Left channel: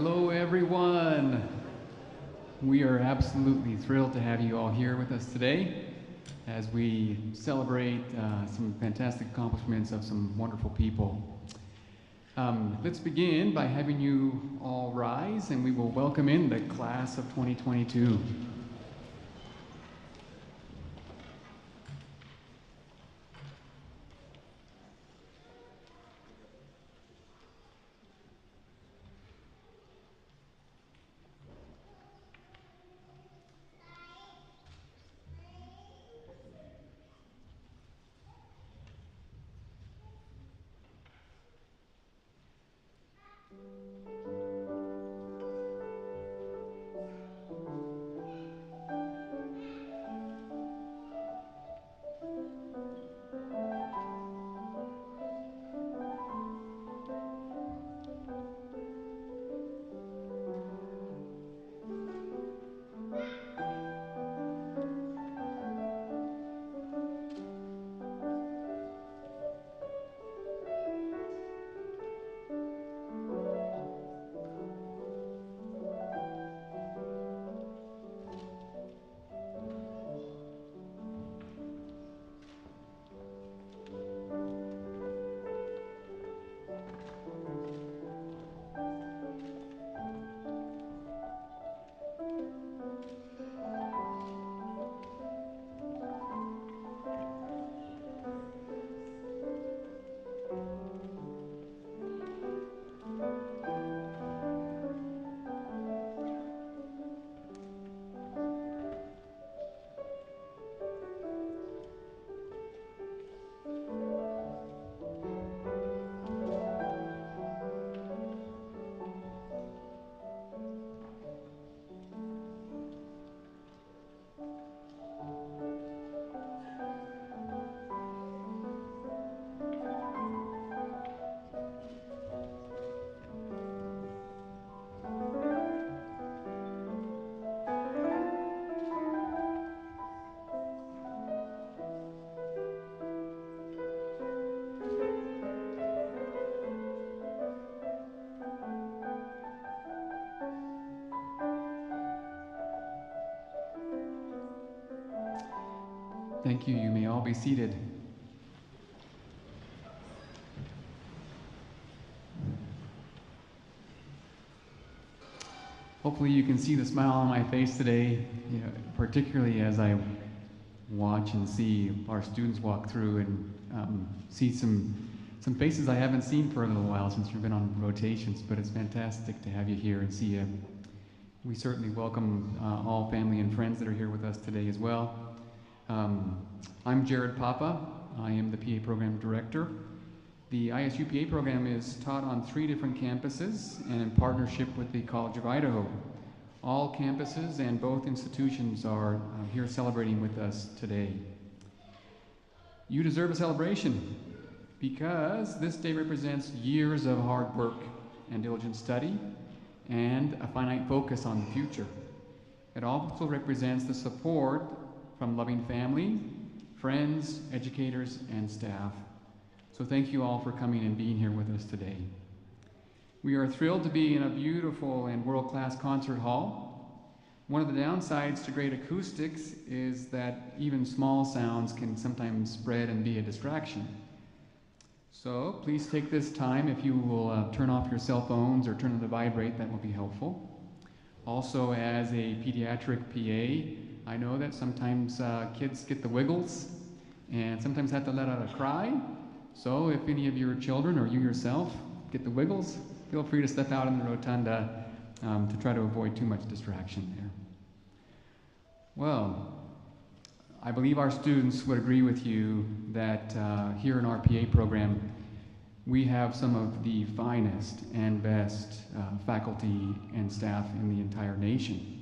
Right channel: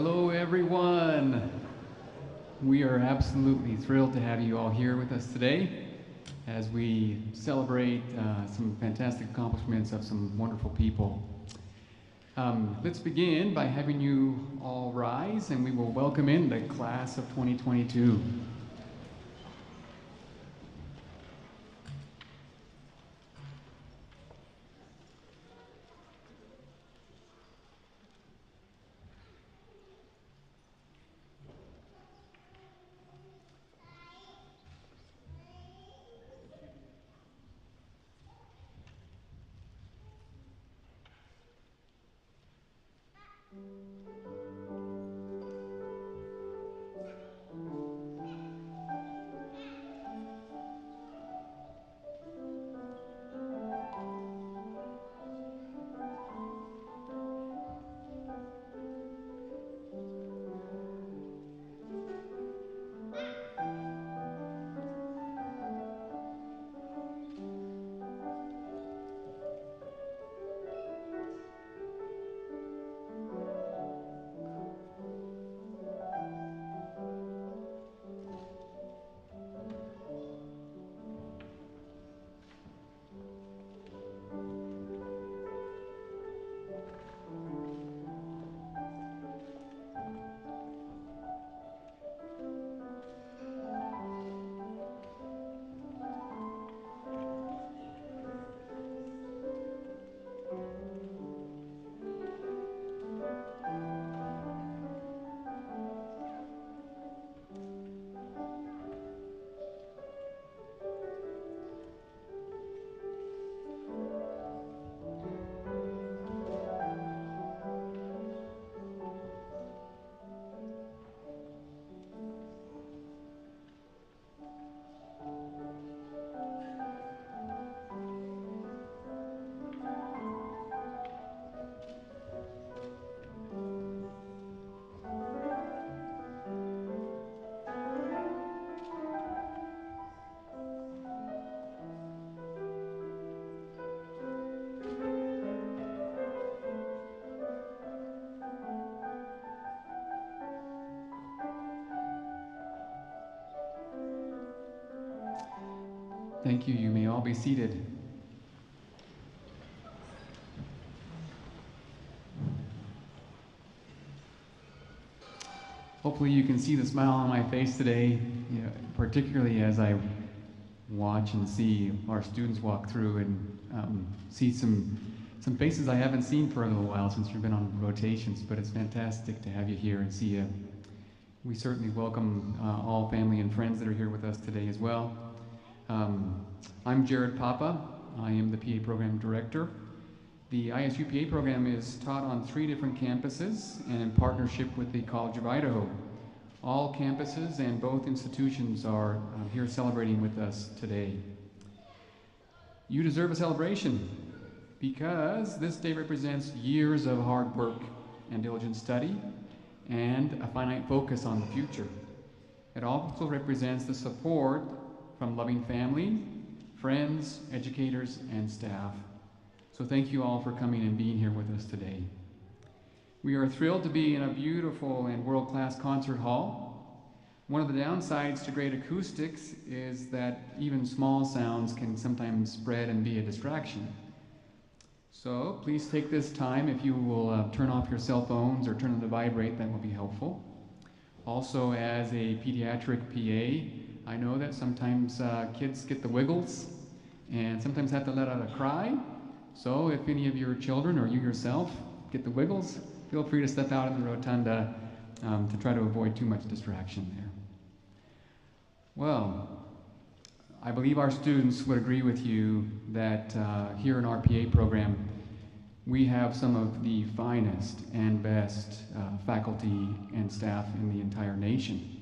Hello, everyone. We are absolutely thrilled to have you all here with us today as we celebrate some fantastic accomplishments of some wonderful people. Let's begin by having you all rise, and we will welcome in the class of 2022. Thank you. You may all be seated. Hopefully you can see the smile on my face today, particularly as I watch and see our students walk through and see some faces I haven't seen for a little while since we've been on rotations, but it's fantastic to have you here and see you. We certainly welcome all family and friends that are here with us today as well. I'm Jared Papa. I am the PA Program Director. The ISU PA program is taught on 3 different campuses and in partnership with the College of Idaho. All campuses and both institutions are here celebrating with us today. You deserve a celebration because this day represents years of hard work and diligent study and a finite focus on the future. It also represents the support from loving family, friends, educators, and staff. So thank you all for coming and being here with us today. We are thrilled to be in a beautiful and world-class concert hall. One of the downsides to great acoustics is that even small sounds can sometimes spread and be a distraction. So please take this time, if you will turn off your cell phones or turn them to vibrate, that will be helpful. Also, as a pediatric PA, I know that sometimes kids get the wiggles and sometimes have to let out a cry. So if any of your children or you yourself get the wiggles, feel free to step out in the rotunda to try to avoid too much distraction there. Well, I believe our students would agree with you that here in our PA program, we have some of the finest and best faculty and staff in the entire nation.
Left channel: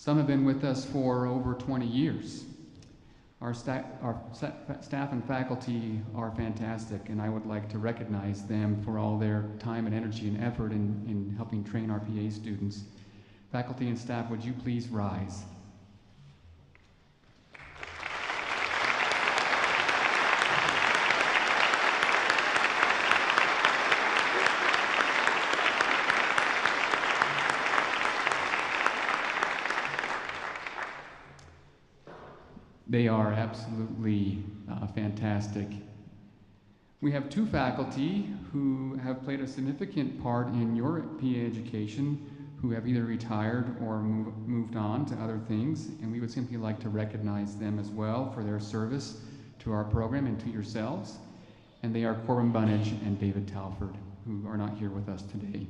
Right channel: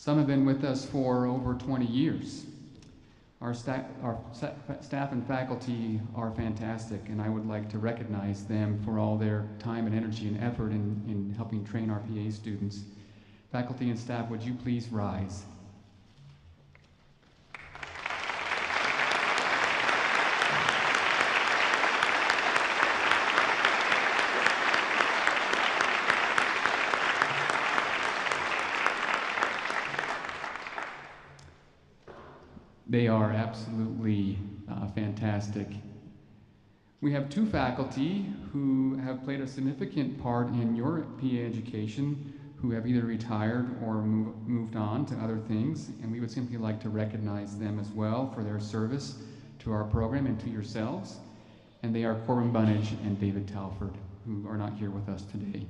Some have been with us for over 20 years. Our staff and faculty are fantastic, and I would like to recognize them for all their time and energy and effort in helping train our PA students. Faculty and staff, would you please rise? They are absolutely fantastic. We have two faculty who have played a significant part in your PA education, who have either retired or moved on to other things, and we would simply like to recognize them as well for their service to our program and to yourselves. And they are Corbin Bunnage and David Talford, who are not here with us today.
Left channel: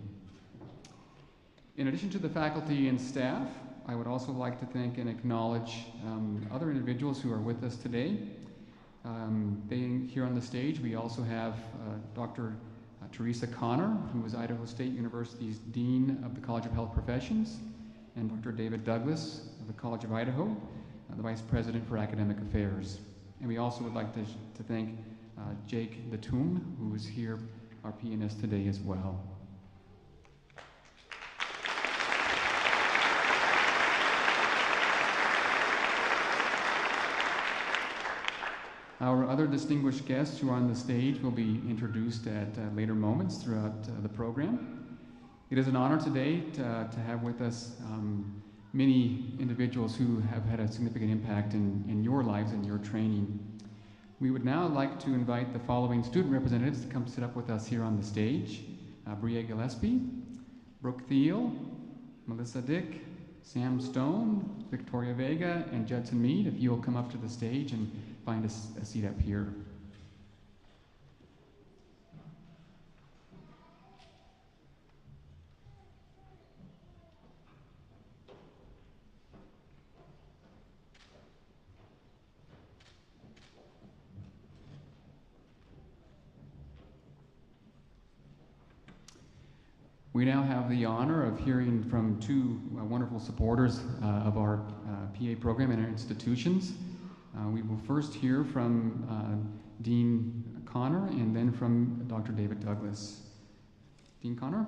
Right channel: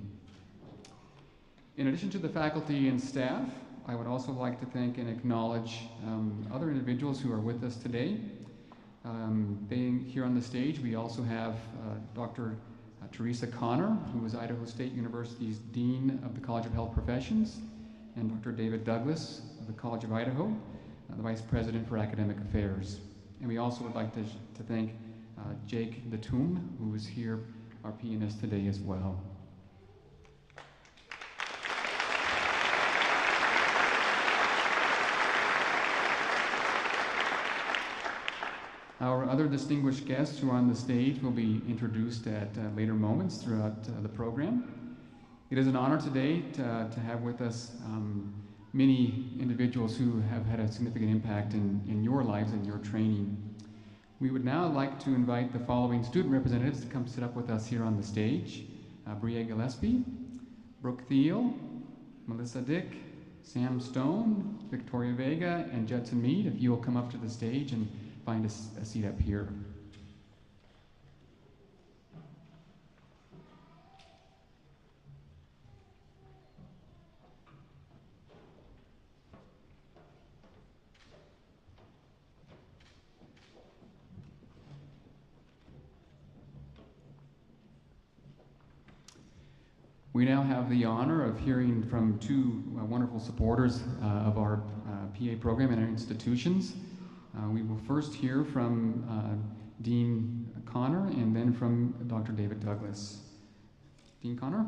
In addition to the faculty and staff, I would also like to thank and acknowledge other individuals who are with us today. Here on the stage, we also have Dr. Teresa Connor, who is Idaho State University's Dean of the College of Health Professions, and Dr. David Douglas of the College of Idaho, the Vice President for Academic Affairs. And we also would like to thank Jake Datum, who is here, our pianist today as well. Our other distinguished guests who are on the stage will be introduced at later moments throughout the program. It is an honor today to have with us many individuals who have had a significant impact in your lives and your training. We would now like to invite the following student representatives to come sit up with us here on the stage. Bria Gillespie, Brooke Thiel, Melissa Dick, Sam Stone, Victoria Vega, and Judson Mead, if you will come up to the stage and find a seat up here. We now have the honor of hearing from two wonderful supporters of our PA program and our institutions. We will first hear from Dean Connor and then from Dr. David Douglas. Dean Connor?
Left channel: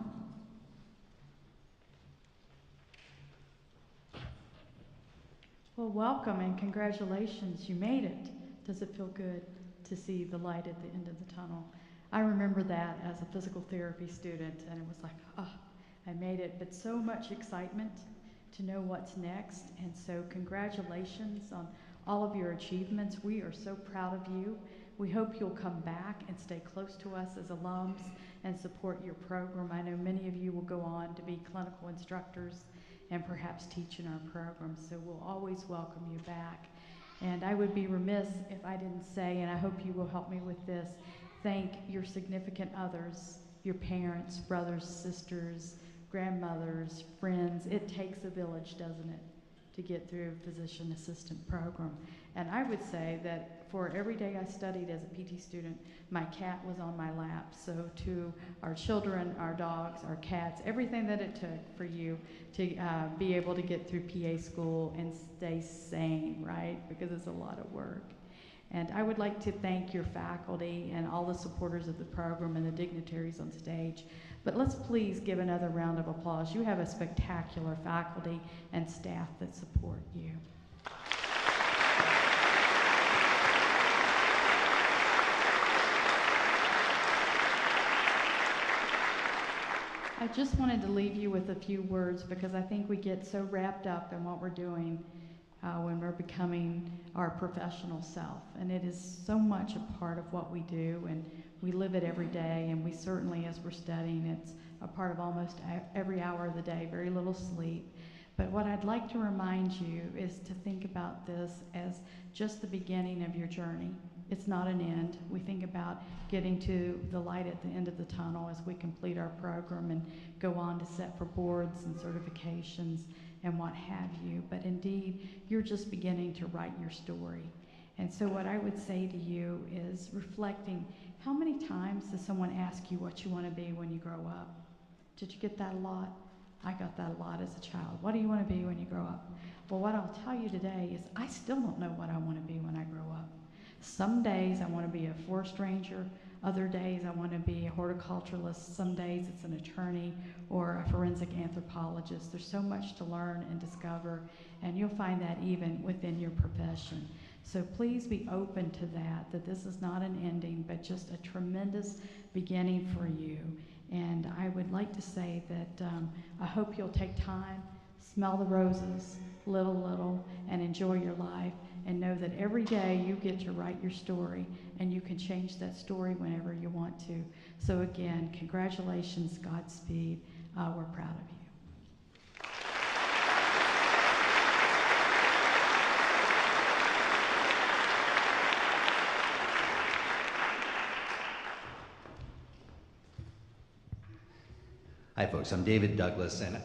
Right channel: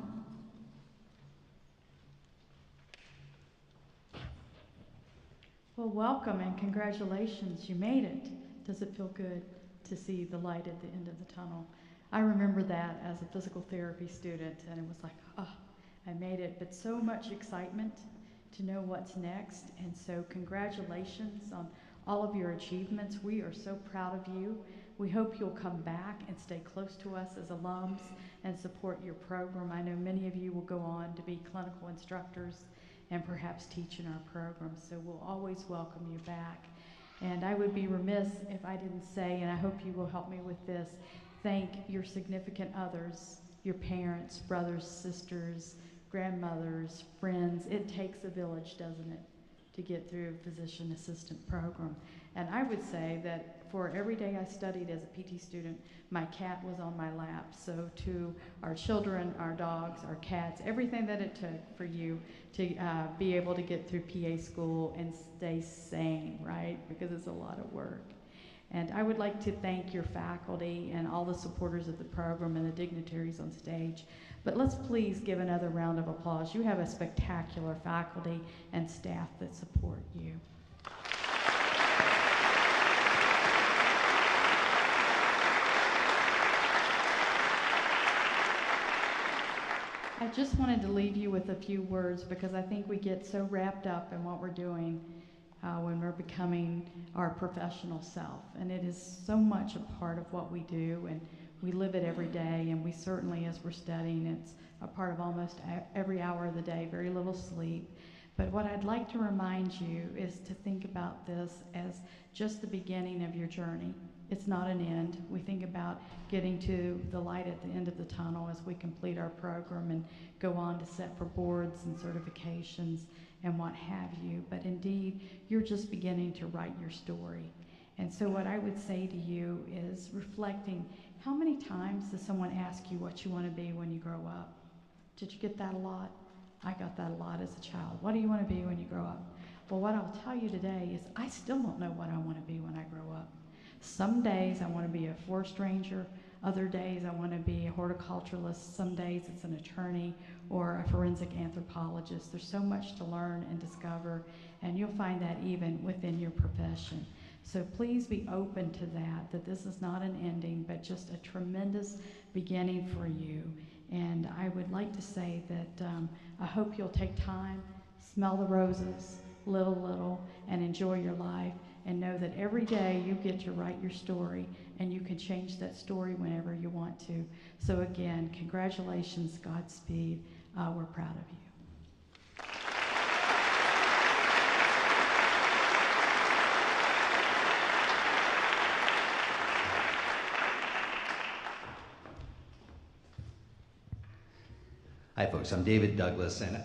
Well, welcome and congratulations. You made it. Does it feel good to see the light at the end of the tunnel? I remember that as a physical therapy student, and it was like, oh, I made it. But so much excitement to know what's next, and so congratulations on all of your achievements. We are so proud of you. We hope you'll come back and stay close to us as alums and support your program. I know many of you will go on to be clinical instructors and perhaps teach in our program, so we'll always welcome you back. And I would be remiss if I didn't say, and I hope you will help me with this, thank your significant others, your parents, brothers, sisters, grandmothers, friends. It takes a village, doesn't it, to get through a physician assistant program. And I would say that for every day I studied as a PT student, my cat was on my lap. So to our children, our dogs, our cats, everything that it took for you to be able to get through PA school and stay sane, right? Because it's a lot of work. And I would like to thank your faculty and all the supporters of the program and the dignitaries on stage. But let's please give another round of applause. You have a spectacular faculty and staff that support you. I just wanted to leave you with a few words because I think we get so wrapped up in what we're doing when we're becoming our professional self. And it is so much a part of what we do, and we live it every day, and we certainly, as we're studying, it's a part of almost every hour of the day, very little sleep. But what I'd like to remind you is to think about this as just the beginning of your journey. It's not an end. We think about getting to the light at the end of the tunnel as we complete our program and go on to set for boards and certifications and what have you. But indeed, you're just beginning to write your story. And so what I would say to you is reflecting, how many times does someone ask you what you want to be when you grow up? Did you get that a lot? I got that a lot as a child. What do you want to be when you grow up? Well, what I'll tell you today is I still don't know what I want to be when I grow up. Some days I want to be a forest ranger. Other days I want to be a horticulturalist. Some days it's an attorney or a forensic anthropologist. There's so much to learn and discover, and you'll find that even within your profession. So please be open to that this is not an ending, but just a tremendous beginning for you. And I would like to say that I hope you'll take time, smell the roses, little, and enjoy your life. and know that every day you get to write your story, and you can change that story whenever you want to. So again, congratulations, Godspeed. We're proud of you. Hi folks, I'm David Douglas, and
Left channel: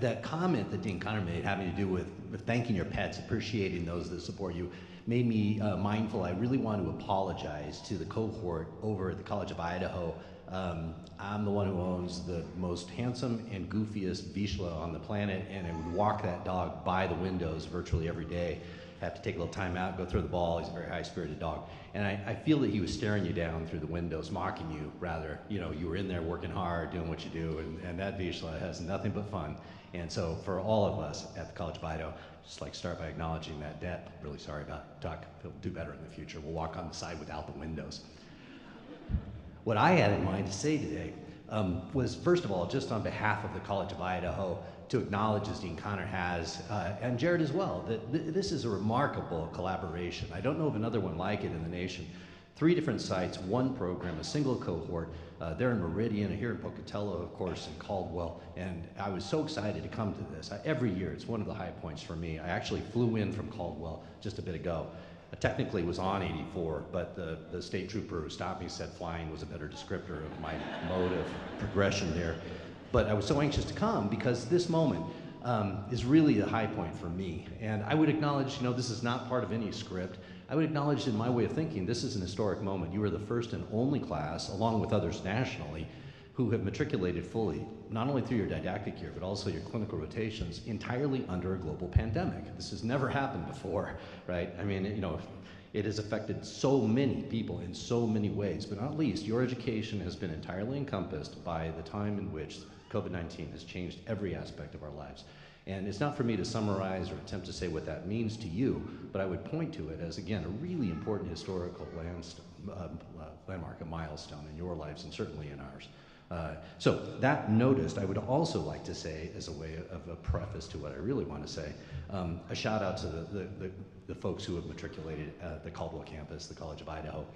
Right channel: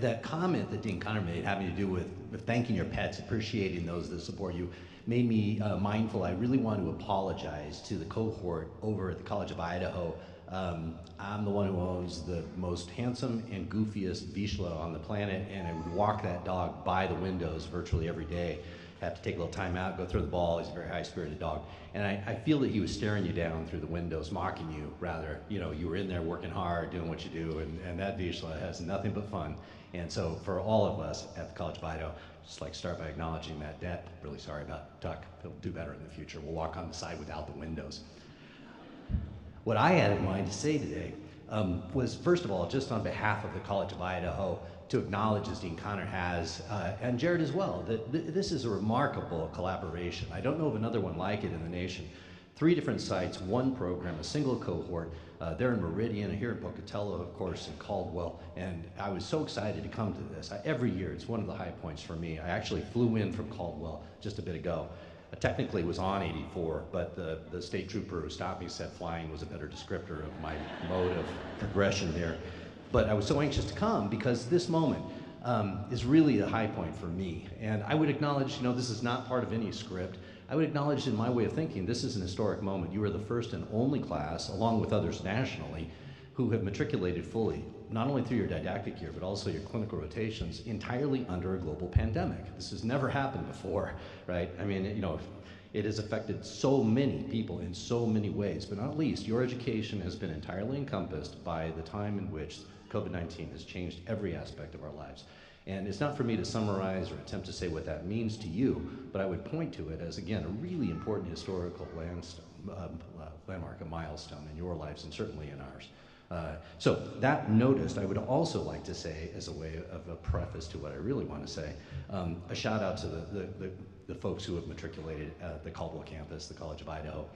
that comment that Dean Connor made having to do with thanking your pets, appreciating those that support you, made me mindful. I really want to apologize to the cohort over at the College of Idaho. I'm the one who owns the most handsome and goofiest Vizsla on the planet, and I would walk that dog by the windows virtually every day. Have to take a little time out, go throw the ball. He's a very high-spirited dog. And I feel that he was staring you down through the windows, mocking you, rather. You know, you were in there working hard, doing what you do, and that Vizsla has nothing but fun. And so for all of us at the College of Idaho, just like start by acknowledging that debt. Really sorry about Tuck. He'll do better in the future. We'll walk on the side without the windows. What I had in mind to say today was, first of all, just on behalf of the College of Idaho, to acknowledge, as Dean Connor has, and Jared as well, that this is a remarkable collaboration. I don't know of another one like it in the nation. 3 different sites, 1 program, a single cohort. They're in Meridian, here in Pocatello, of course, in Caldwell, and I was so excited to come to this. Every year, it's one of the high points for me. I actually flew in from Caldwell just a bit ago. Technically was on 84, but the state trooper who stopped me said flying was a better descriptor of my mode of progression there. But I was so anxious to come because this moment is really a high point for me. And I would acknowledge, you know, this is not part of any script. I would acknowledge, in my way of thinking, this is an historic moment. You are the first and only class, along with others nationally, who have matriculated fully, not only through your didactic year, but also your clinical rotations, entirely under a global pandemic. This has never happened before, right? I mean, you know, it has affected so many people in so many ways, but not least, your education has been entirely encompassed by the time in which COVID-19 has changed every aspect of our lives. And it's not for me to summarize or attempt to say what that means to you, but I would point to it as, again, a really important historical landmark, a milestone in your lives and certainly in ours. So that noticed, I would also like to say, as a way of a preface to what I really want to say, a shout out to the folks who have matriculated at the Caldwell campus, the College of Idaho.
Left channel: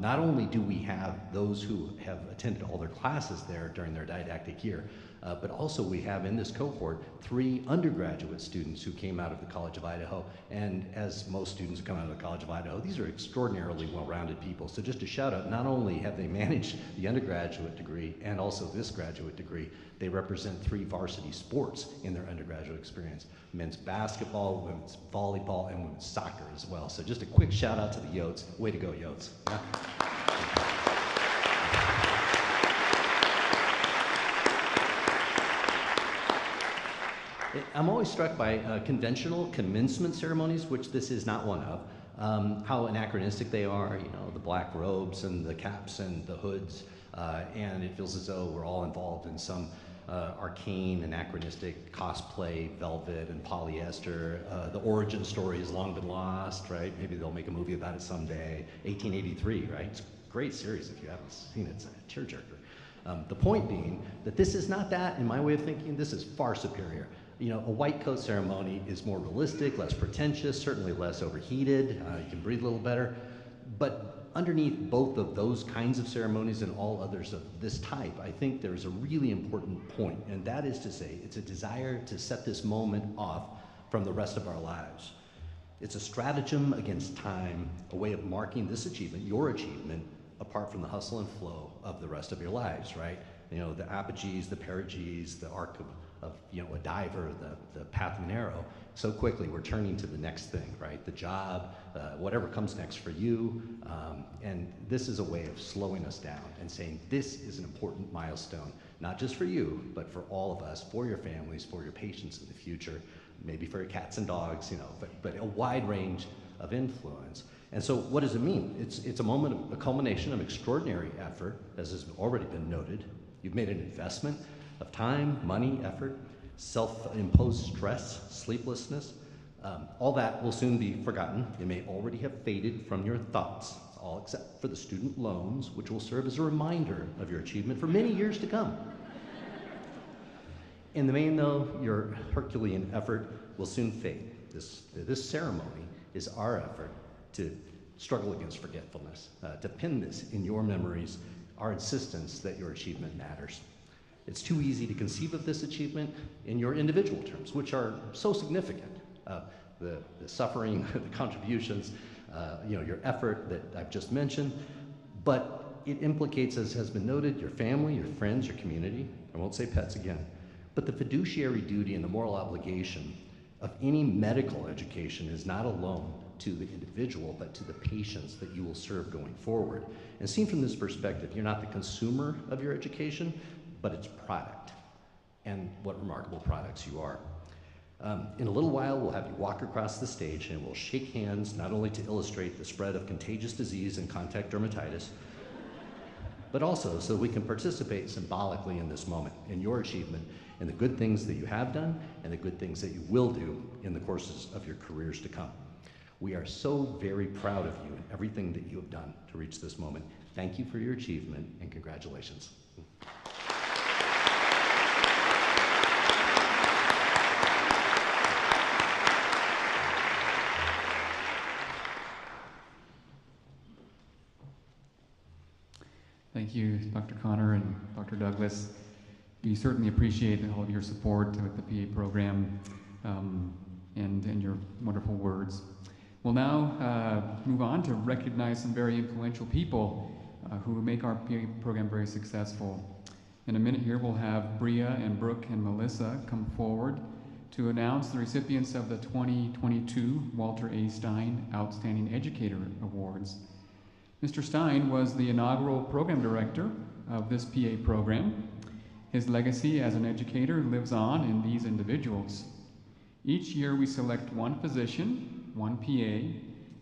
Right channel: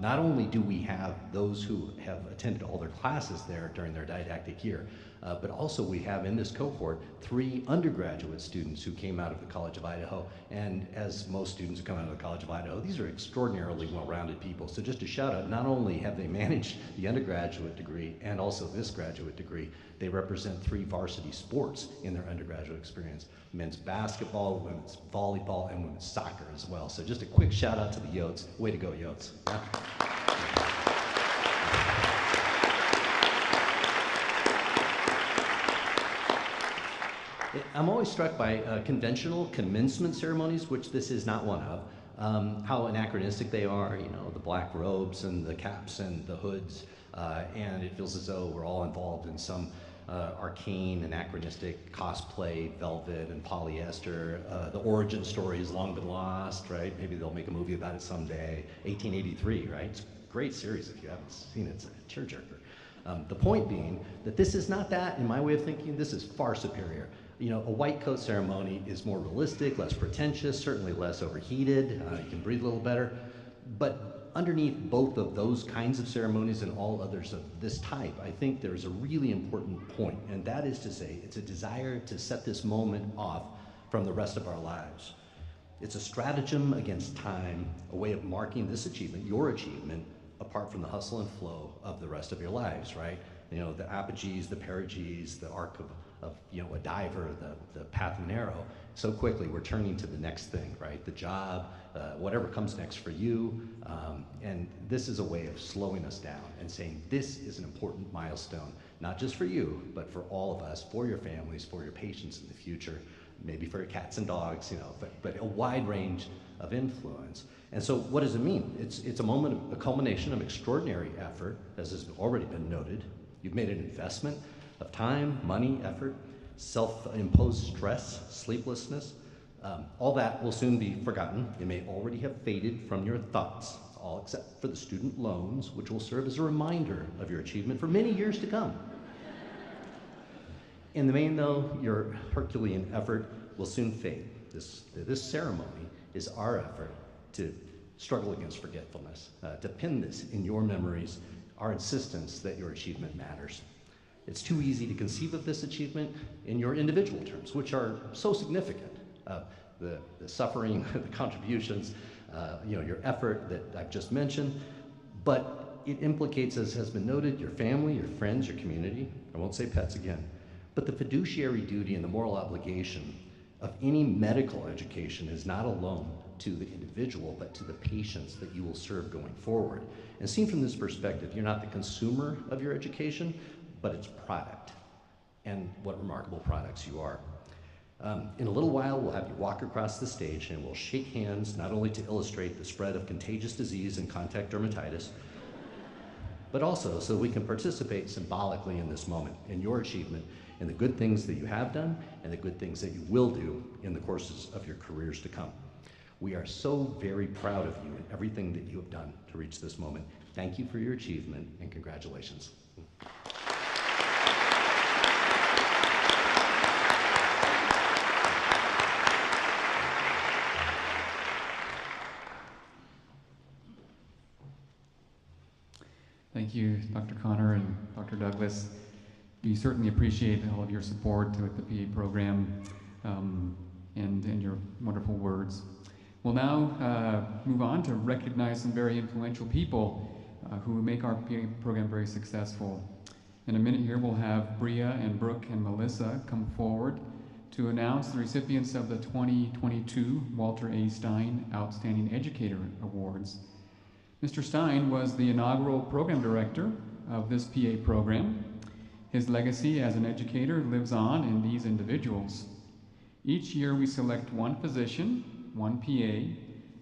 Not only do we have those who have attended all their classes there during their didactic year, but also we have in this cohort 3 undergraduate students who came out of the College of Idaho. And as most students who come out of the College of Idaho, these are extraordinarily well-rounded people. So just a shout out, not only have they managed the undergraduate degree and also this graduate degree, they represent 3 varsity sports in their undergraduate experience: men's basketball, women's volleyball, and women's soccer as well. So just a quick shout out to the Yotes. Way to go, Yotes. Yeah. I'm always struck by conventional commencement ceremonies, which this is not one of, how anachronistic they are, you know, the black robes and the caps and the hoods, and it feels as though we're all involved in some arcane, anachronistic cosplay, velvet and polyester. The origin story has long been lost, right? Maybe they'll make a movie about it someday. 1883, right? It's a great series if you haven't seen it. It's a tearjerker. The point being that this is not that, in my way of thinking. This is far superior. You know, a white coat ceremony is more realistic, less pretentious, certainly less overheated. You can breathe a little better. But underneath both of those kinds of ceremonies and all others of this type, I think there's a really important point, and that is to say it's a desire to set this moment off from the rest of our lives. It's a stratagem against time, a way of marking this achievement, your achievement, apart from the hustle and flow of the rest of your lives, right? You know, the apogees, the perigees, the arc of you know, a diver, the path of an arrow. So quickly we're turning to the next thing, right? The job, whatever comes next for you. And this is a way of slowing us down and saying this is an important milestone, not just for you, but for all of us, for your families, for your patients in the future, maybe for your cats and dogs, you know, but a wide range of influence. And so what does it mean? It's a moment of a culmination of extraordinary effort, as has already been noted. You've made an investment of time, money, effort, self-imposed stress, sleeplessness. All that will soon be forgotten. It may already have faded from your thoughts, all except for the student loans, which will serve as a reminder of your achievement for many years to come. In the main, though, your Herculean effort will soon fade. This ceremony is our effort to struggle against forgetfulness, to pin this in your memories, our insistence that your achievement matters. It's too easy to conceive of this achievement in your individual terms, which are so significant. The suffering, the contributions, your effort that I've just mentioned, but it implicates, as has been noted, your family, your friends, your community. I won't say pets again, but the fiduciary duty and the moral obligation of any medical education is not alone to the individual, but to the patients that you will serve going forward. And seen from this perspective, you're not the consumer of your education, but its product, and what remarkable products you are. In a little while, we'll have you walk across the stage and we'll shake hands, not only to illustrate the spread of contagious disease and contact dermatitis, but also so we can participate symbolically in this moment, in your achievement, in the good things that you have done and the good things that you will do in the courses of your careers to come. We are so very proud of you and everything that you have done to reach this moment. Thank you for your achievement and congratulations. Thank you, Dr. Connor and Dr. Douglas. We certainly appreciate all of your support with the PA program and your wonderful words. We'll now move on to recognize some very influential people who make our PA program very successful. In a minute here, we'll have Bria and Brooke and Melissa come forward to announce the recipients of the 2022 Walter A. Stein Outstanding Educator Awards. Mr. Stein was the inaugural program director of this PA program. His legacy as an educator lives on in these individuals. Each year we select one physician, one PA,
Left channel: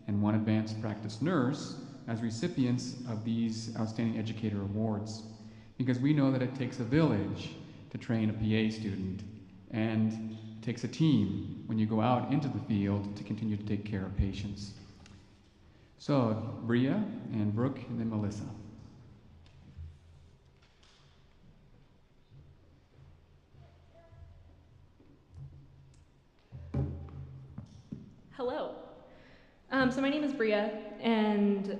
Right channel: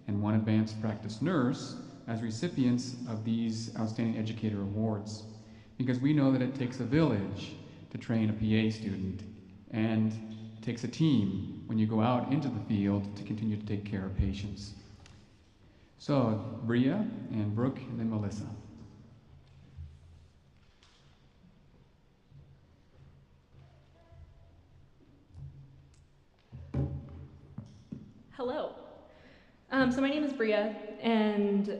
and one advanced practice nurse as recipients of these Outstanding Educator Awards, because we know that it takes a village to train a PA student, and it takes a team when you go out into the field to continue to take care of patients. So, Bria and Brooke, and then Melissa. Hello. So my name is Bria, and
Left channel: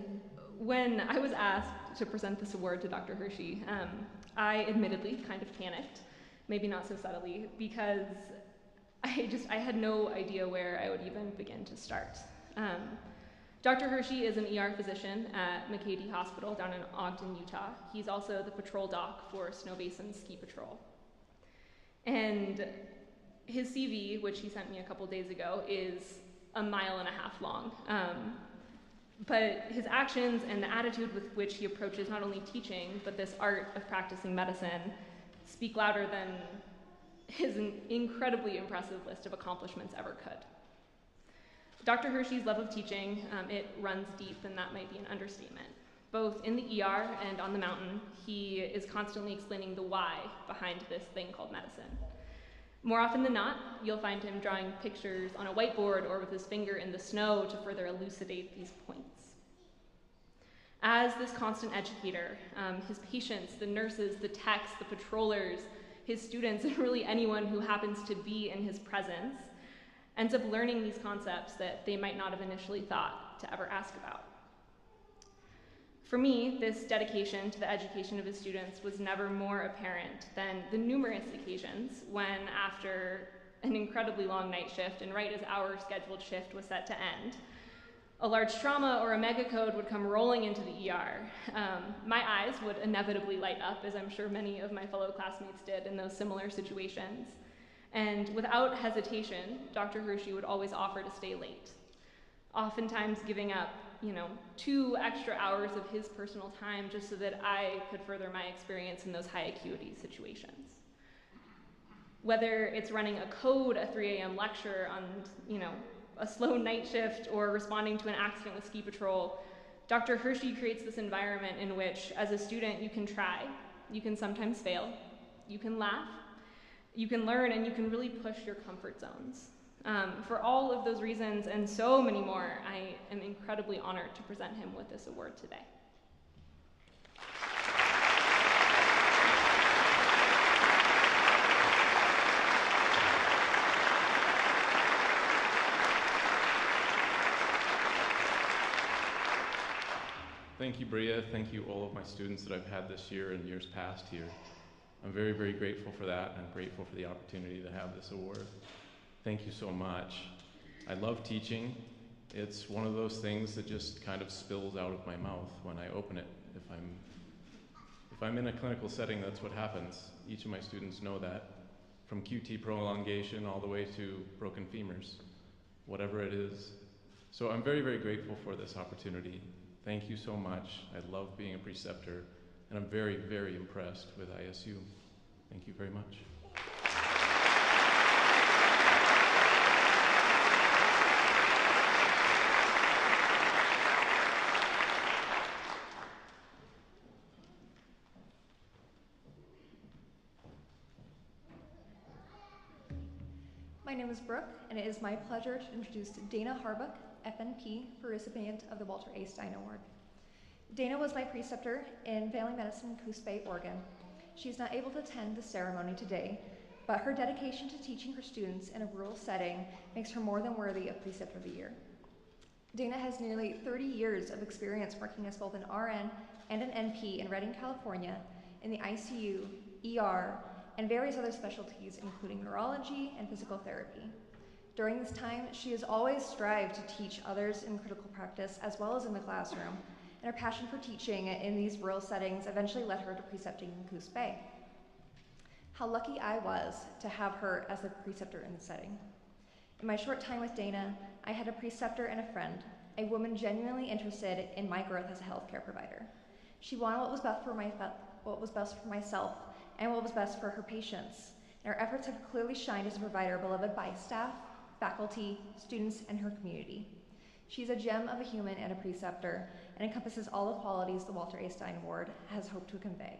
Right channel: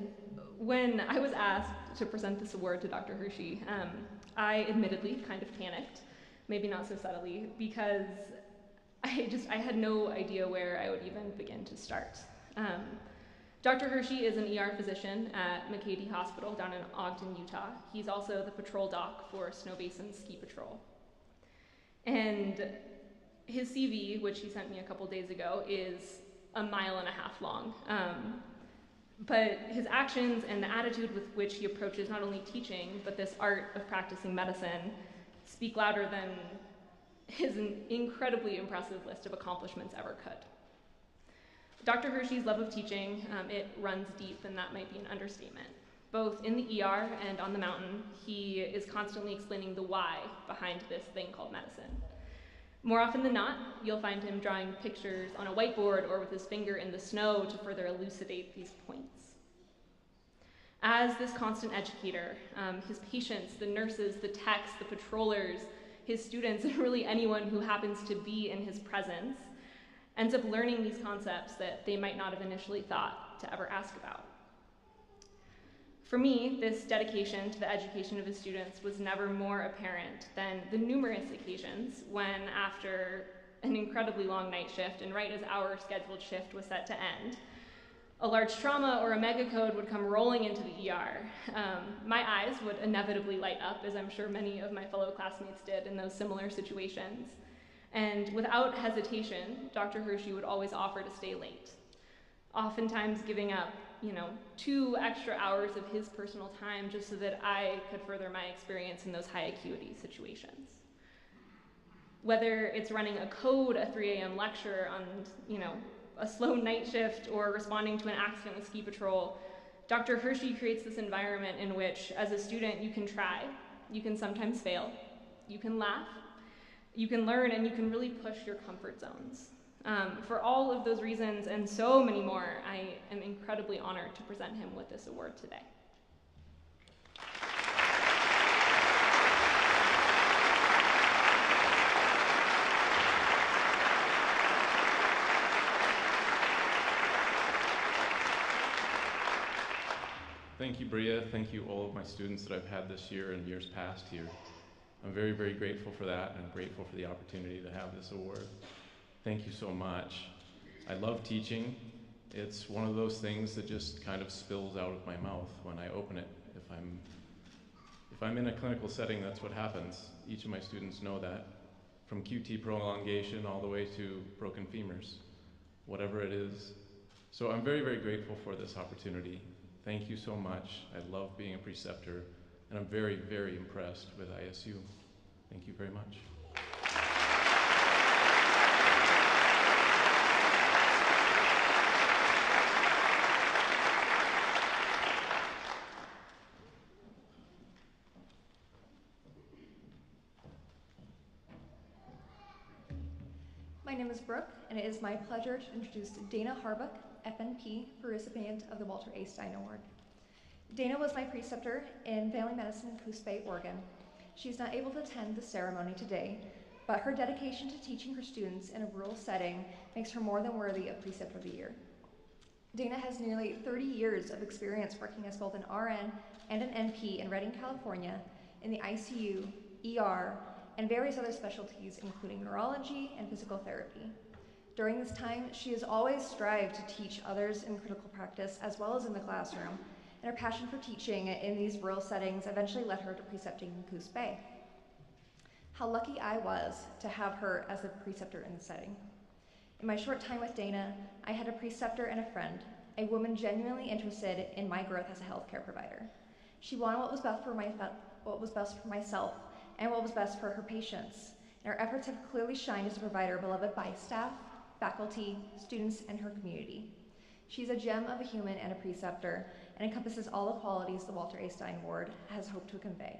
when I was asked to present this award to Dr. Hershey, I admittedly kind of panicked, maybe not so subtly, because I had no idea where I would even begin to start. Dr. Hershey is an ER physician at McCady Hospital down in Ogden, Utah. He's also the patrol doc for Snow Basin Ski Patrol. And his CV, which he sent me a couple days ago, is 1.5 miles long. But his actions and the attitude with which he approaches not only teaching, but this art of practicing medicine speak louder than his incredibly impressive list of accomplishments ever could. Dr. Hershey's love of teaching, it runs deep, and that might be an understatement. Both in the ER and on the mountain, he is constantly explaining the why behind this thing called medicine. More often than not, you'll find him drawing pictures on a whiteboard or with his finger in the snow to further elucidate these points. As this constant educator, his patients, the nurses, the techs, the patrollers, his students, and really anyone who happens to be in his presence, ends up learning these concepts that they might not have initially thought to ever ask about. For me, this dedication to the education of his students was never more apparent than the numerous occasions when, after an incredibly long night shift and right as our scheduled shift was set to end, a large trauma or a mega code would come rolling into the ER. My eyes would inevitably light up, as I'm sure many of my fellow classmates did in those similar situations. And without hesitation, Dr. Hershey would always offer to stay late, oftentimes giving up 2 extra hours of his personal time just so that I could further my experience in those high acuity situations. Whether it's running a code, a 3 a.m. lecture on, a slow night shift, or responding to an accident with ski patrol, Dr. Hershey creates this environment in which, as a student, you can try, you can sometimes fail, you can laugh, you can learn, and you can really push your comfort zones. For all of those reasons and so many more, I am incredibly honored to present him with this award today. Thank you, Bria. Thank you, all of my students that I've had this year and years past here. I'm very, very grateful for that, and I'm grateful for the opportunity to have this award. Thank you so much. I love teaching. It's one of those things that just kind of spills out of my mouth when I open it. If I'm in a clinical setting, that's what happens. Each of my students know that, from QT prolongation all the way to broken femurs, whatever it is. So I'm very, very grateful for this opportunity. Thank you so much. I love being a preceptor, and I'm very, very impressed with ISU. Thank you very much. My name is Brooke, and it is my pleasure to introduce Dana Harbuck, FNP, for recipient of the Walter A. Stein Award. Dana was my preceptor in family medicine in Coos Bay, Oregon. She's not able to attend the ceremony today, but her dedication to teaching her students in a rural setting makes her more than worthy of Preceptor of the Year. Dana has nearly 30 years of experience working as both an RN and an NP in Redding, California, in the ICU, ER, and various other specialties, including neurology and physical therapy. During this time, she has always strived to teach others in critical practice as well as in the classroom, and her passion for teaching in these rural settings eventually led her to precepting in Coos Bay. How lucky I was to have her as a preceptor in the setting. In my short time with Dana, I had a preceptor and a friend, a woman genuinely interested in my growth as a healthcare provider. She wanted what was best for myself and what was best for her patients. And our efforts have clearly shined as a provider beloved by staff, faculty, students, and her community. She's a gem of a human and a preceptor, and encompasses all the qualities the Walter A. Stein Award has hoped to convey.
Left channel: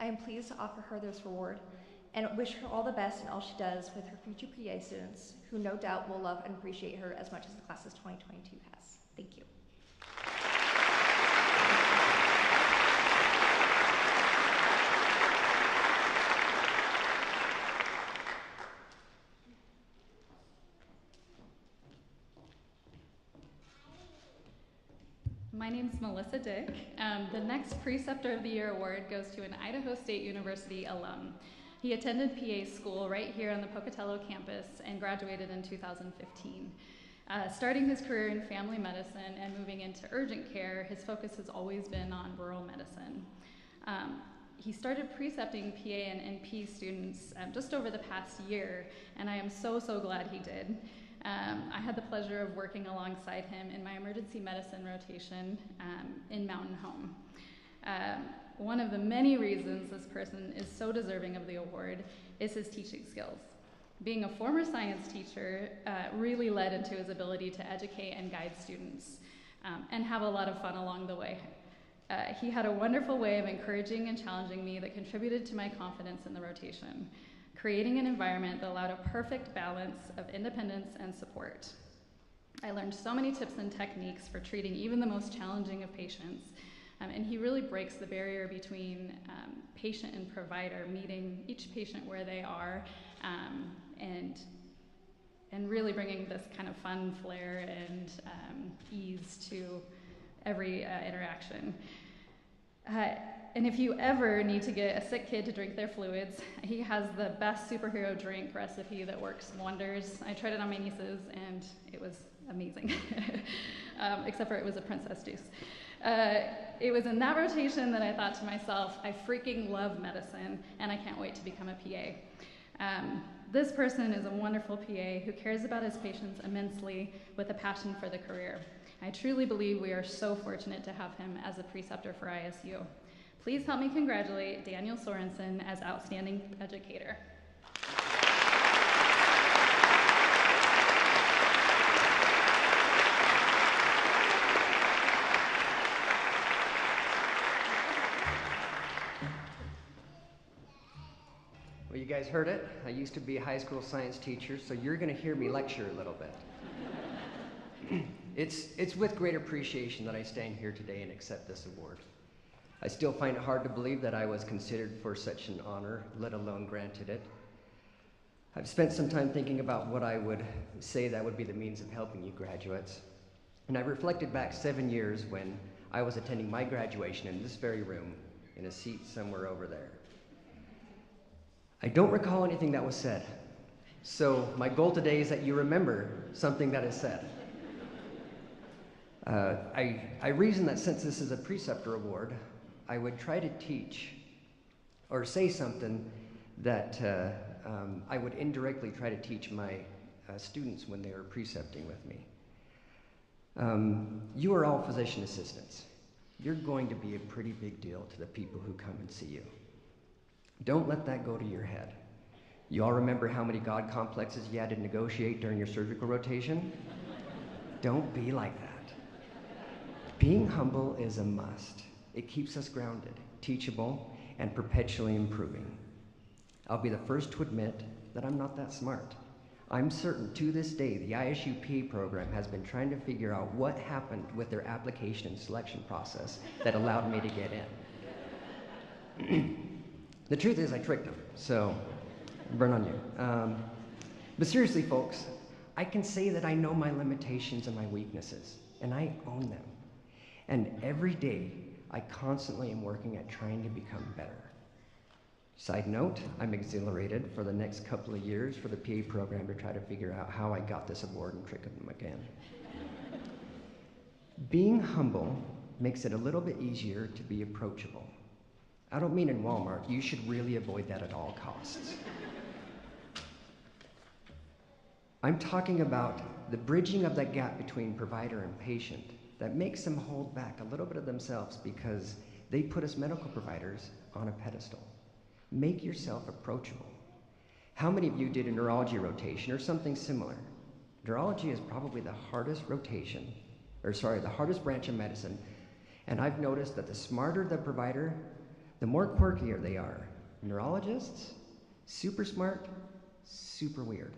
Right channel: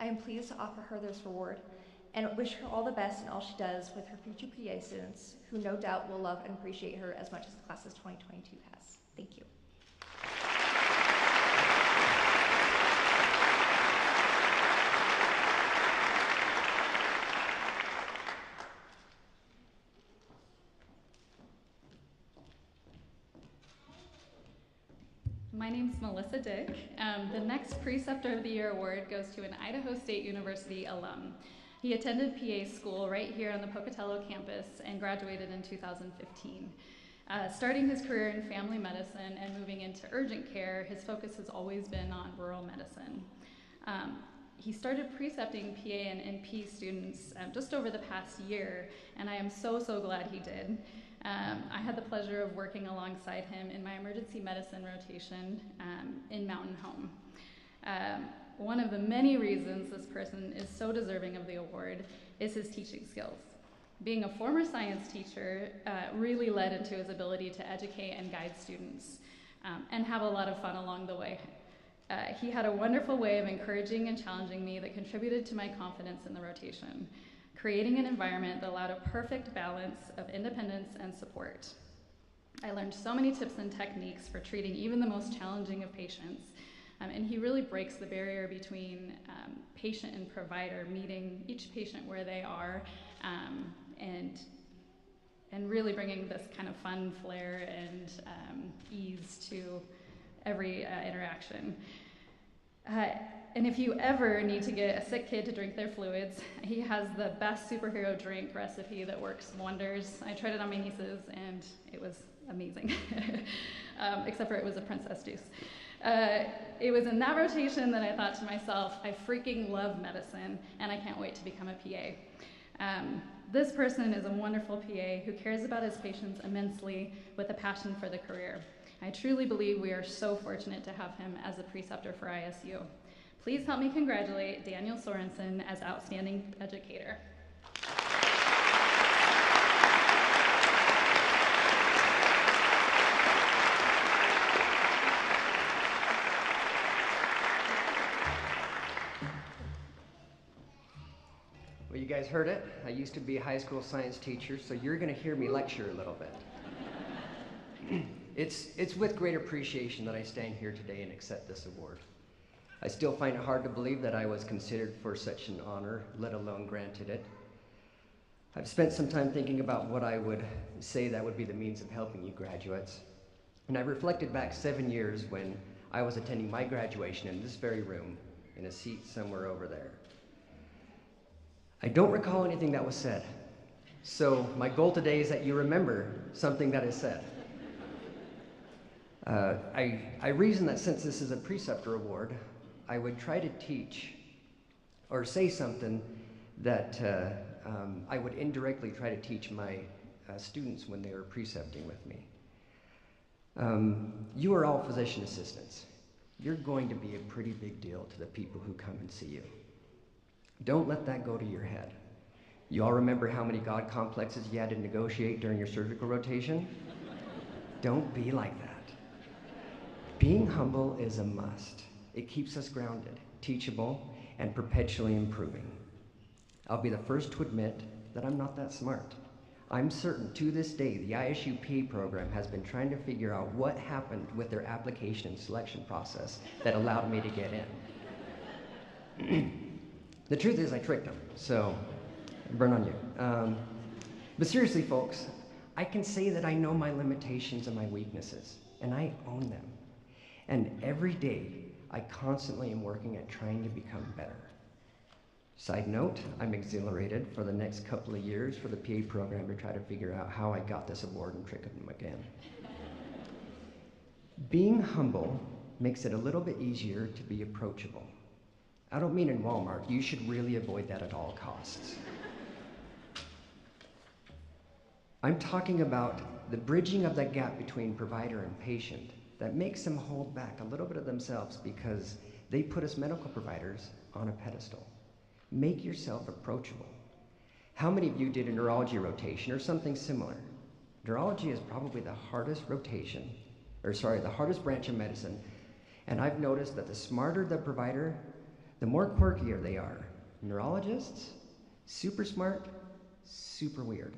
I am pleased to offer her this award and wish her all the best in all she does with her future PA students, who no doubt will love and appreciate her as much as the class of 2022 has. Thank you. My name's Melissa Dick. The next Preceptor of the Year award goes to an Idaho State University alum. He attended PA school right here on the Pocatello campus and graduated in 2015. Starting his career in family medicine and moving into urgent care, his focus has always been on rural medicine. He started precepting PA and NP students just over the past year, and I am so, so glad he did. I had the pleasure of working alongside him in my emergency medicine rotation in Mountain Home. One of the many reasons this person is so deserving of the award is his teaching skills. Being a former science teacher really led into his ability to educate and guide students and have a lot of fun along the way. He had a wonderful way of encouraging and challenging me that contributed to my confidence in the rotation, creating an environment that allowed a perfect balance of independence and support. I learned so many tips and techniques for treating even the most challenging of patients, and he really breaks the barrier between patient and provider, meeting each patient where they are, and really bringing this kind of fun flair and ease to every interaction. And if you ever need to get a sick kid to drink their fluids, he has the best superhero drink recipe that works wonders. I tried it on my nieces, and it was amazing, except for it was a princess juice. It was in that rotation that I thought to myself, I freaking love medicine, and I can't wait to become a PA. This person is a wonderful PA who cares about his patients immensely with a passion for the career. I truly believe we are so fortunate to have him as a preceptor for ISU. Please help me congratulate Daniel Sorensen as Outstanding Educator. Well, you guys heard it. I used to be a high school science teacher, so you're going to hear me lecture a little bit. It's with great appreciation that I stand here today and accept this award. I still find it hard to believe that I was considered for such an honor, let alone granted it. I've spent some time thinking about what I would say that would be the means of helping you graduates. And I reflected back 7 years when I was attending my graduation in this very room, in a seat somewhere over there. I don't recall anything that was said. So my goal today is that you remember something that is said. I reasoned that since this is a preceptor award, I would try to teach or say something that I would indirectly try to teach my students when they were precepting with me. You are all physician assistants. You're going to be a pretty big deal to the people who come and see you. Don't let that go to your head. You all remember how many God complexes you had to negotiate during your surgical rotation? Don't be like that. Being humble is a must. It keeps us grounded, teachable, and perpetually improving. I'll be the first to admit that I'm not that smart. I'm certain to this day the ISU PA program has been trying to figure out what happened with their application and selection process that allowed me to get in. The truth is I tricked them, so burn on you. But seriously, folks, I can say that I know my limitations and my weaknesses, and I own them. And every day, I constantly am working at trying to become better. Side note, I'm exhilarated for the next couple of years for the PA program to try to figure out how I got this award and trick them again. Being humble makes it a little bit easier to be approachable. I don't mean in Walmart. You should really avoid that at all costs. I'm talking about the bridging of that gap between provider and patient that makes them hold back a little bit of themselves because they put us medical providers on a pedestal. Make yourself approachable. How many of you did a neurology rotation or something similar? Neurology is probably the hardest the hardest branch of medicine. And I've noticed that the smarter the provider, the more quirkier they are. Neurologists, super smart, super weird.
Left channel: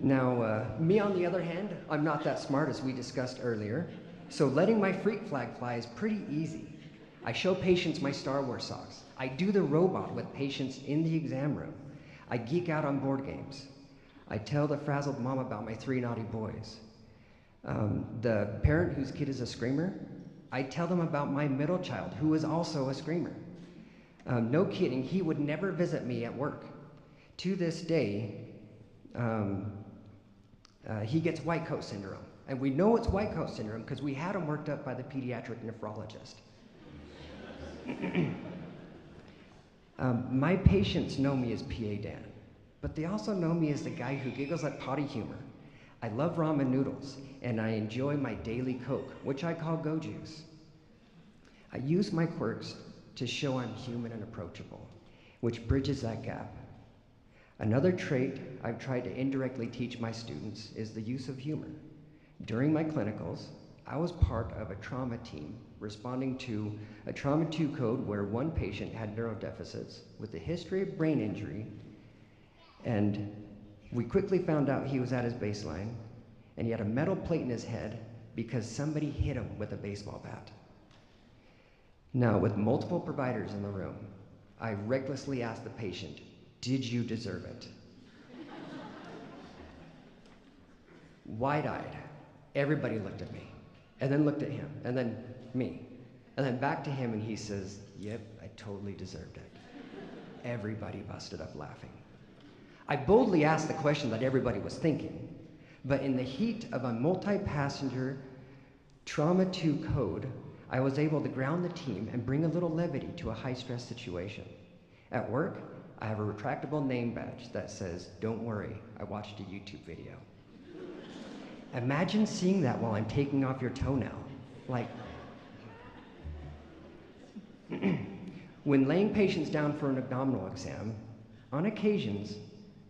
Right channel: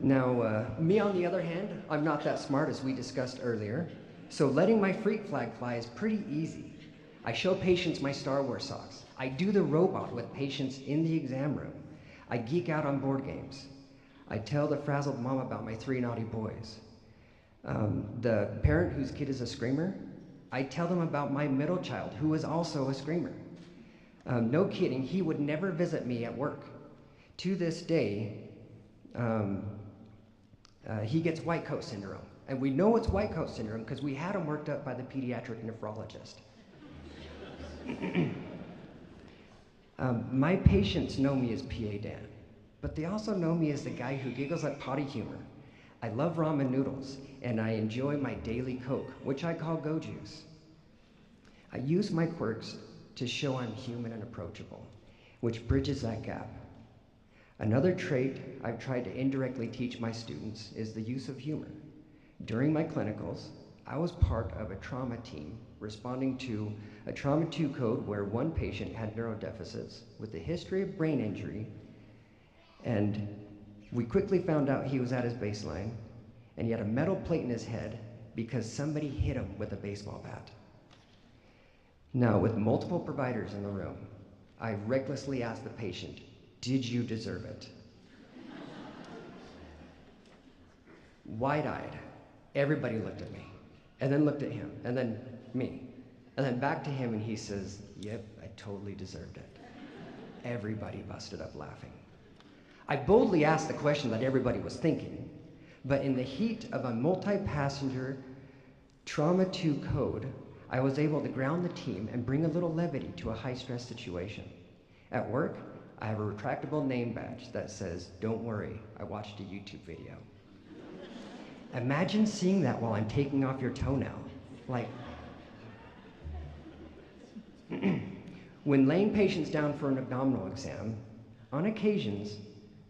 Now, me on the other hand, I'm not that smart as we discussed earlier, so letting my freak flag fly is pretty easy. I show patients my Star Wars socks. I do the robot with patients in the exam room. I geek out on board games. I tell the frazzled mom about my 3 naughty boys. The parent whose kid is a screamer, I tell them about my middle child who is also a screamer. No kidding, he would never visit me at work. To this day, he gets white coat syndrome. And we know it's white coat syndrome because we had him worked up by the pediatric nephrologist. My patients know me as PA Dan, but they also know me as the guy who giggles at potty humor. I love ramen noodles, and I enjoy my daily Coke, which I call Go Juice. I use my quirks to show I'm human and approachable, which bridges that gap. Another trait I've tried to indirectly teach my students is the use of humor. During my clinicals, I was part of a trauma team responding to a Trauma 2 code where one patient had neurodeficits with a history of brain injury, and we quickly found out he was at his baseline, and he had a metal plate in his head because somebody hit him with a baseball bat. Now, with multiple providers in the room, I recklessly asked the patient, "Did you deserve it?" Wide-eyed, everybody looked at me, and then looked at him, and then me, and then back to him, and he says, "Yep, I totally deserved it." Everybody busted up laughing. I boldly asked the question that everybody was thinking, but in the heat of a multi-passenger Trauma 2 code, I was able to ground the team and bring a little levity to a high-stress situation. At work, I have a retractable name badge that says, "Don't worry, I watched a YouTube video." Imagine seeing that while I'm taking off your toenail. Like, when laying patients down for an abdominal exam, on occasions,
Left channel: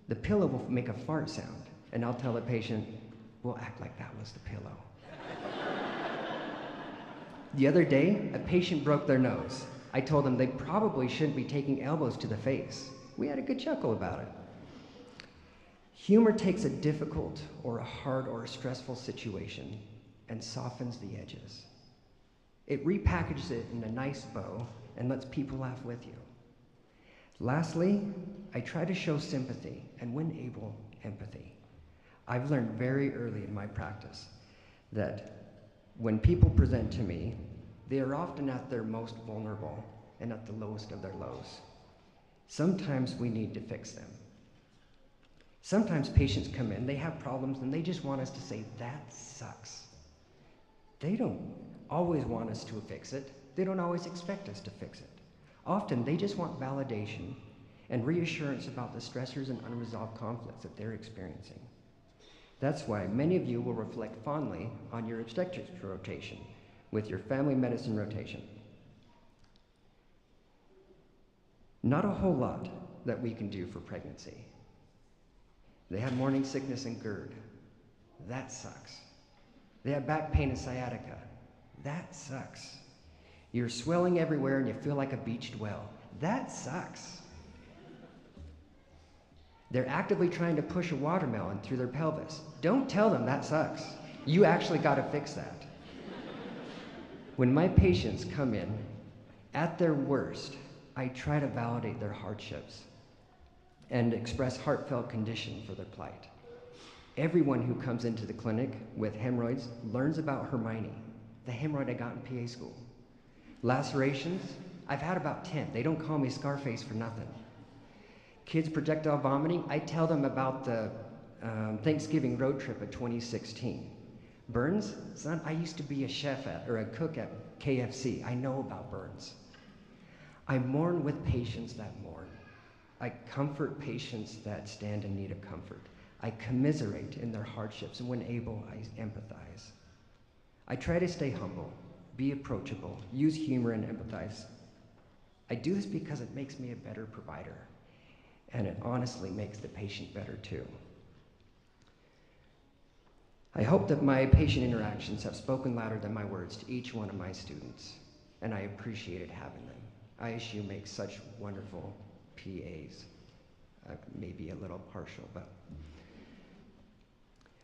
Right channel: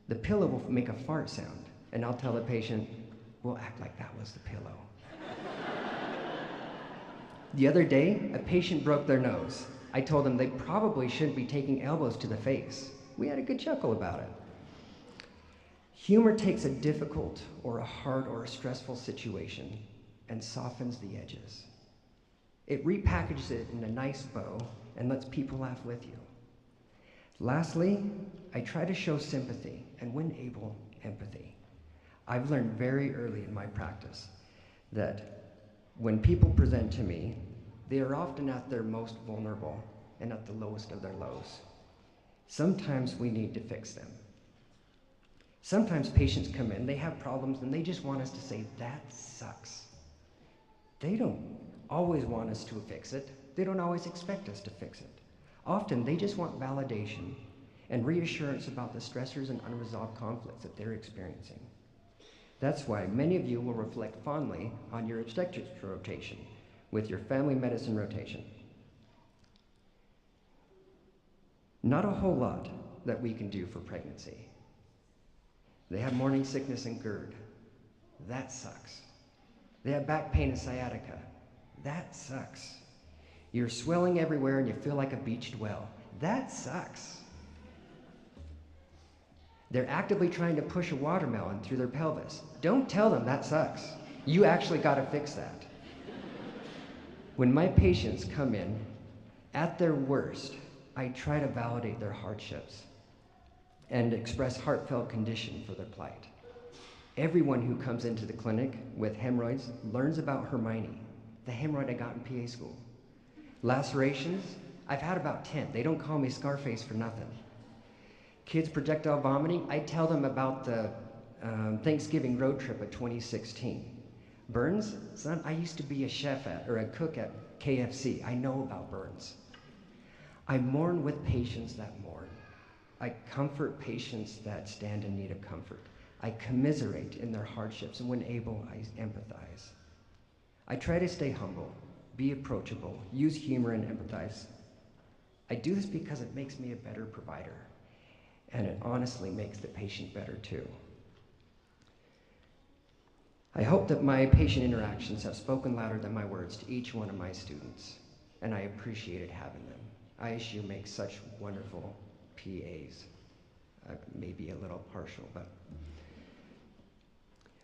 the pillow will make a fart sound, and I'll tell the patient, "We'll act like that was the pillow." The other day, a patient broke their nose. I told them they probably shouldn't be taking elbows to the face. We had a good chuckle about it. Humor takes a difficult or a hard or a stressful situation and softens the edges. It repackages it in a nice bow and lets people laugh with you. Lastly, I try to show sympathy and, when able, empathy. I've learned very early in my practice that When people present to me, they are often at their most vulnerable and at the lowest of their lows. Sometimes we need to fix them. Sometimes patients come in, they have problems, and they just want us to say, that sucks. They don't always want us to fix it. They don't always expect us to fix it. Often, they just want validation and reassurance about the stressors and unresolved conflicts that they're experiencing. That's why many of you will reflect fondly on your obstetrics rotation with your family medicine rotation. Not a whole lot that we can do for pregnancy. They have morning sickness and GERD. That sucks. They have back pain and sciatica. That sucks. You're swelling everywhere and you feel like a beached well. That sucks. They're actively trying to push a watermelon through their pelvis. Don't tell them that sucks. You actually got to fix that. When my patients come in at their worst, I try to validate their hardships and express heartfelt condition for their plight. Everyone who comes into the clinic with hemorrhoids learns about Hermione, the hemorrhoid I got in PA school. Lacerations, I've had about 10. They don't call me Scarface for nothing. Kids projectile vomiting, I tell them about the Thanksgiving road trip of 2016. Burns, son, I used to be a chef or a cook at KFC. I know about burns. I mourn with patients that mourn. I comfort patients that stand in need of comfort. I commiserate in their hardships, and when able, I empathize. I try to stay humble, be approachable, use humor, and empathize. I do this because it makes me a better provider, and it honestly makes the patient better too. I hope that my patient interactions have spoken louder than my words to each one of my students, and I appreciated having them. ISU makes such wonderful PAs. Maybe a little partial, but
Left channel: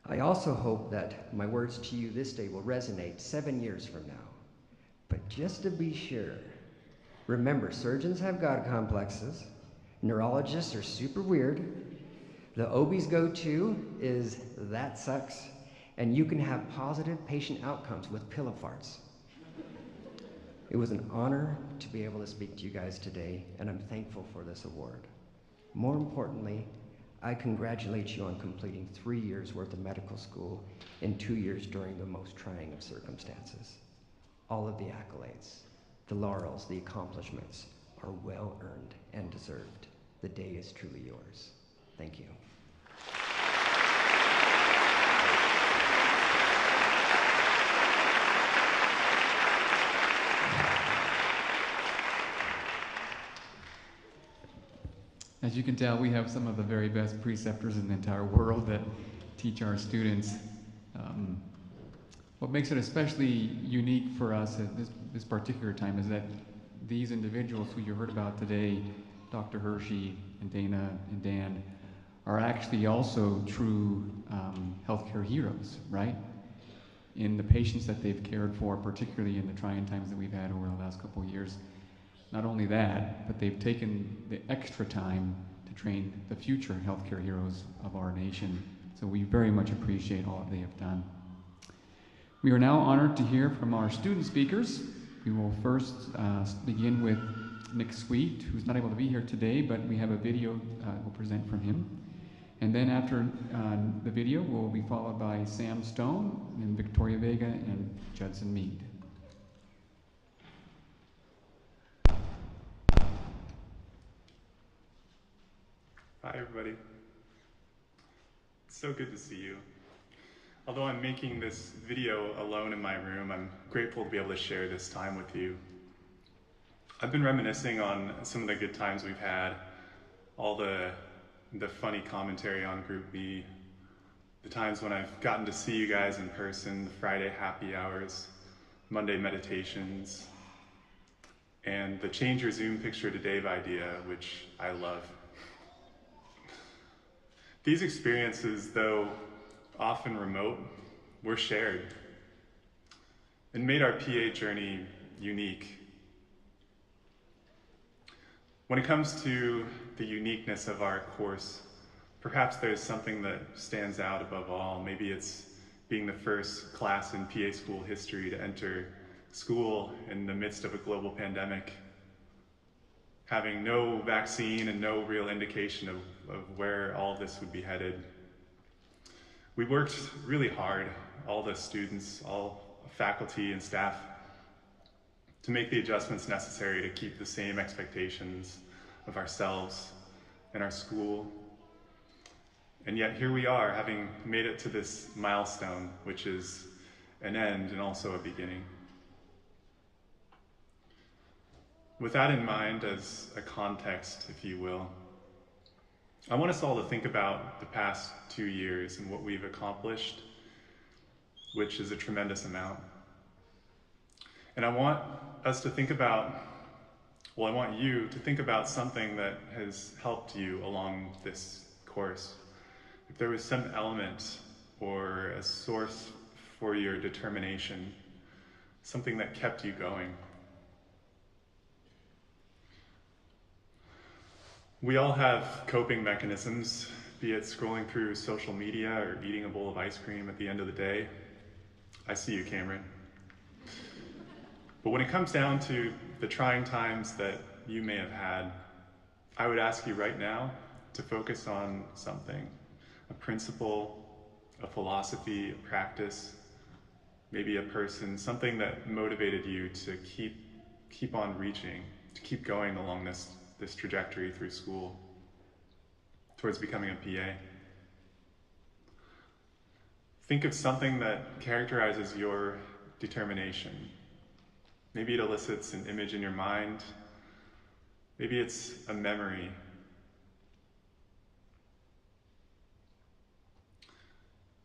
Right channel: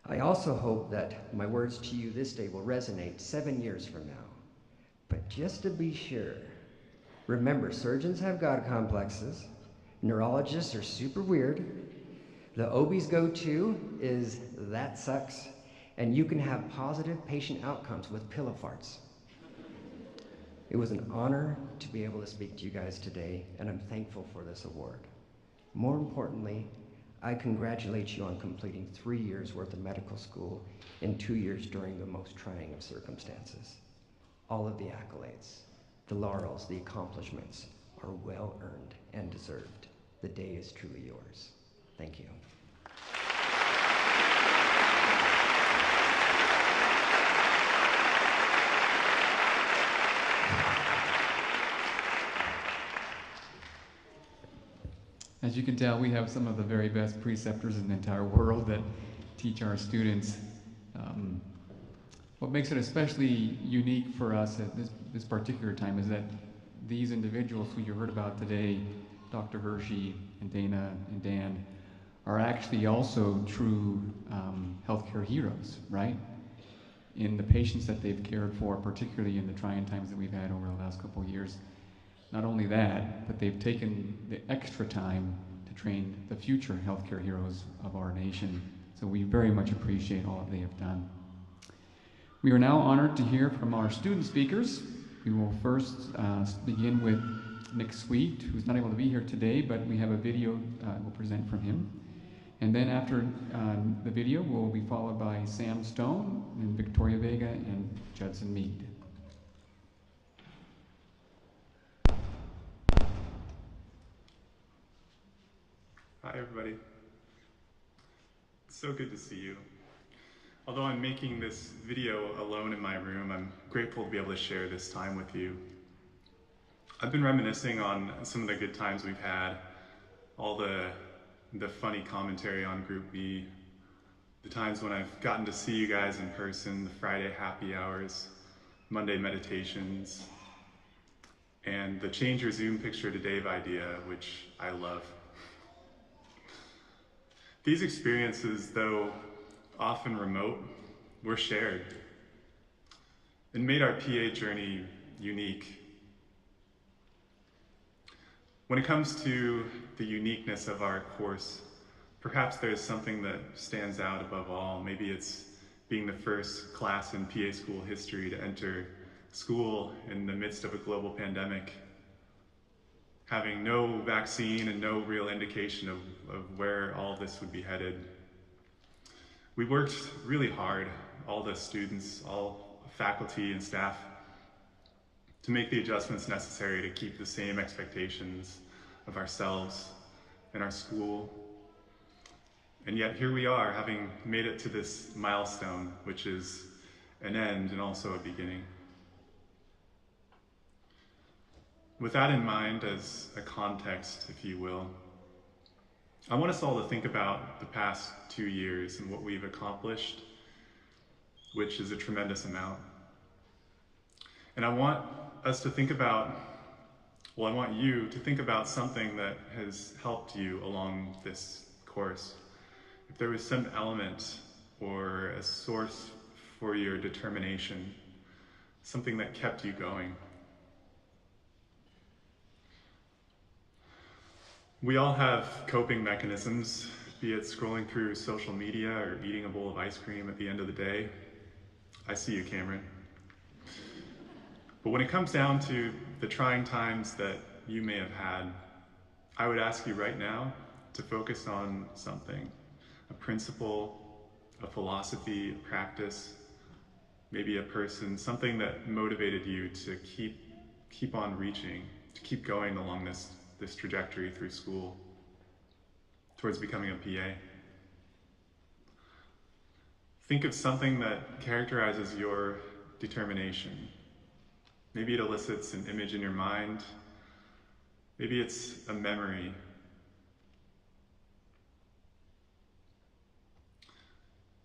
I also hope that my words to you this day will resonate 7 years from now. But just to be sure, remember, surgeons have God complexes, neurologists are super weird, the OB's go-to is that sucks, and you can have positive patient outcomes with pillow farts. It was an honor to be able to speak to you guys today, and I'm thankful for this award. More importantly, I congratulate you on completing 3 years worth of medical school in 2 years during the most trying of circumstances. All of the accolades, the laurels, the accomplishments are well earned and deserved. The day is truly yours. Thank you. As you can tell, we have some of the very best preceptors in the entire world that teach our students. What makes it especially unique for us at this particular time is that these individuals who you heard about today, Dr. Hershey and Dana and Dan, are actually also true healthcare heroes, right? In the patients that they've cared for, particularly in the trying times that we've had over the last couple of years. Not only that, but they've taken the extra time to train the future healthcare heroes of our nation. So we very much appreciate all that they have done. We are now honored to hear from our student speakers. We will first begin with Nick Sweet, who's not able to be here today, but we have a video we'll present from him. And then after the video, we'll be followed by Sam Stone, and Victoria Vega, and Judson Mead. Hi, everybody. It's so good to see you. Although I'm making this video alone in my room, I'm grateful to be able to share this time with you. I've been reminiscing on some of the good times we've had, all the funny commentary on Group B, the times when I've gotten to see you guys in person, the Friday happy hours, Monday meditations, and the change your Zoom picture to Dave idea, which I love. These experiences, though often remote, were shared and made our PA journey unique. When it comes to the uniqueness of our course, perhaps there's something that stands out above all. Maybe it's being the first class in PA school history to enter school in the midst of a global pandemic, having no vaccine and no real indication of where all this would be headed. We worked really hard, all the students, all faculty and staff, to make the adjustments necessary to keep the same expectations of ourselves and our school. And yet here we are, having made it to this milestone, which is an end and also a beginning. With that in mind as a context, if you will, I want us all to think about the past 2 years and what we've accomplished, which is a tremendous amount. And I want us to think about, well, I want you to think about something that has helped you along this course. If there was some element or a source for your determination, something that kept you going. We all have coping mechanisms, be it scrolling through social media or eating a bowl of ice cream at the end of the day. I see you, Cameron. But when it comes down to the trying times that you may have had, I would ask you right now to focus on something, a principle, a philosophy, a practice, maybe a person, something that motivated you to keep on reaching, to keep going along this trajectory through school towards becoming a PA. Think of something that characterizes your determination. Maybe it elicits an image in your mind. Maybe it's a memory.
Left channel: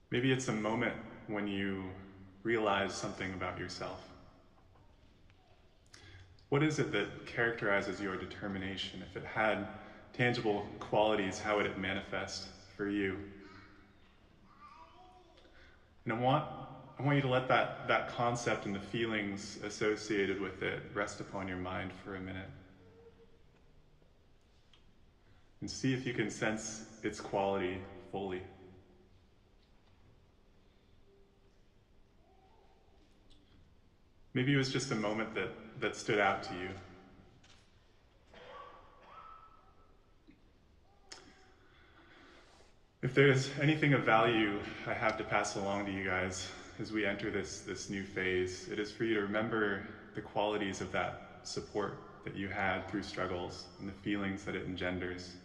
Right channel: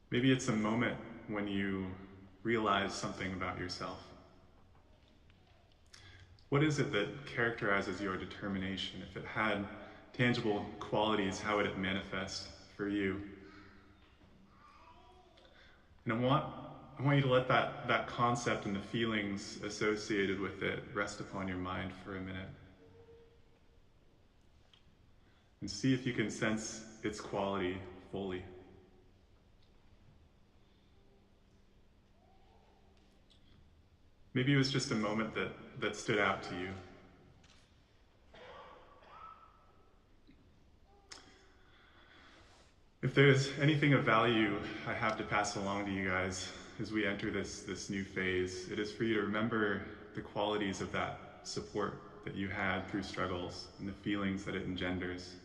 Maybe it's a moment when you realize something about yourself. What is it that characterizes your determination? If it had tangible qualities, how would it manifest for you? And I want you to let that concept and the feelings associated with it rest upon your mind for a minute. And see if you can sense its quality fully. Maybe it was just a moment that stood out to you. If there's anything of value I have to pass along to you guys as we enter this new phase, it is for you to remember the qualities of that support that you had through struggles and the feelings that it engenders.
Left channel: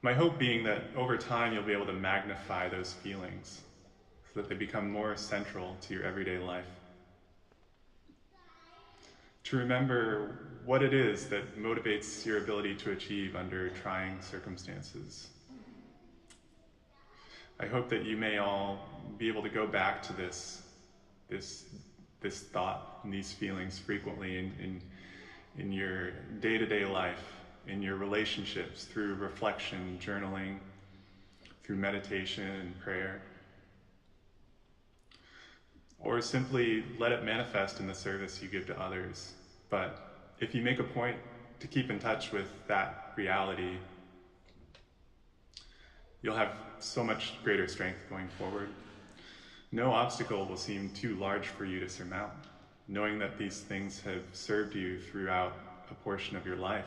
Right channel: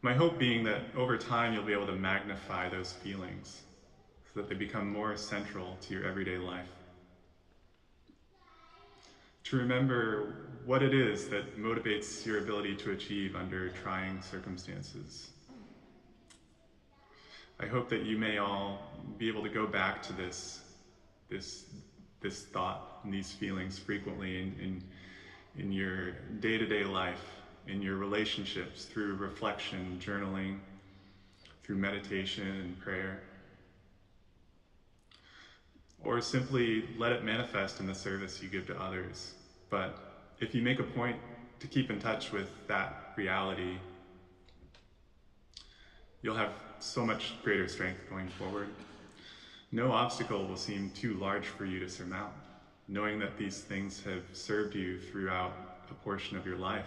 My hope being that over time you'll be able to magnify those feelings so that they become more central to your everyday life. To remember what it is that motivates your ability to achieve under trying circumstances. I hope that you may all be able to go back to this thought and these feelings frequently in your day-to-day life, in your relationships, through reflection, journaling, through meditation and prayer. Or simply let it manifest in the service you give to others. But if you make a point to keep in touch with that reality, you'll have so much greater strength going forward. No obstacle will seem too large for you to surmount, knowing that these things have served you throughout a portion of your life.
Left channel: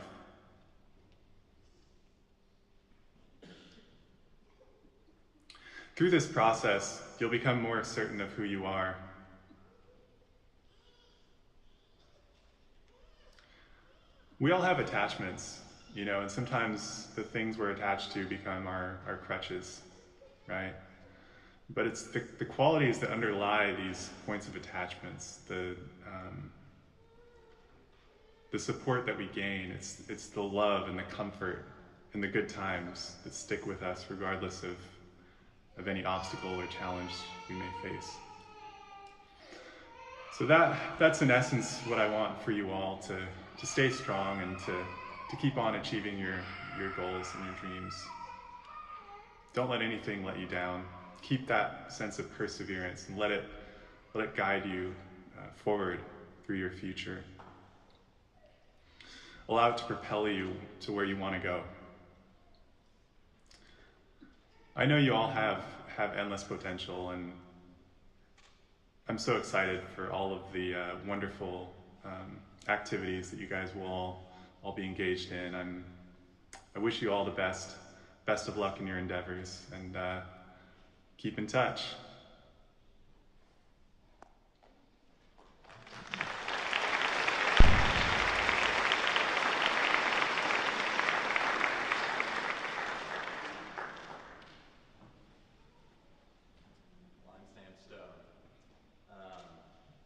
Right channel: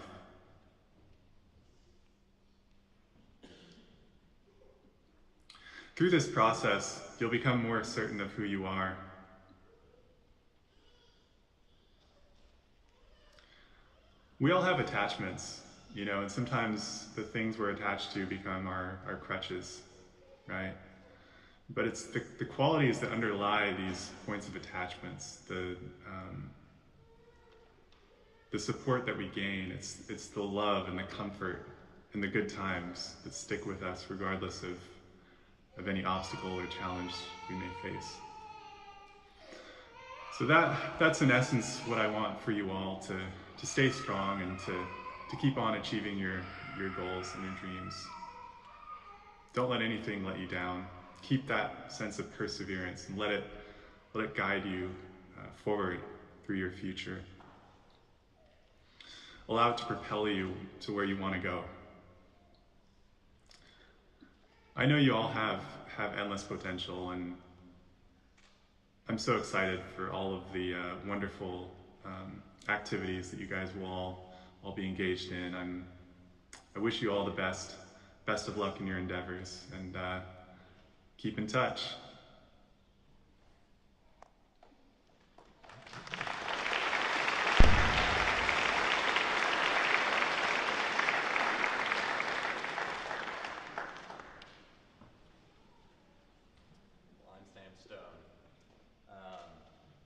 Through this process, you'll become more certain of who you are. We all have attachments, and sometimes the things we're attached to become our crutches, right? But it's the qualities that underlie these points of attachments, the support that we gain. It's the love and the comfort and the good times that stick with us regardless of any obstacle or challenge we may face. So that's in essence what I want for you all, to stay strong and to keep on achieving your goals and your dreams. Don't let anything let you down. Keep that sense of perseverance and let it guide you forward through your future. Allow it to propel you to where you want to go. I know you all have have endless potential, and I'm so excited for all of the wonderful activities that you guys will all be engaged in. I wish you all the best of luck in your endeavors, and keep in touch.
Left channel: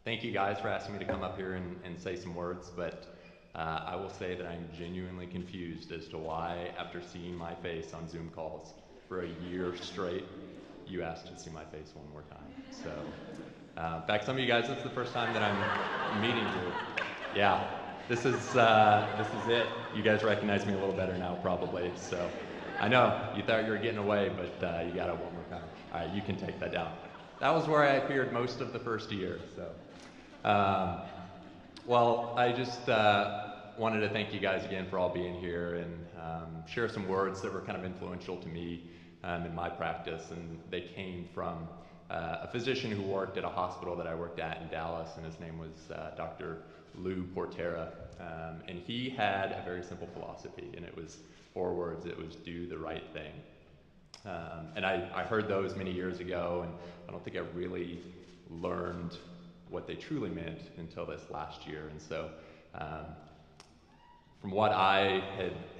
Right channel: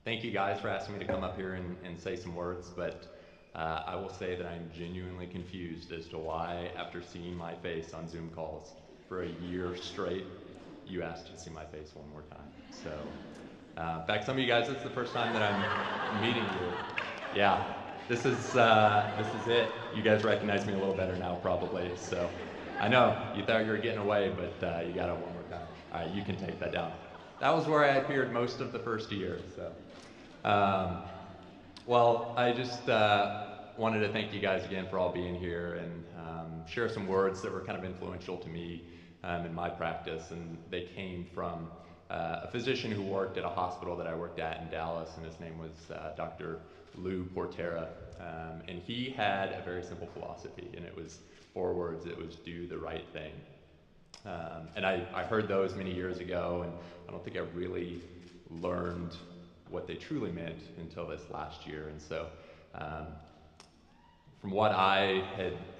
Thank you guys for asking me to come up here and say some words, but I will say that I'm genuinely confused as to why, after seeing my face on Zoom calls for a year straight, you asked to see my face one more time. So, in fact, some of you guys, this is the first time that I'm meeting you. Yeah, this is it. You guys recognize me a little better now, probably. So, I know you thought you were getting away, but you got it one more time. All right, you can take that down. That was where I appeared most of the first year. So, well, I just wanted to thank you guys again for all being here and share some words that were kind of influential to me in my practice. And they came from a physician who worked at a hospital that I worked at in Dallas, and his name was Dr. Lou Portera. And he had a very simple philosophy, and it was 4 words. It was do the right thing. And I heard those many years ago, and I don't think I really learned what they truly meant until this last year. And so from what I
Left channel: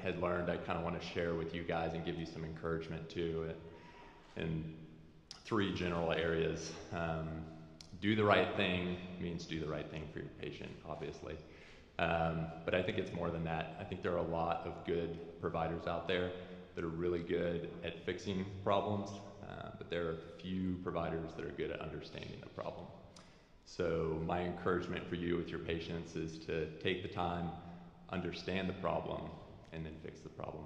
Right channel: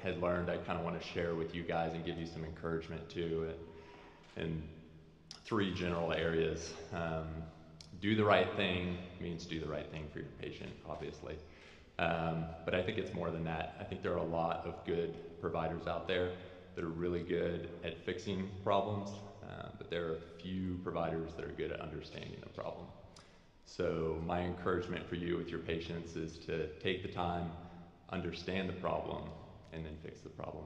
had learned, I kind of want to share with you guys and give you some encouragement too in 3 general areas. Do the right thing means do the right thing for your patient, obviously. But I think it's more than that. I think there are a lot of good providers out there that are really good at fixing problems, but there are few providers that are good at understanding the problem. So my encouragement for you with your patients is to take the time, understand the problem, and then fix the problem.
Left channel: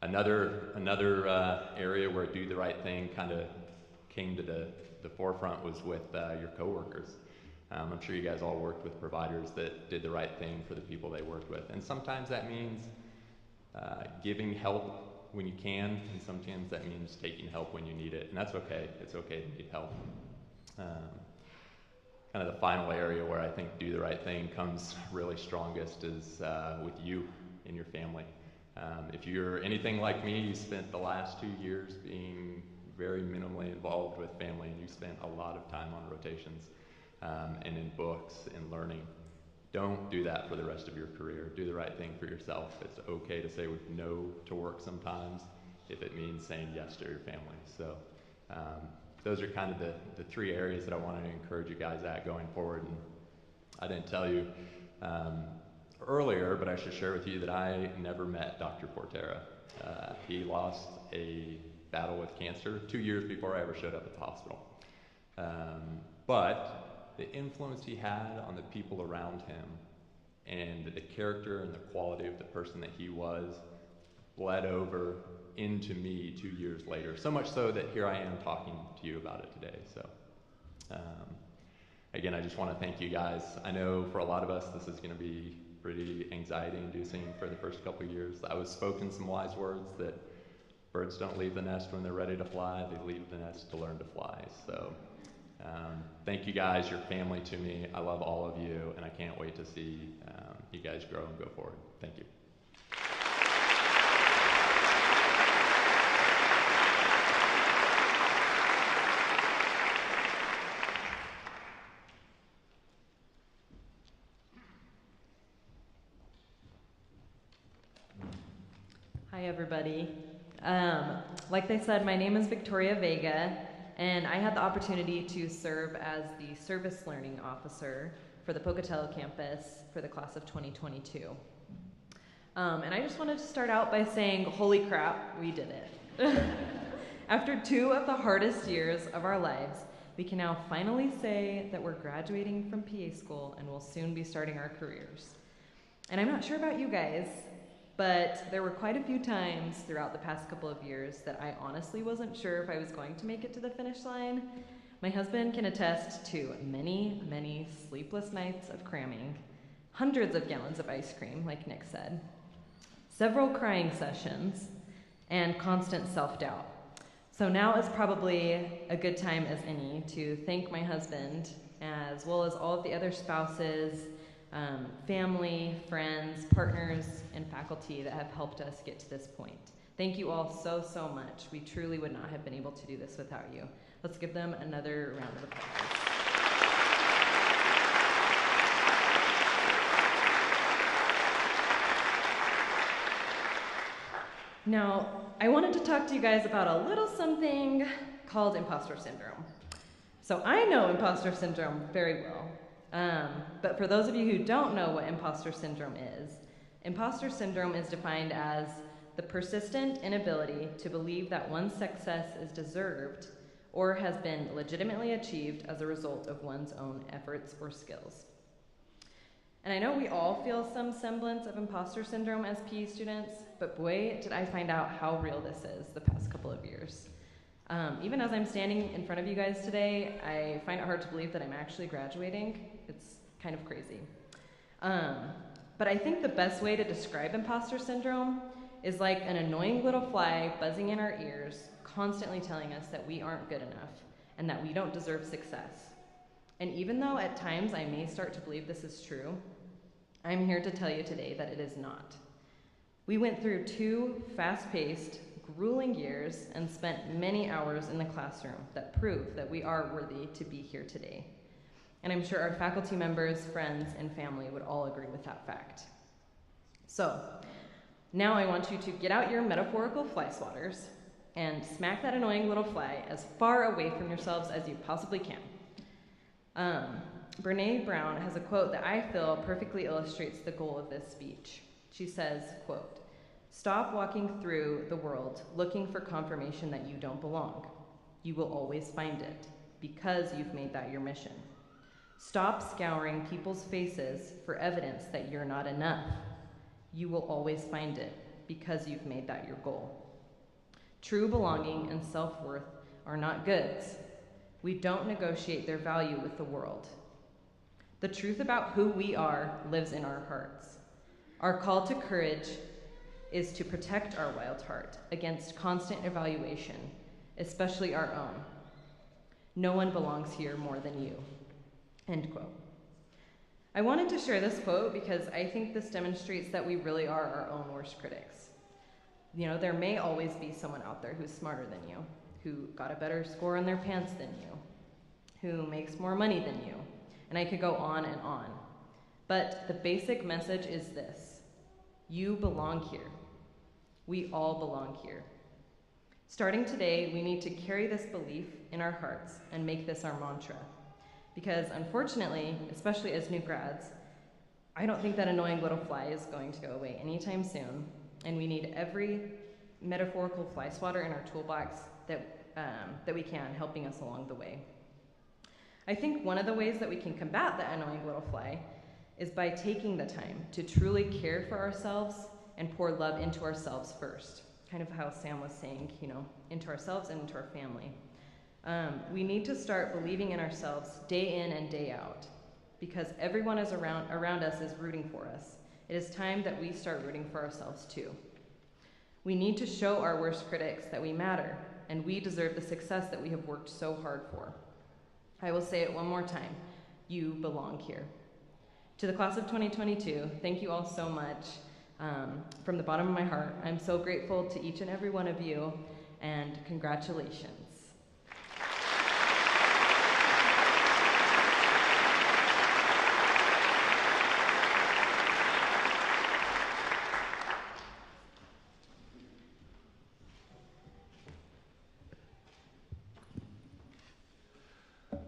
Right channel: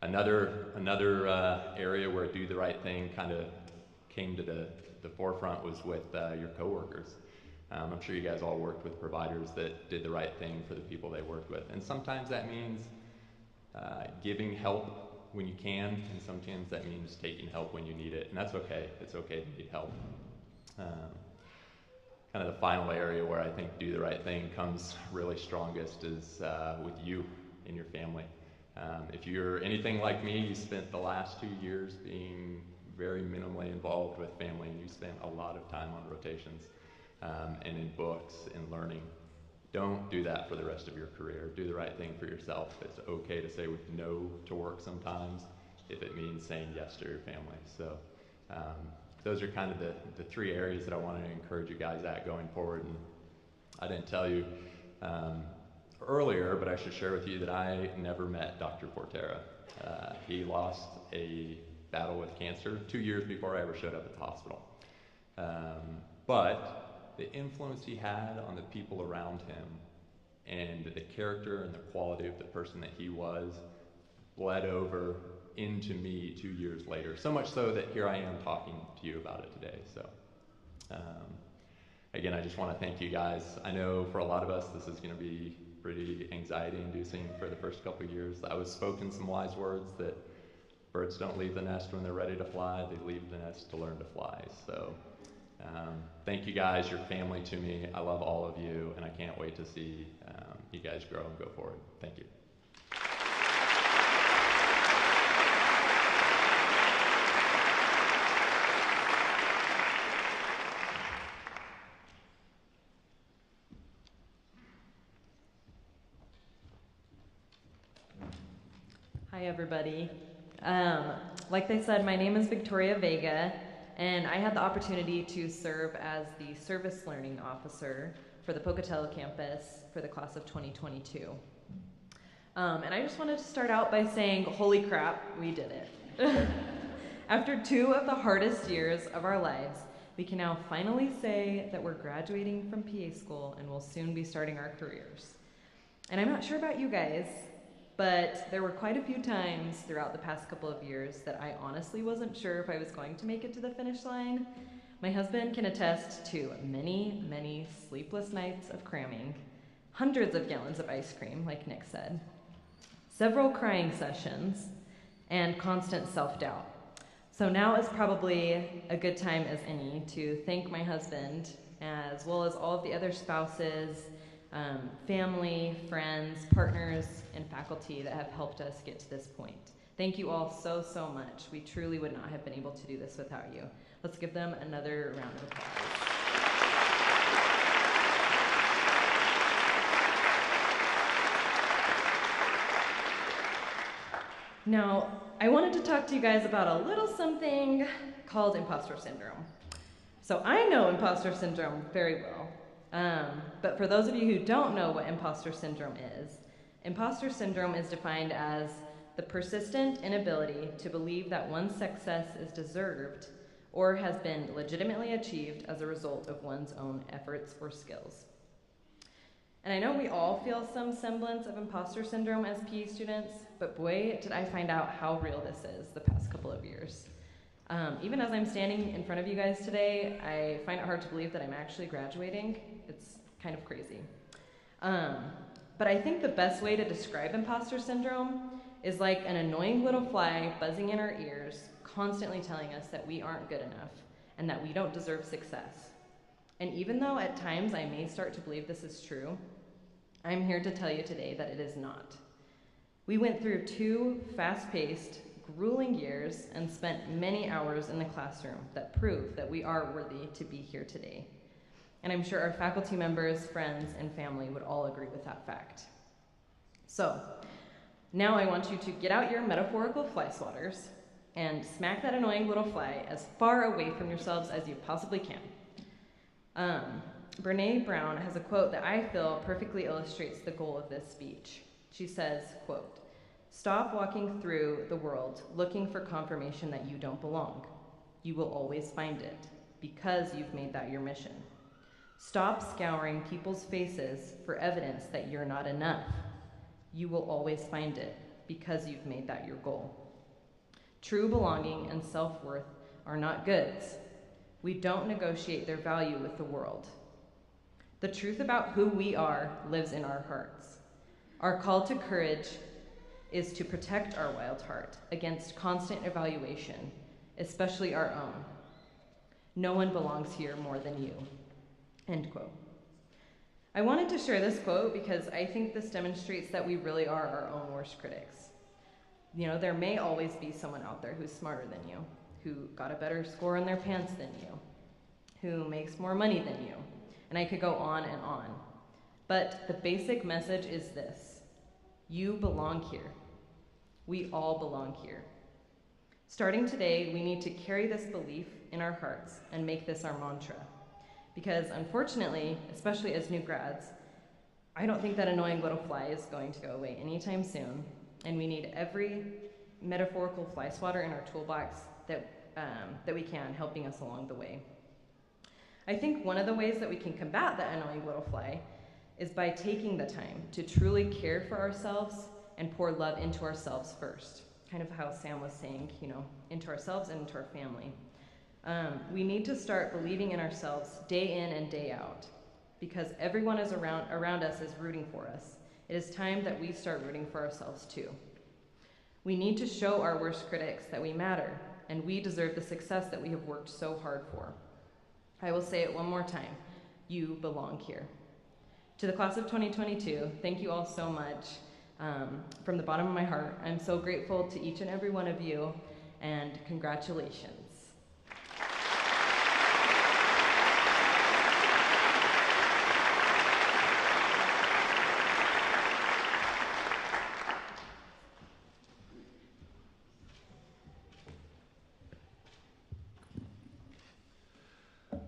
Another area where do the right thing kind of came to the forefront was with your coworkers. I'm sure you guys all worked with providers that did the right thing for the people they worked with. And sometimes that means giving help when you can, and sometimes that means taking help when you need it. And that's okay. It's okay to need help. Kind of the final area where I think do the right thing comes really strongest is with you and your family. If you're anything like me, you spent the last 2 years being very minimally involved with family, and you spent a lot of time on rotations and in books and learning. Don't do that for the rest of your career. Do the right thing for yourself. It's okay to say no to work sometimes if it means saying yes to your family. So those are kind of the 3 areas that I wanted to encourage you guys at going forward. And I didn't tell you earlier, but I should share with you that I never met Dr. Portera. He lost a battle with cancer 2 years before I ever showed up at the hospital. But the influence he had on the people around him and the character and the quality of the person that he was bled over into me 2 years later. So much so that here I am talking to you about it today. So again, I just want to thank you guys. I know for a lot of us, this is going to be pretty anxiety-inducing for the first couple of years. I was spoken some wise words that birds don't leave the nest when they're ready to fly. They leave the nest to learn to fly. So thank you guys, your family to me. I love all of you, and I can't wait to see you guys grow and go forward. Thank you. Hi, everybody. Like they said, my name is Victoria Vega, and I had the opportunity to serve as the Service Learning Officer for the Pocatello campus for the class of 2022. And I just wanted to start out by saying, holy crap, we did it. After 2 of the hardest years of our lives, we can now finally say that we're graduating from PA school and will soon be starting our careers. And I'm not sure about you guys, but there were quite a few times throughout the past couple of years that I honestly wasn't sure if I was going to make it to the finish line. My husband can attest to many, many sleepless nights of cramming, hundreds of gallons of ice cream, like Nick said, several crying sessions, and constant self-doubt. So now is probably a good time as any to thank my husband, as well as all of the other spouses, family, friends, partners, and faculty that have helped us get to this point. Thank you all so, so much. We truly would not have been able to do this without you. Let's give them another round of applause. Now, I wanted to talk to you guys about a little something called imposter syndrome. So I know imposter syndrome very well, but for those of you who don't know what imposter syndrome is defined as the persistent inability to believe that one's success is deserved or has been legitimately achieved as a result of one's own efforts or skills. And I know we all feel some semblance of imposter syndrome as PE students, but boy, did I find out how real this is the past couple of years. Even as I'm standing in front of you guys today, I find it hard to believe that I'm actually graduating. It's kind of crazy. But I think the best way to describe imposter syndrome is like an annoying little fly buzzing in our ears, constantly telling us that we aren't good enough and that we don't deserve success. And even though at times I may start to believe this is true, I'm here to tell you today that it is not. We went through 2 fast-paced, grueling years and spent many hours in the classroom that prove that we are worthy to be here today. And I'm sure our faculty members, friends, and family would all agree with that fact. So, now I want you to get out your metaphorical fly swatters and smack that annoying little fly as far away from yourselves as you possibly can. Brene Brown has a quote that I feel perfectly illustrates the goal of this speech. She says, quote, "Stop walking through the world looking for confirmation that you don't belong. You will always find it because you've made that your mission. Stop scouring people's faces for evidence that you're not enough. You will always find it because you've made that your goal. True belonging and self-worth are not goods. We don't negotiate their value with the world. The truth about who we are lives in our hearts. Our call to courage is to protect our wild heart against constant evaluation, especially our own. No one belongs here more than you." End quote. I wanted to share this quote because I think this demonstrates that we really are our own worst critics. You know, there may always be someone out there who's smarter than you, who got a better score on their pants than you, who makes more money than you, and I could go on and on. But the basic message is this: you belong here. We all belong here. Starting today, we need to carry this belief in our hearts and make this our mantra. Because unfortunately, especially as new grads, I don't think that annoying little fly is going to go away anytime soon, and we need every metaphorical fly swatter in our toolbox that we can, helping us along the way. I think one of the ways that we can combat that annoying little fly is by taking the time to truly care for ourselves and pour love into ourselves first. Kind of how Sam was saying, you know, into ourselves and into our family. We need to start believing in ourselves day in and day out, because everyone is around us is rooting for us. It is time that we start rooting for ourselves too. We need to show our worst critics that we matter, and we deserve the success that we have worked so hard for. I will say it one more time: you belong here. To the class of 2022, thank you all so much. From the bottom of my heart, I'm so grateful to each and every one of you, and congratulations.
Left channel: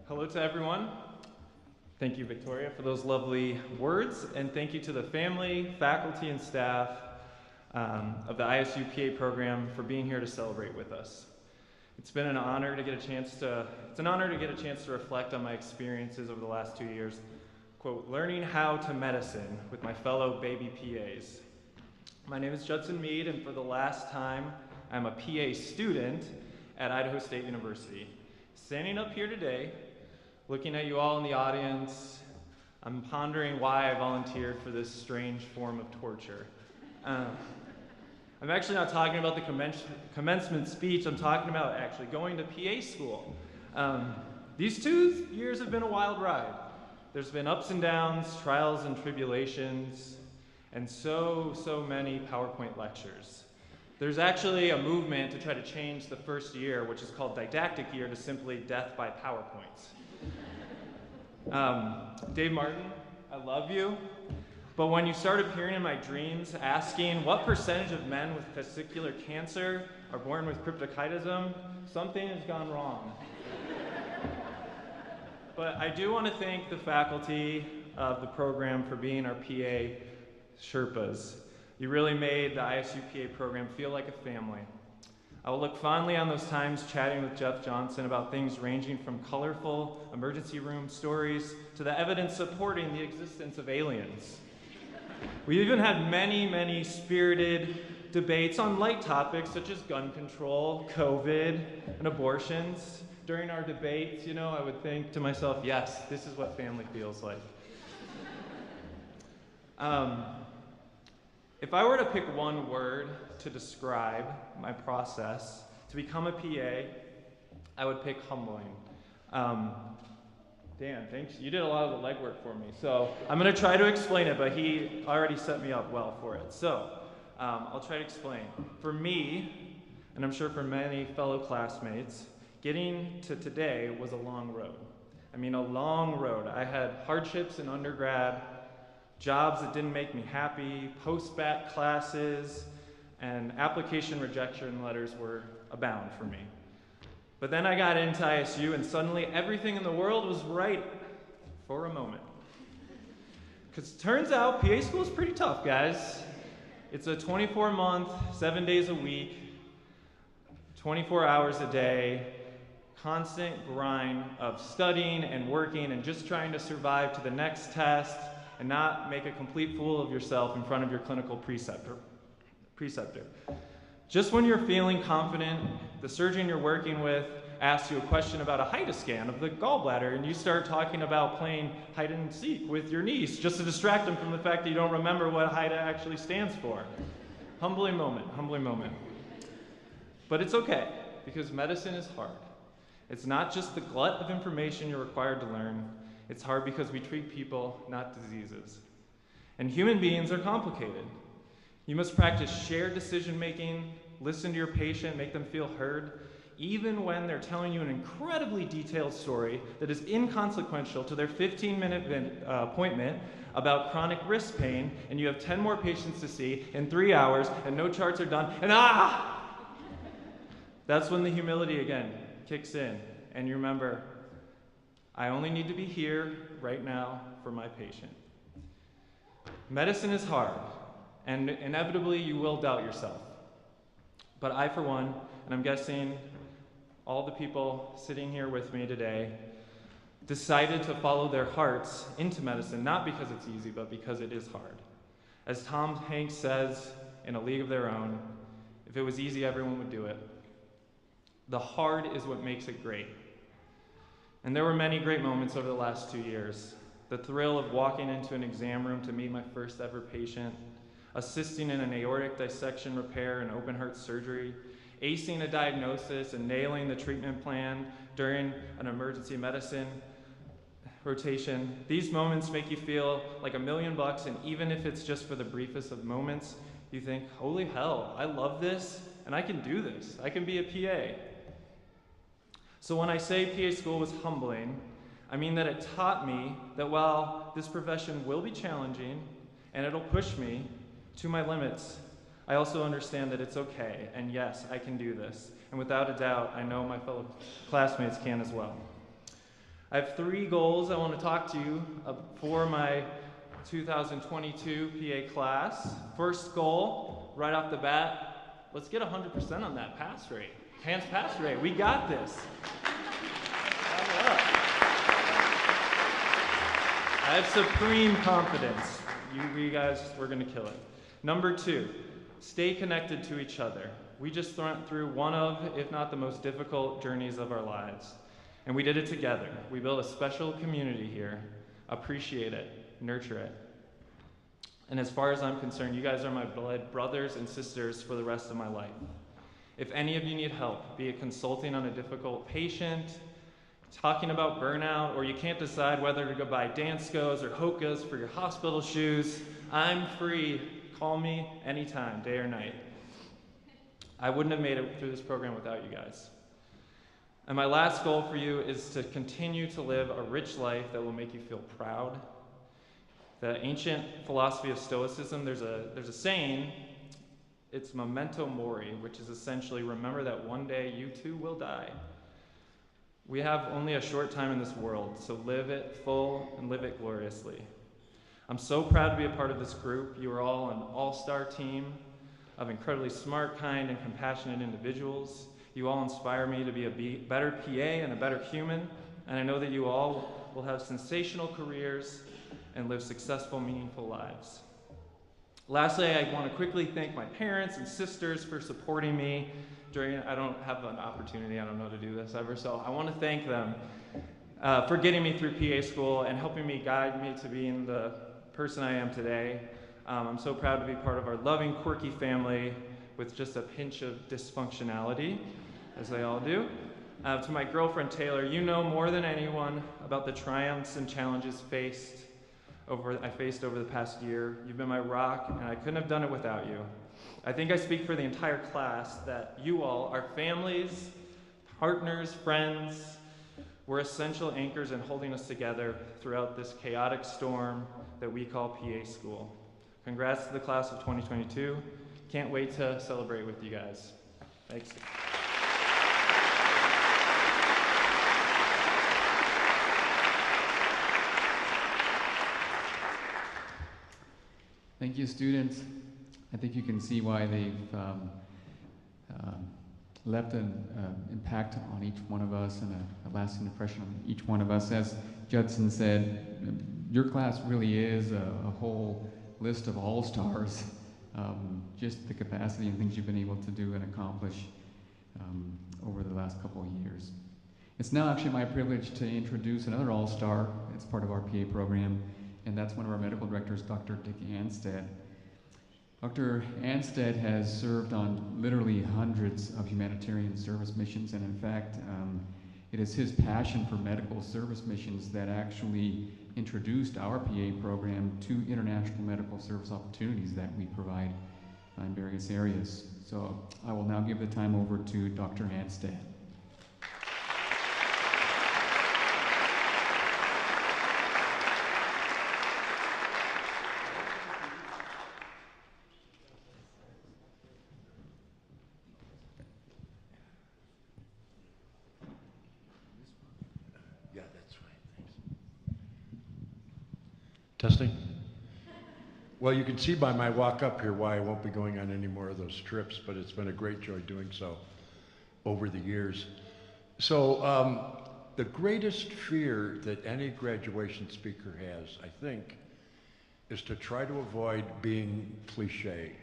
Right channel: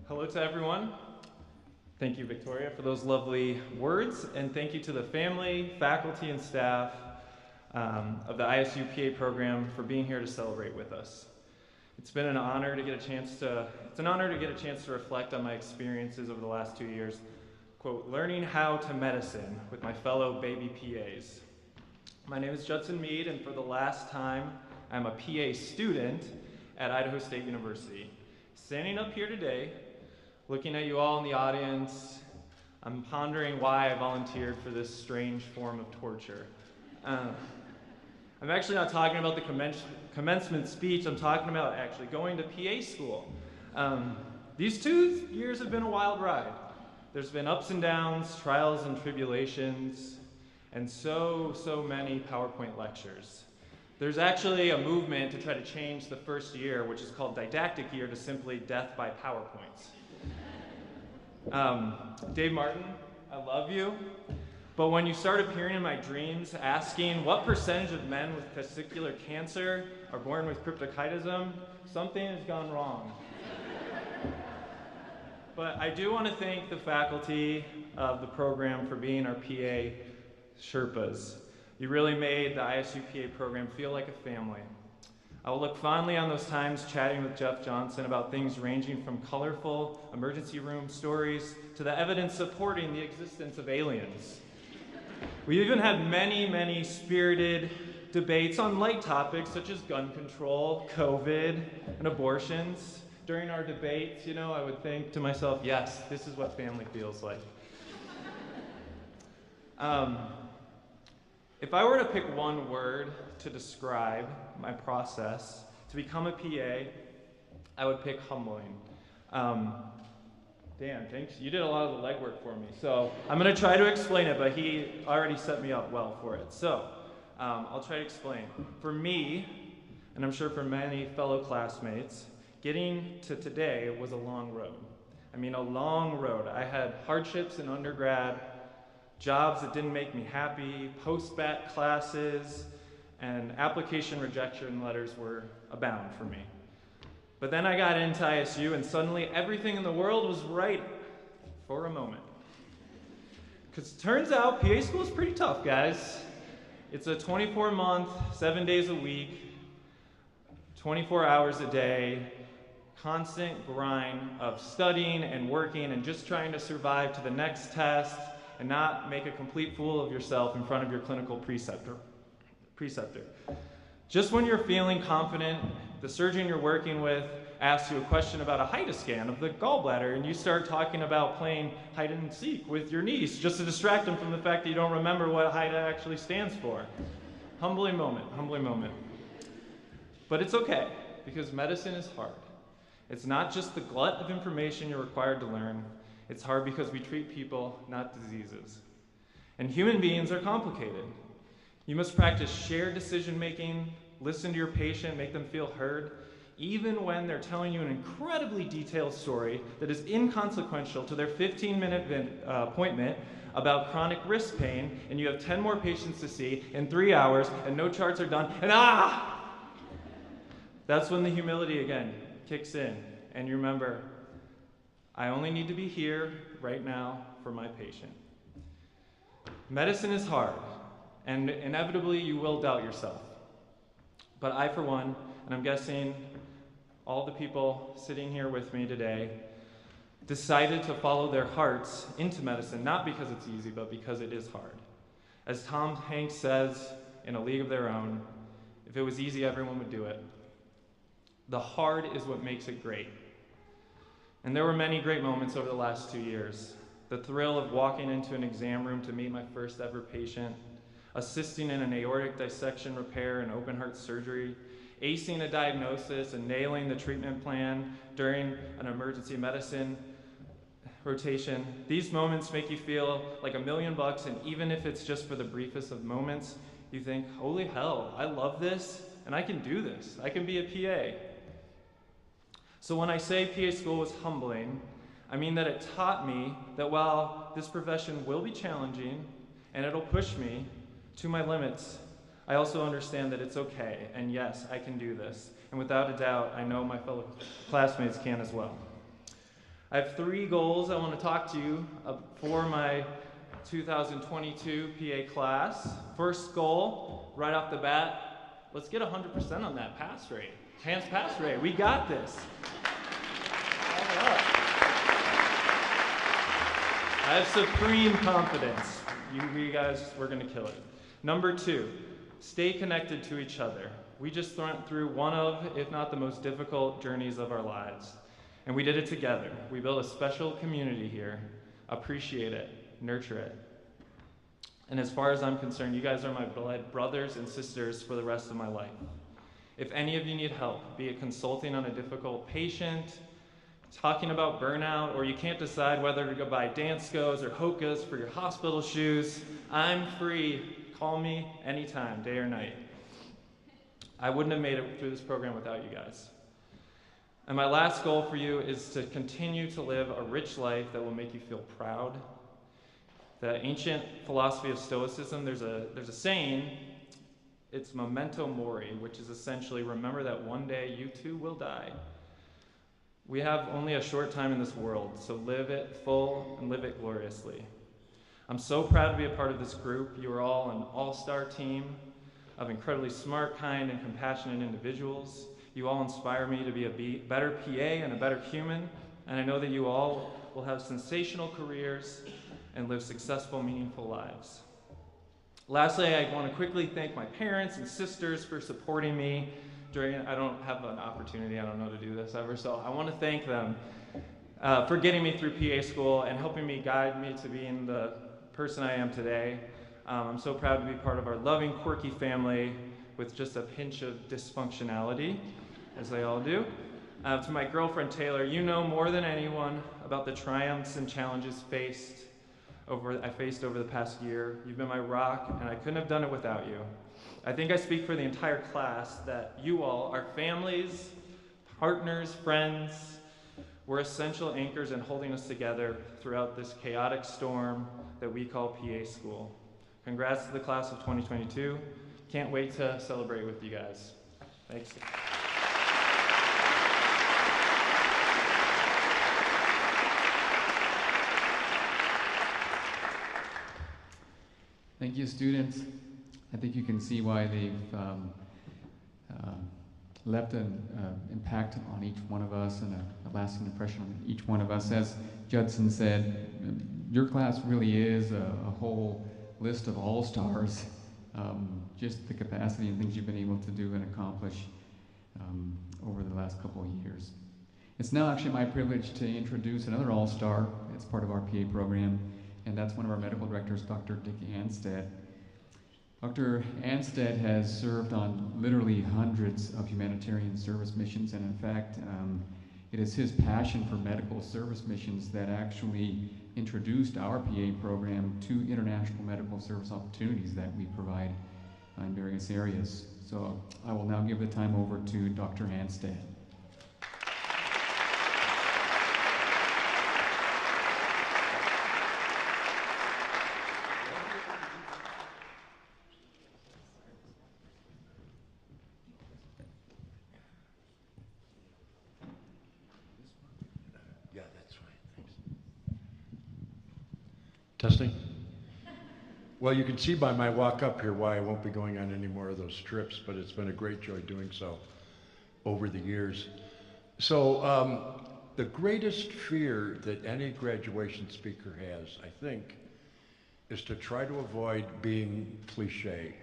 Hello to everyone. Thank you, Victoria, for those lovely words, and thank you to the family, faculty, and staff of the ISU PA program for being here to celebrate with us. It's been an honor to get a chance to reflect on my experiences over the last 2 years, quote, learning how to medicine with my fellow baby PAs. My name is Judson Mead, and for the last time, I'm a PA student at Idaho State University. Standing up here today, looking at you all in the audience, I'm pondering why I volunteered for this strange form of torture. I'm actually not talking about the commencement speech. I'm talking about actually going to PA school. These 2 years have been a wild ride. There's been ups and downs, trials and tribulations, and so many PowerPoint lectures. There's actually a movement to try to change the first year, which is called didactic year, to simply death by PowerPoints. Dave Martin, I love you, but when you start appearing in my dreams asking what percentage of men with testicular cancer are born with cryptorchidism, something has gone wrong. But I do want to thank the faculty of the program for being our PA Sherpas. You really made the ISU PA program feel like a family. I will look fondly on those times chatting with Jeff Johnson about things ranging from colorful emergency room stories to the evidence supporting the existence of aliens. We even had many spirited debates on light topics such as gun control, COVID, and abortions. During our debates, I would think to myself, yes, this is what family feels like. If I were to pick one word to describe my process to become a PA, I would pick humbling. Dan, thanks. You did a lot of the legwork for me. So I'm going to try to explain it, but he already set me up well for it. So I'll try to explain. For me, and I'm sure for many fellow classmates, getting to today was a long road. I mean, a long road. I had hardships in undergrad, jobs that didn't make me happy, post-bac classes, and application rejection letters were abound for me. But then I got into ISU, and suddenly everything in the world was right for a moment. Because it turns out PA school is pretty tough, guys. It's a 24-month, 7 days a week, 24 hours a day, constant grind of studying and working and just trying to survive to the next test and not make a complete fool of yourself in front of your clinical preceptor. Just when you're feeling confident, the surgeon you're working with asks you a question about a HIDA scan of the gallbladder, and you start talking about playing hide and seek with your niece just to distract them from the fact that you don't remember what HIDA actually stands for. Humbling moment, humbling moment. But it's okay, because medicine is hard. It's not just the glut of information you're required to learn. It's hard because we treat people, not diseases. And human beings are complicated. You must practice shared decision-making, listen to your patient, make them feel heard, even when they're telling you an incredibly detailed story that is inconsequential to their 15-minute appointment about chronic wrist pain, and you have 10 more patients to see in 3 hours, and no charts are done, and that's when the humility again kicks in, and you remember, I only need to be here right now for my patient. Medicine is hard, and inevitably you will doubt yourself. But I, for one, and I'm guessing all the people sitting here with me today, decided to follow their hearts into medicine, not because it's easy, but because it is hard. As Tom Hanks says in A League of Their Own, if it was easy, everyone would do it. The hard is what makes it great. And there were many great moments over the last 2 years. The thrill of walking into an exam room to meet my first ever patient, assisting in an aortic dissection repair and open heart surgery, acing a diagnosis and nailing the treatment plan during an emergency medicine rotation. These moments make you feel like $1 million, and even if it's just for the briefest of moments, you think, holy hell, I love this, and I can do this. I can be a PA. So when I say PA school was humbling, I mean that it taught me that while this profession will be challenging and it'll push me to my limits, I also understand that it's okay, and yes, I can do this. And without a doubt, I know my fellow classmates can as well. I have 3 goals I want to talk to you for my 2022 PA class. First goal, right off the bat, let's get 100% on that pass rate. Pass rate, we got this. Clap it up. I have supreme confidence. You guys, we're gonna kill it. Number 2, stay connected to each other. We just went through one of, if not the most difficult journeys of our lives. And we did it together. We built a special community here. Appreciate it, nurture it. And as far as I'm concerned, you guys are my blood brothers and sisters for the rest of my life. If any of you need help, be it consulting on a difficult patient, talking about burnout, or you can't decide whether to go buy Danskos or Hokas for your hospital shoes, I'm free. Call me anytime, day or night. I wouldn't have made it through this program without you guys. And my last goal for you is to continue to live a rich life that will make you feel proud. The ancient philosophy of Stoicism, there's a saying, it's memento mori, which is essentially remember that one day you too will die. We have only a short time in this world, so live it full and live it gloriously. I'm so proud to be a part of this group. You are all an all-star team of incredibly smart, kind, and compassionate individuals. You all inspire me to be a better PA and a better human, and I know that you all will have sensational careers and live successful, meaningful lives. Lastly, I want to quickly thank my parents and sisters for supporting me I don't have an opportunity, I don't know to do this ever, so I want to thank them for getting me through PA school and helping me guide me to being the person I am today. I'm so proud to be part of our loving, quirky family with just a pinch of dysfunctionality, as they all do. To my girlfriend, Taylor, you know more than anyone about the triumphs and challenges I faced over the past year. You've been my rock, and I couldn't have done it without you. I think I speak for the entire class that you all, our families, partners, friends, were essential anchors in holding us together throughout this chaotic storm that we call PA school. Congrats to the class of 2022. Can't wait to celebrate with you guys. Thanks. Thank you, students. I think you can see why they've left an impact on each one of us and a lasting impression on each one of us. As Judson said, your class really is a whole list of all-stars. Just the capacity and things you've been able to do and accomplish over the last couple of years. It's now actually my privilege to introduce another all-star as part of our PA program, and that's one of our medical directors, Dr. Dick Anstead. Dr. Anstead has served on literally hundreds of humanitarian service missions, and in fact, it is his passion for medical service missions that actually introduced our PA program to international medical service opportunities that we provide in various areas. So I will now give the time over to Dr. Anstead. Testing? Well, you can see by my walk up here why I won't be going on any more of those trips, but it's been a great joy doing so over the years. So the greatest fear that any graduation speaker has, I think, is to try to avoid being cliche,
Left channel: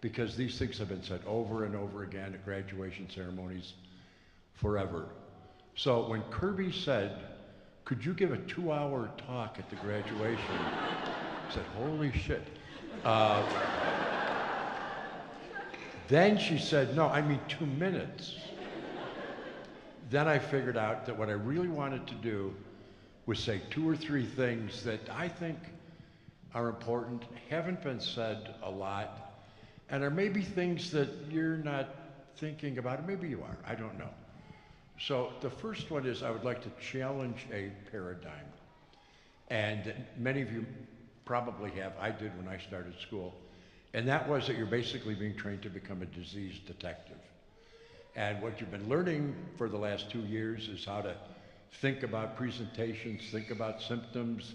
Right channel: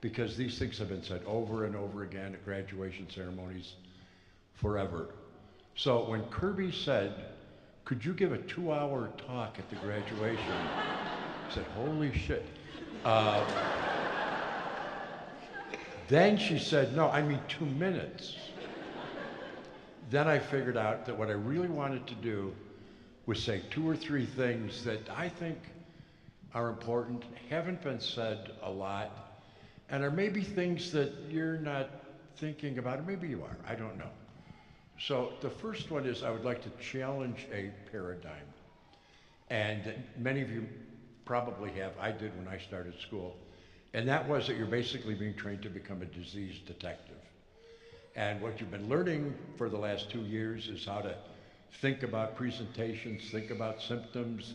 because these things have been said over and over again at graduation ceremonies forever. So when Kirby said, "Could you give a 2-hour talk at the graduation?" I said, "Holy shit." Then she said, "No, I mean 2 minutes." Then I figured out that what I really wanted to do was say 2 or 3 things that I think are important, haven't been said a lot, and are maybe things that you're not thinking about, or maybe you are, I don't know. So the first one is I would like to challenge a paradigm. And many of you probably have, I did when I started school, and that was that you're basically being trained to become a disease detective. And what you've been learning for the last 2 years is how to think about presentations, think about symptoms,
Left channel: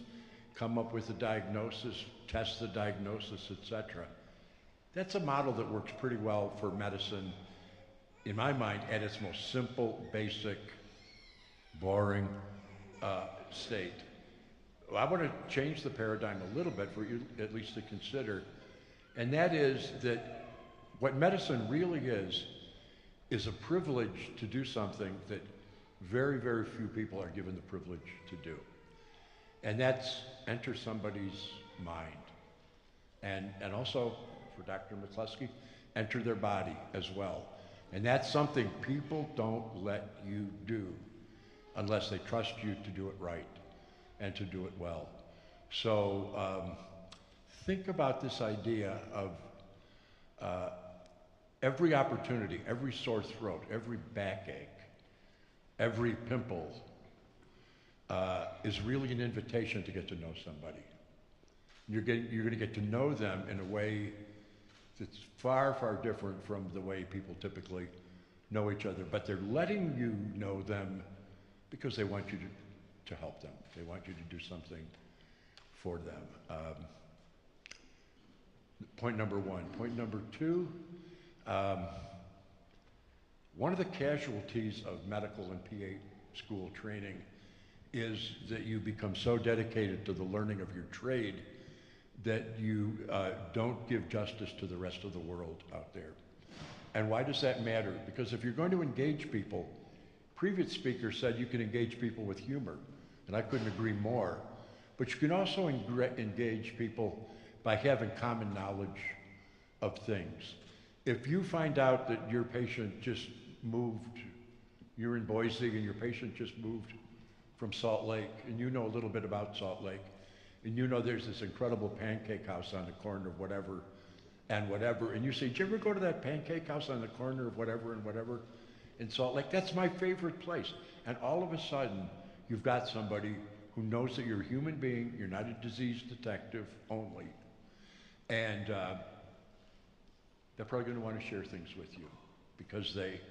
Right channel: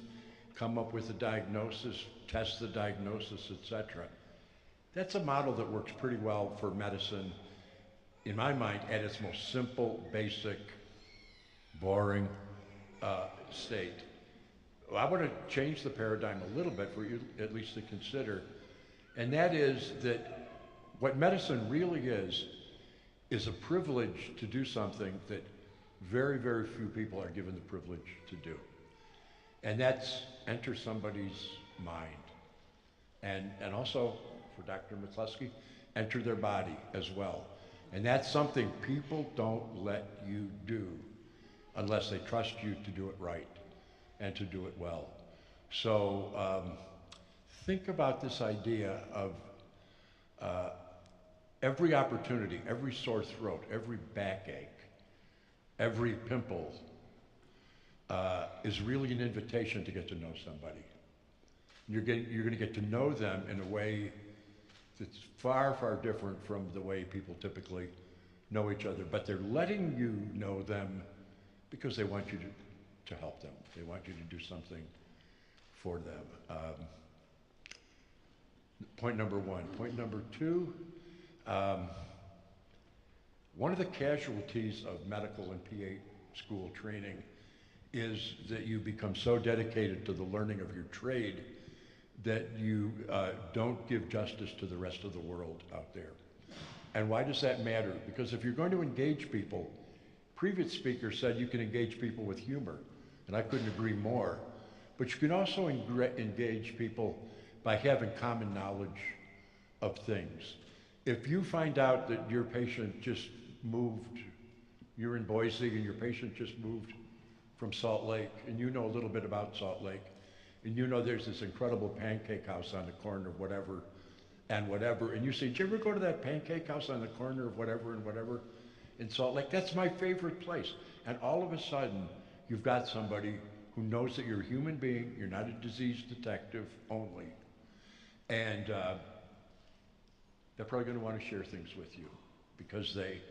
come up with a diagnosis, test the diagnosis, etc. That's a model that works pretty well for medicine, in my mind, at its most simple, basic, boring state. Well, I want to change the paradigm a little bit for you at least to consider, and that is that what medicine really is a privilege to do something that very, very few people are given the privilege to do. And that's enter somebody's mind and also for Dr. McCluskey, enter their body as well. And that's something people don't let you do unless they trust you to do it right and to do it well. So think about this idea of every opportunity, every sore throat, every backache, every pimple is really an invitation to get to know somebody. You're going to get to know them in a way that's far, far different from the way people typically know each other. But they're letting you know them because they want you to help them. They want you to do something for them. Point number one. Point number two, one of the casualties of medical and PA school training is that you become so dedicated to the learning of your trade that you don't give justice to the rest of the world out there. And why does that matter? Because if you're going to engage people, previous speaker said you can engage people with humor, and I couldn't agree more. But you can also engage people by having common knowledge of things. If you find out that your patient just moved, you're in Boise and your patient just moved from Salt Lake, and you know a little bit about Salt Lake, and you know there's this incredible pancake house on the corner of whatever and whatever, and you say, did you ever go to that pancake house on the corner of whatever and whatever in Salt Lake? That's my favorite place. And all of a sudden, you've got somebody who knows that you're a human being, you're not a disease detective only, and they're probably going to want to share things with you because they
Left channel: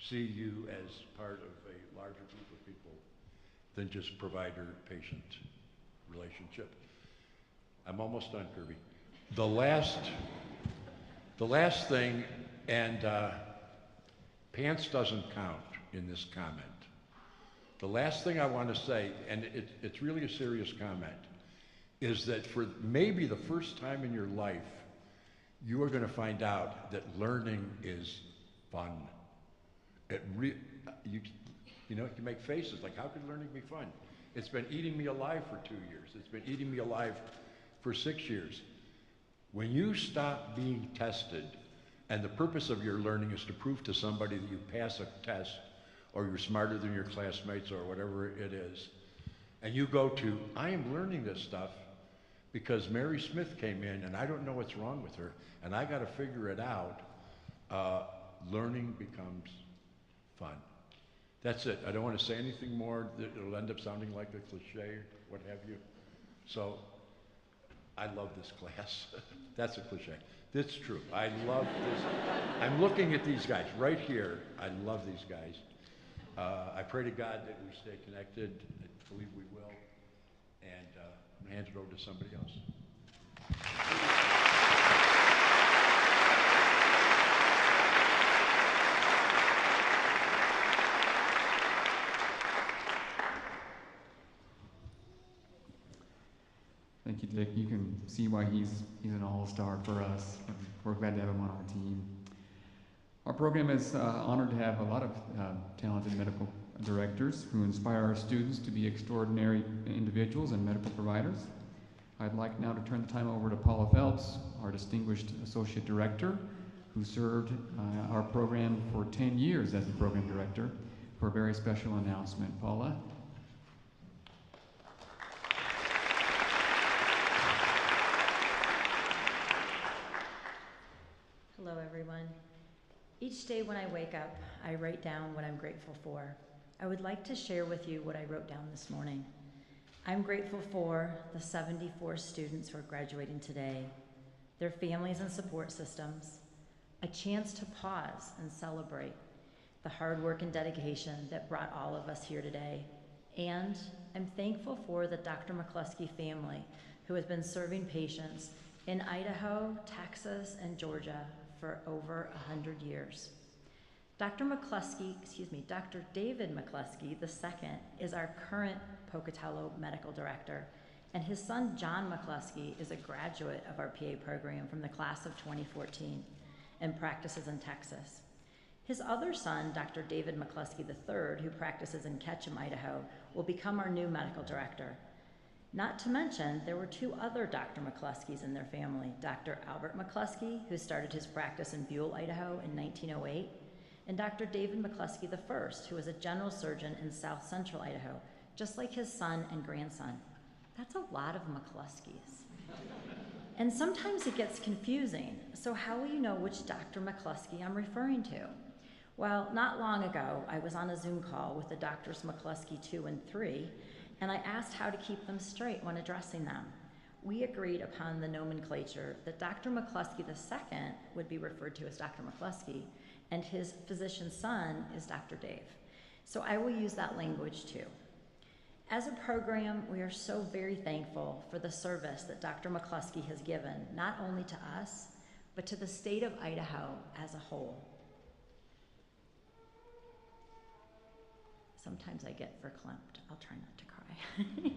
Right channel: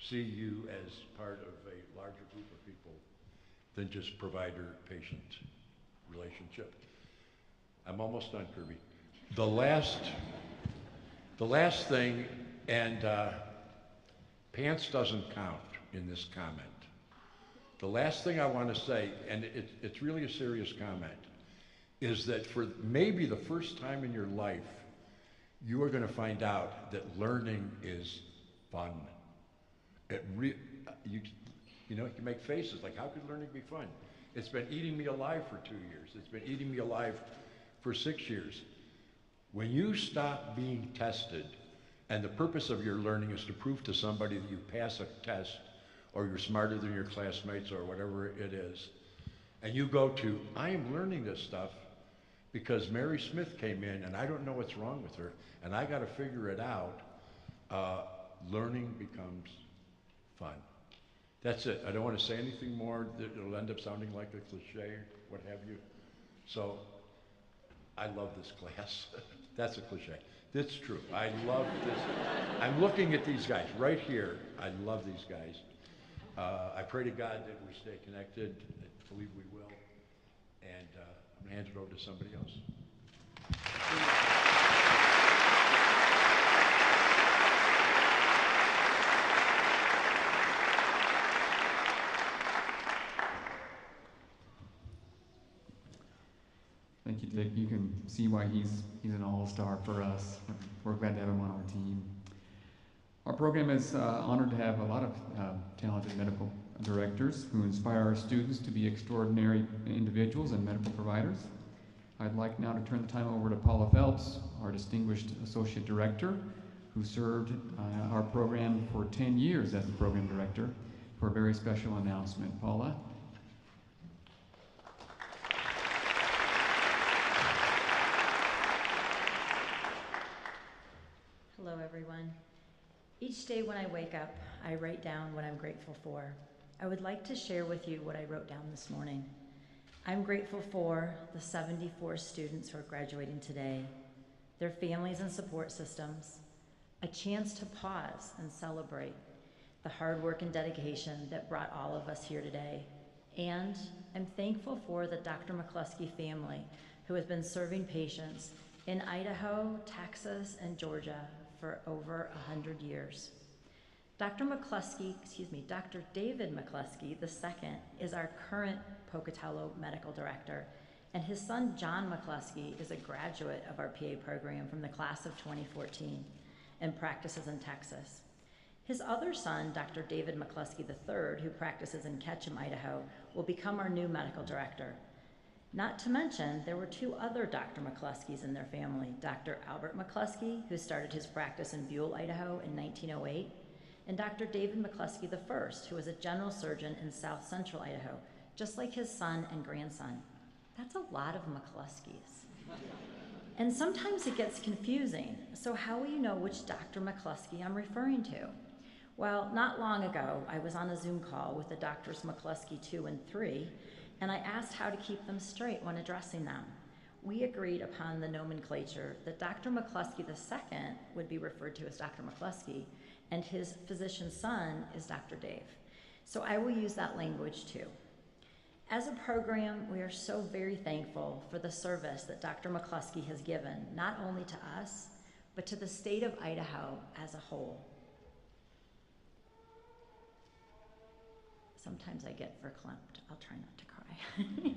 see you as part of a larger group of people than just provider-patient relationship. I'm almost done, Kirby. The last thing, and pants doesn't count in this comment. The last thing I want to say, and it's really a serious comment, is that for maybe the first time in your life, you are going to find out that learning is fun. You know, you make faces like, how could learning be fun? It's been eating me alive for 2 years. It's been eating me alive for 6 years. When you stop being tested, and the purpose of your learning is to prove to somebody that you pass a test, or you're smarter than your classmates, or whatever it is, and you go to, I am learning this stuff because Mary Smith came in, and I don't know what's wrong with her, and I got to figure it out, learning becomes fun. That's it. I don't want to say anything more that it'll end up sounding like a cliche or what have you. So I love this class. That's a cliche. That's true. I love this. I'm looking at these guys right here. I love these guys. I pray to God that we stay connected. I believe we will. And I'm going to hand it over to somebody else. Thank you, Dick. You can see why he's an all-star for us. We're glad to have him on our team. Our program is honored to have a lot of talented medical directors who inspire our students to be extraordinary individuals and medical providers. I'd like now to turn the time over to Paula Phelps, our distinguished associate director, who served our program for 10 years as the program director, for a very special announcement. Paula? Hello, everyone. Each day when I wake up, I write down what I'm grateful for. I would like to share with you what I wrote down this morning. I'm grateful for the 74 students who are graduating today, their families and support systems, a chance to pause and celebrate the hard work and dedication that brought all of us here today. And I'm thankful for the Dr. McCluskey family who has been serving patients in Idaho, Texas, and Georgia for over 100 years. Dr. David McCluskey II is our current Pocatello Medical Director, and his son, John McCluskey, is a graduate of our PA program from the class of 2014 and practices in Texas. His other son, Dr. David McCluskey III, who practices in Ketchum, Idaho, will become our new medical director. Not to mention, there were 2 other Dr. McCluskey's in their family, Dr. Albert McCluskey, who started his practice in Buell, Idaho in 1908, and Dr. David McCluskey I, who was a general surgeon in South Central Idaho, just like his son and grandson. That's a lot of McCluskey's. And sometimes it gets confusing, so how will you know which Dr. McCluskey I'm referring to? Well, not long ago, I was on a Zoom call with the Drs. McCluskey 2 and 3, and I asked how to keep them straight when addressing them. We agreed upon the nomenclature that Dr. McCluskey II would be referred to as Dr. McCluskey, and his physician's son is Dr. Dave. So I will use that language too. As a program, we are so very thankful for the service that Dr. McCluskey has given, not only to us, but to the state of Idaho as a whole. Sometimes I get verklempt. I'll try not to cry.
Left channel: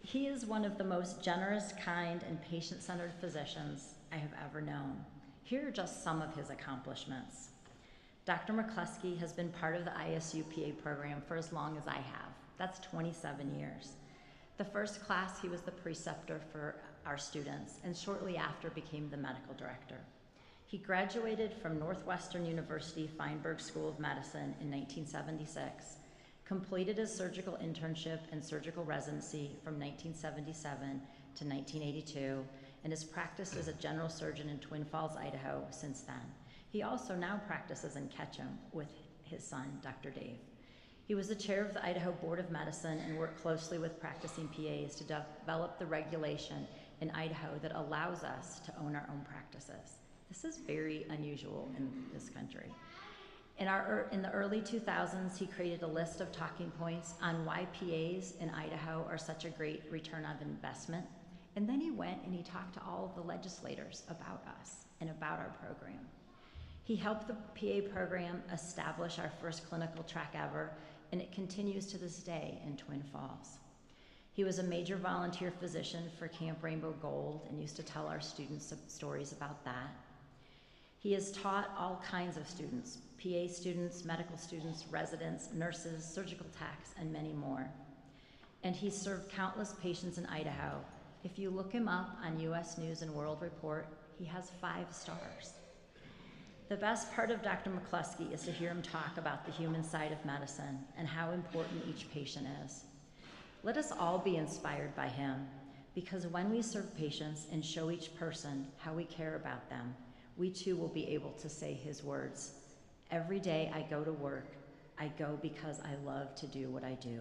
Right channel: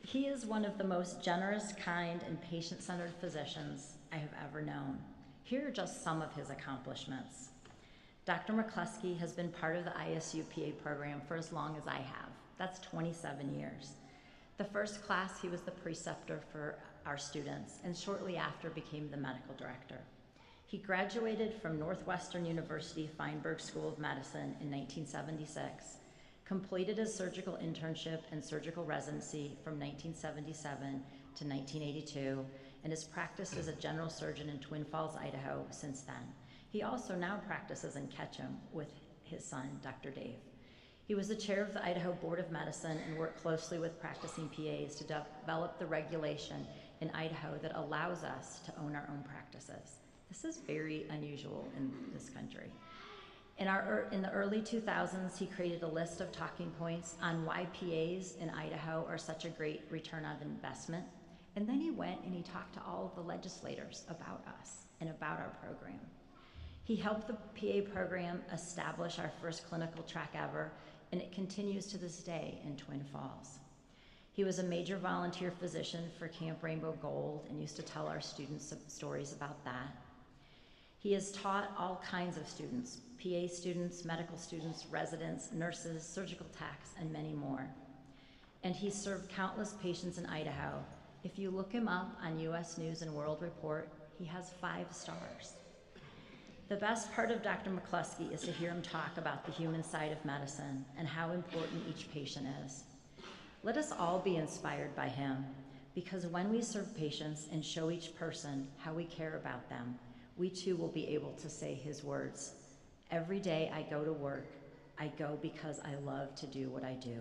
He is one of the most generous, kind, and patient-centered physicians I have ever known. Here are just some of his accomplishments. Dr. McCluskey has been part of the ISU PA program for as long as I have. That's 27 years. The first class, he was the preceptor for our students, and shortly after became the medical director. He graduated from Northwestern University Feinberg School of Medicine in 1976, completed his surgical internship and surgical residency from 1977 to 1982, and has practiced as a general surgeon in Twin Falls, Idaho since then. He also now practices in Ketchum with his son, Dr. Dave. He was the chair of the Idaho Board of Medicine and worked closely with practicing PAs to develop the regulation in Idaho that allows us to own our own practices. This is very unusual in this country. In the early 2000s, he created a list of talking points on why PAs in Idaho are such a great return on investment. And then he went and he talked to all of the legislators about us and about our program. He helped the PA program establish our first clinical track ever, and it continues to this day in Twin Falls. He was a major volunteer physician for Camp Rainbow Gold and used to tell our students stories about that. He has taught all kinds of students, PA students, medical students, residents, nurses, surgical techs, and many more. And he's served countless patients in Idaho. If you look him up on US News and World Report, he has 5 stars. The best part of Dr. McCluskey is to hear him talk about the human side of medicine and how important each patient is. Let us all be inspired by him, because when we serve patients and show each person how we care about them, we too will be able to say his words. Every day I go to work, I go because I love to do what I do.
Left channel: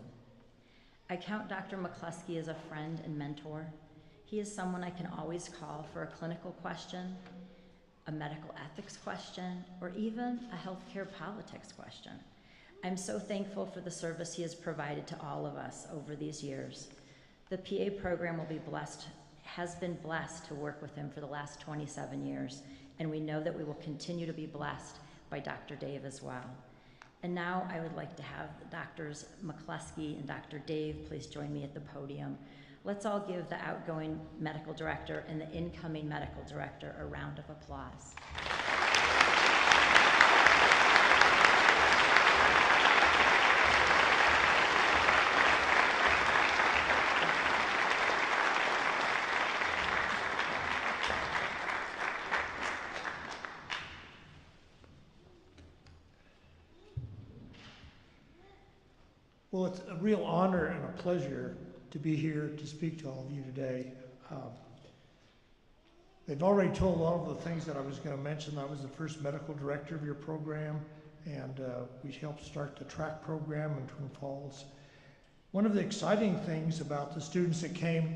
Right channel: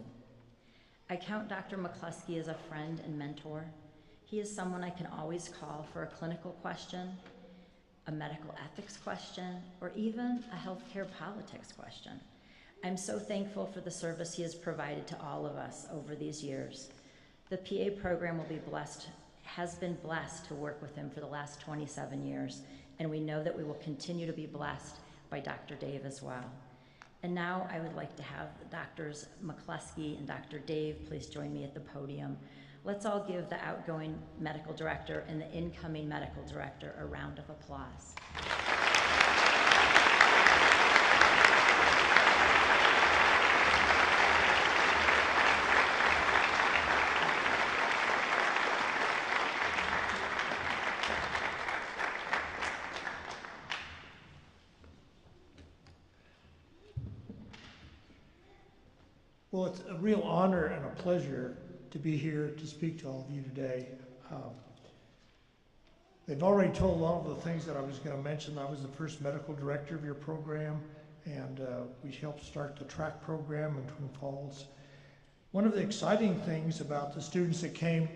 I count Dr. McCluskey as a friend and mentor. He is someone I can always call for a clinical question, a medical ethics question, or even a healthcare politics question. I'm so thankful for the service he has provided to all of us over these years. The PA program has been blessed to work with him for the last 27 years, and we know that we will continue to be blessed by Dr. Dave as well. And now I would like to have Drs. McCluskey and Dr. Dave please join me at the podium. Let's all give the outgoing medical director and the incoming medical director a round of applause. Well, it's a real honor and a pleasure to be here to speak to all of you today. They've already told all of the things that I was going to mention. I was the first medical director of your program, and we helped start the track program in Twin Falls. One of the exciting things about the students that came,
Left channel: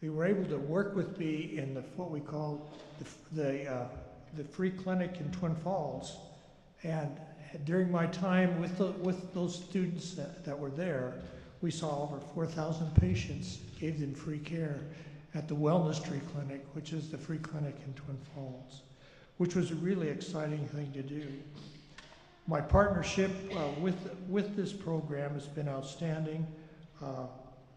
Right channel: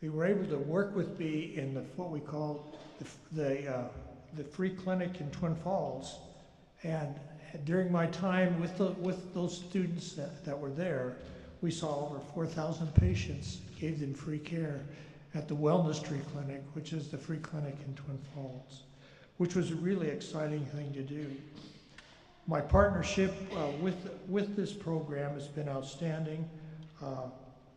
they were able to work with me in what we call the free clinic in Twin Falls. And during my time with those students that were there, we saw over 4,000 patients, gave them free care at the Wellness Tree Clinic, which is the free clinic in Twin Falls, which was a really exciting thing to do. My partnership with this program has been outstanding.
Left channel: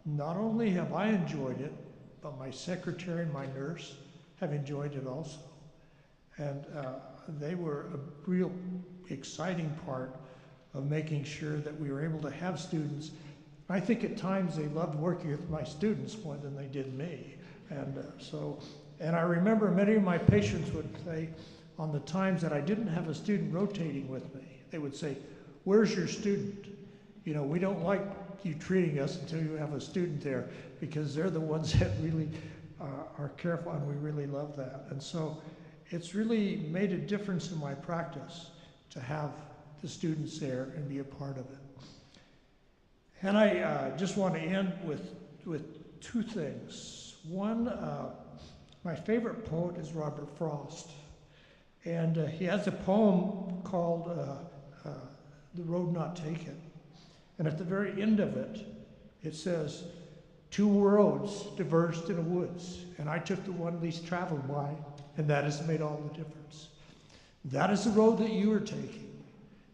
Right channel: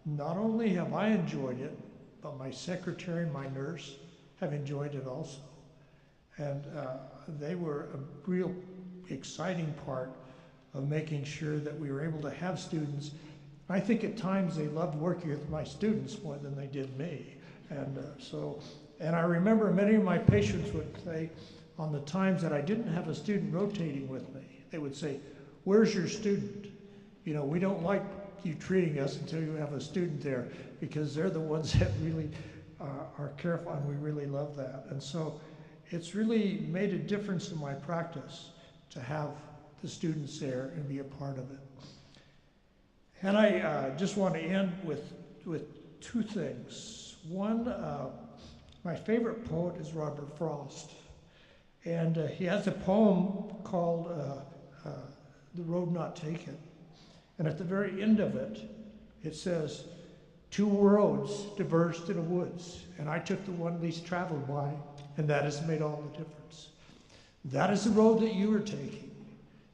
Not only have I enjoyed it, but my secretary and my nurse have enjoyed it also. And they were a real exciting part of making sure that we were able to have students I think at times they loved working with my students more than they did me. And I remember many of my patients would say, on the times that I didn't have a student rotating with me, they would say, "Where's your student? You know, we don't like you treating us until you have a student there, because they're the ones that really are careful, and we really love that." And so it's really made a difference in my practice to have the students there and be a part of it. And I just want to end with two things. One, my favorite poet is Robert Frost. And he has a poem called The Road Not Taken. And at the very end of it, it says, "Two roads diverged in the woods, and I took the one least traveled by, and that has made all the difference." That is the road that you are taking,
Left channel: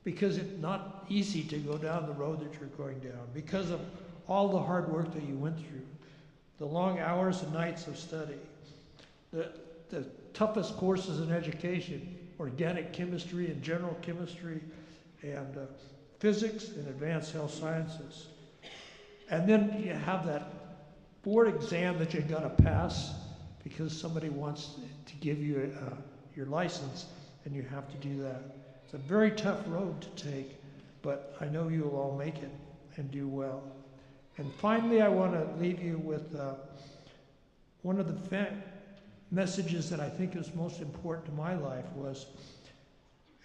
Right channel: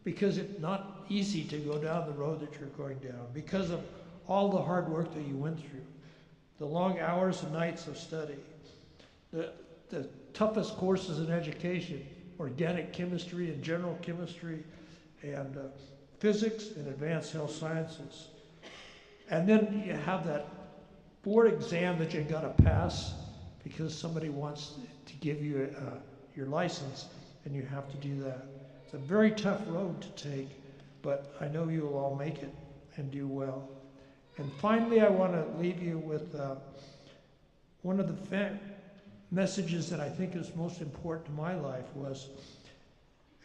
because it's not easy to go down the road that you're going down, because of all the hard work that you went through, the long hours and nights of study, the toughest courses in education, organic chemistry and general chemistry, and physics and advanced health sciences. And then you have that board exam that you've got to pass because somebody wants to give you your license, and you have to do that. It's a very tough road to take, but I know you'll all make it and do well. And finally, I want to leave you with one of the messages that I think is most important to my life was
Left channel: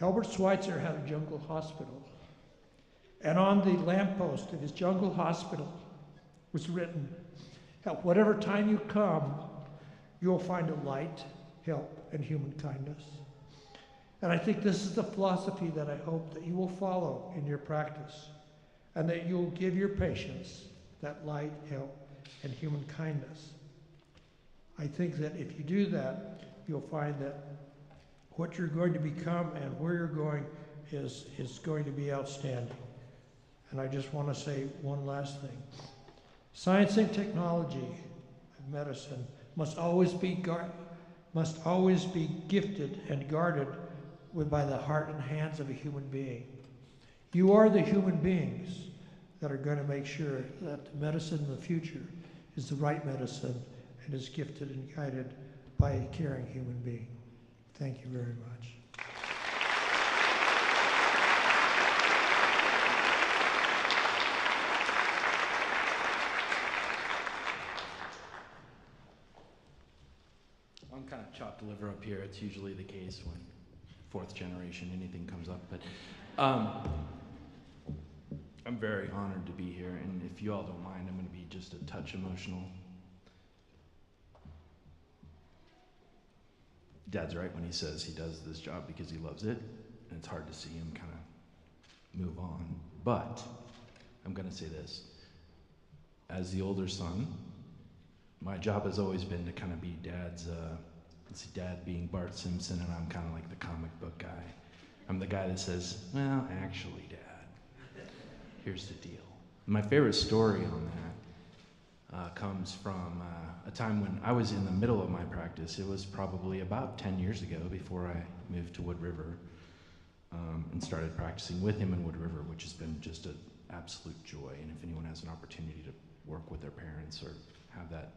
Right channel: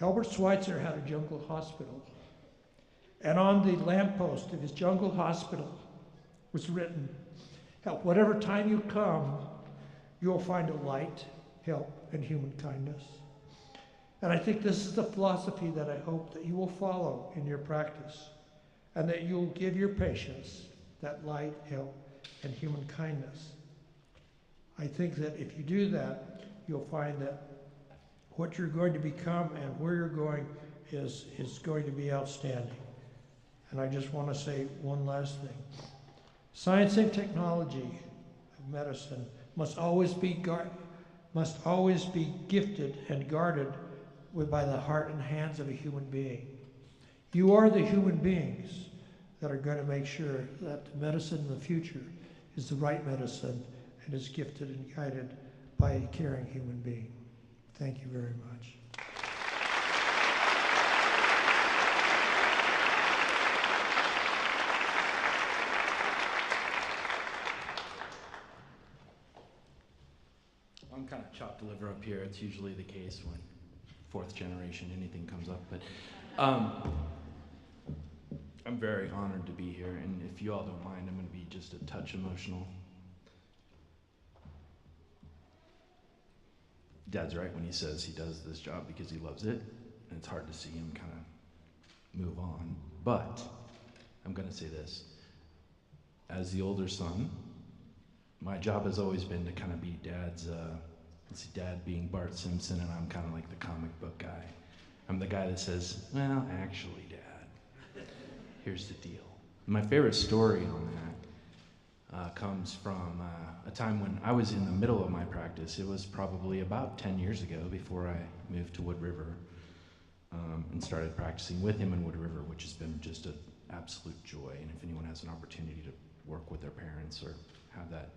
Albert Schweitzer had a jungle hospital. And on the lamppost of his jungle hospital was written, "At whatever time you come, you'll find a light, help, and human kindness." And I think this is the philosophy that I hope that you will follow in your practice, and that you'll give your patients that light, help, and human kindness. I think that if you do that, you'll find that what you're going to become and where you're going is going to be outstanding. And I just want to say one last thing. Science and technology of medicine must always be gifted and guarded by the heart and hands of a human being. You are the human beings that are going to make sure that the medicine in the future is the right medicine and is gifted and guided by a caring human being. Thank you very much. I'm kind of chopped liver up here. It's usually the case when fourth generation anything comes up, but I'm very honored to be here, and if you all don't mind, I'm going to be just a touch emotional. Dad's right when he says he does this job because he loves it, and it's hard to see him kind of move on. But I'm going to say this. As the older son, my job has always been to kind of be Dad's, Dad being Bart Simpson, and I'm kind of like the comic book guy. I'm the guy that says, "Well, actually, Dad, here's the deal." My favorite story on that comes from a time when I was in the middle of my practice. It was probably about 10 years ago before I moved to Wood River and started practicing with him in Wood River, which has been just an absolute joy. And if anyone has an opportunity to work with their parents or have that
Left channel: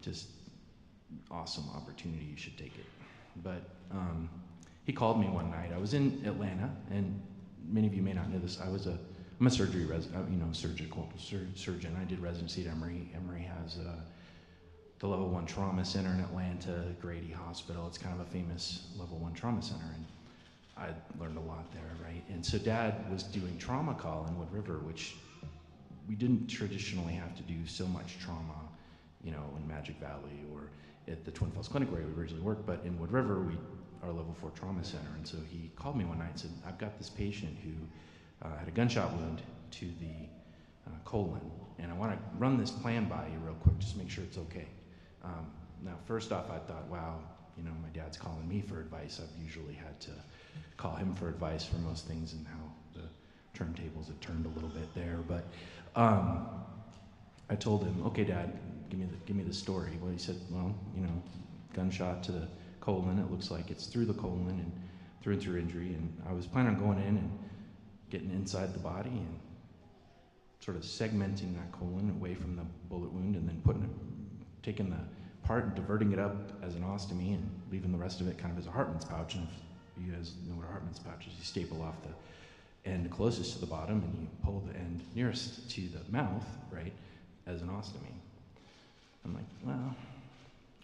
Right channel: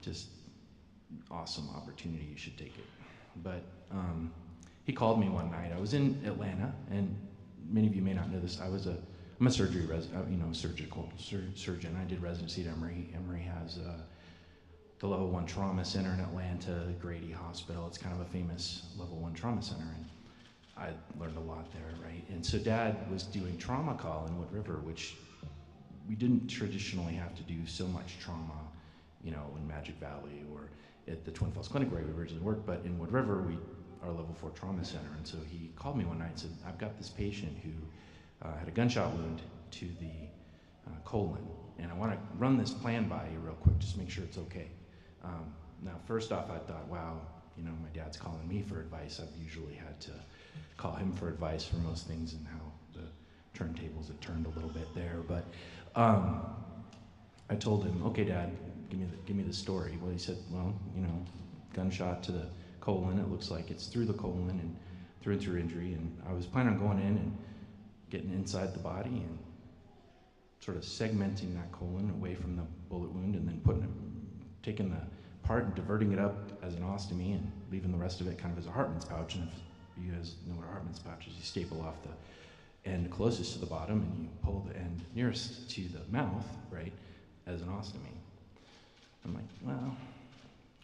just awesome opportunity, you should take it. But he called me one night. I was in Atlanta, and many of you may not know this. I'm a surgical surgeon. I did residency at Emory. Emory has the Level 1 Trauma Center in Atlanta, Grady Hospital. It's kind of a famous Level 1 trauma center, and I learned a lot there, right? And so Dad was doing trauma call in Wood River, which we didn't traditionally have to do so much trauma, in Magic Valley or at the Twin Falls Clinic where we originally worked, but in Wood River, our Level 4 trauma center. And so he called me one night and said, "I've got this patient who had a gunshot wound to the colon, and I want to run this plan by you real quick, just make sure it's okay." Now, first off, I thought, wow, my dad's calling me for advice. I've usually had to call him for advice for most things and how the turntables had turned a little bit there. But I told him, "Okay, Dad, give me the story." Well, he said, "Well, gunshot to the colon. It looks like it's through the colon and through and through injury." And I was planning on going in and getting inside the body, and sort of segmenting that colon away from the bullet wound and then taking the part and diverting it up as an ostomy and leaving the rest of it kind of as a Hartman's pouch. And if you guys know what a Hartman's pouch is, you staple off the end closest to the bottom and you pull the end nearest to the mouth, right, as an ostomy. I'm like, well,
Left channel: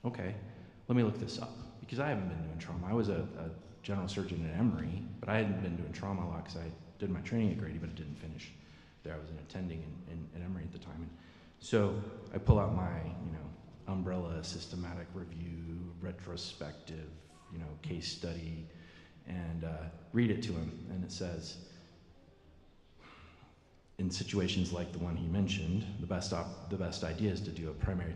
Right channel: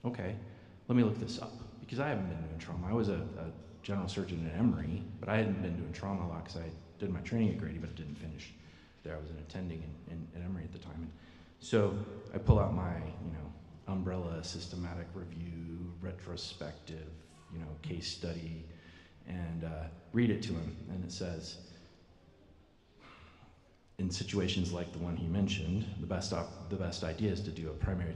okay, let me look this up, because I haven't been doing trauma. I was a general surgeon at Emory, but I hadn't been doing trauma a lot because I did my training at Grady, but it didn't finish there. I was an attending at Emory at the time. And so I pull out my, umbrella systematic review, retrospective, case study, and read it to him. And it says, in situations like the one he mentioned, the best idea is to do a primary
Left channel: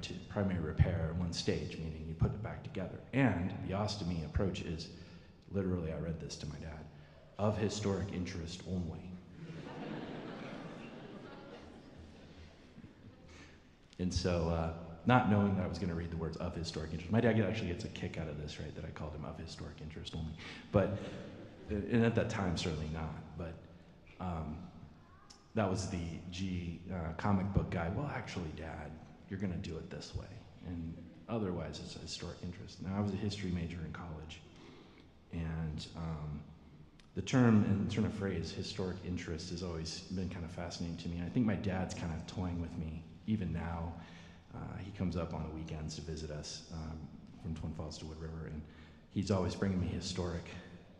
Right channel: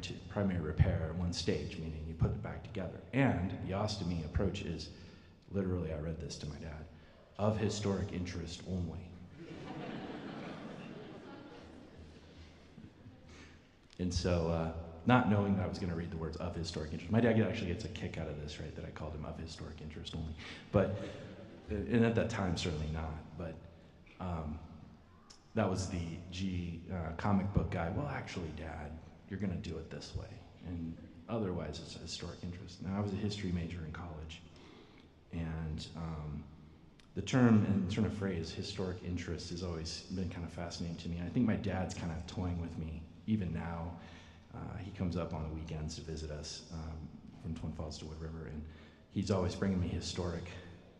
repair at one stage, meaning you put it back together. And the ostomy approach is, literally, I read this to my dad, of historic interest only. And so, not knowing that I was going to read the words of historic interest, my dad actually gets a kick out of this, right, that I called him of historic interest only. But, and at that time, certainly not. But that was the comic book guy. Well, actually, Dad, you're going to do it this way. And otherwise, it's a historic interest. Now, I was a history major in college. And the term and turn of phrase, historic interest, has always been kind of fascinating to me. I think my dad's kind of toying with me even now. He comes up on the weekends to visit us from Twin Falls to Wood River, and he's always bringing me historic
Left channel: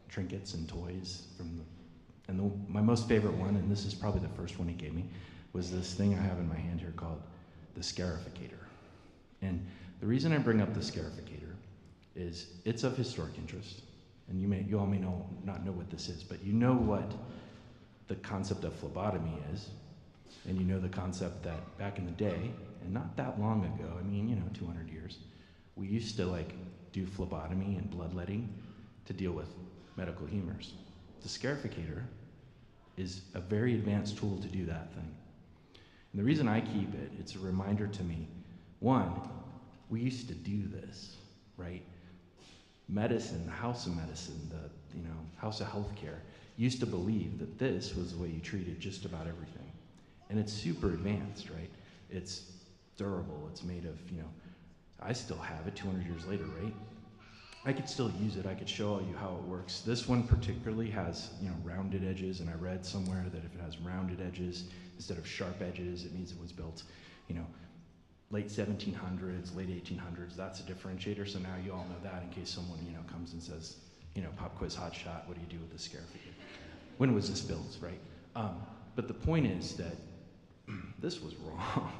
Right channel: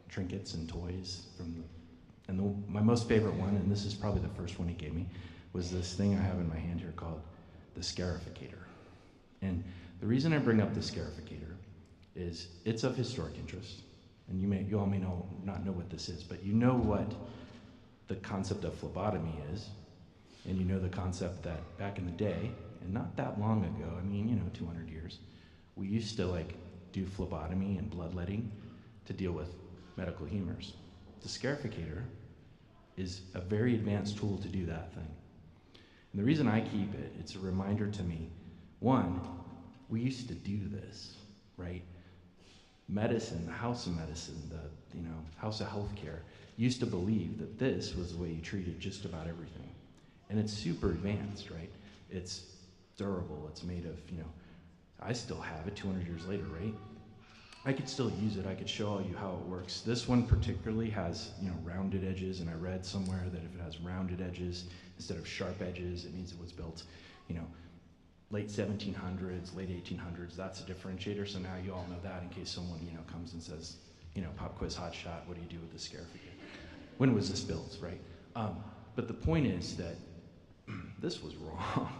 trinkets and toys my most favorite one, and this is probably the first one he gave me, was this thing I have in my hand here called the scarificator. And the reason I bring up the scarificator is it's of historic interest, and you all may not know what this is, but you know what the concept of phlebotomy is, and you know the concept that back in the day, and not that long ago, 200 years, we used to do phlebotomy and bloodletting to deal with medical humors. The scarificator is a very advanced tool to do that thing. And the reason I keep it, it's a reminder to me, one, we used to do this, right? Medicine, the house of medicine, the house of healthcare, used to believe that this was the way you treated just about everything. And it's super advanced, right? It's durable, it's made of, I still have it 200 years later, right? I could still use it, I could show you how it works. This one particularly has, rounded edges, and I read somewhere that if it has rounded edges instead of sharp edges, it means it was built, late 1700s, late 1800s. That's a differentiator, so now you all know that in case someone, comes and says, pop quiz hot shot, what do you do with the scarificator? When was this built, right? But the point is that this was wrong.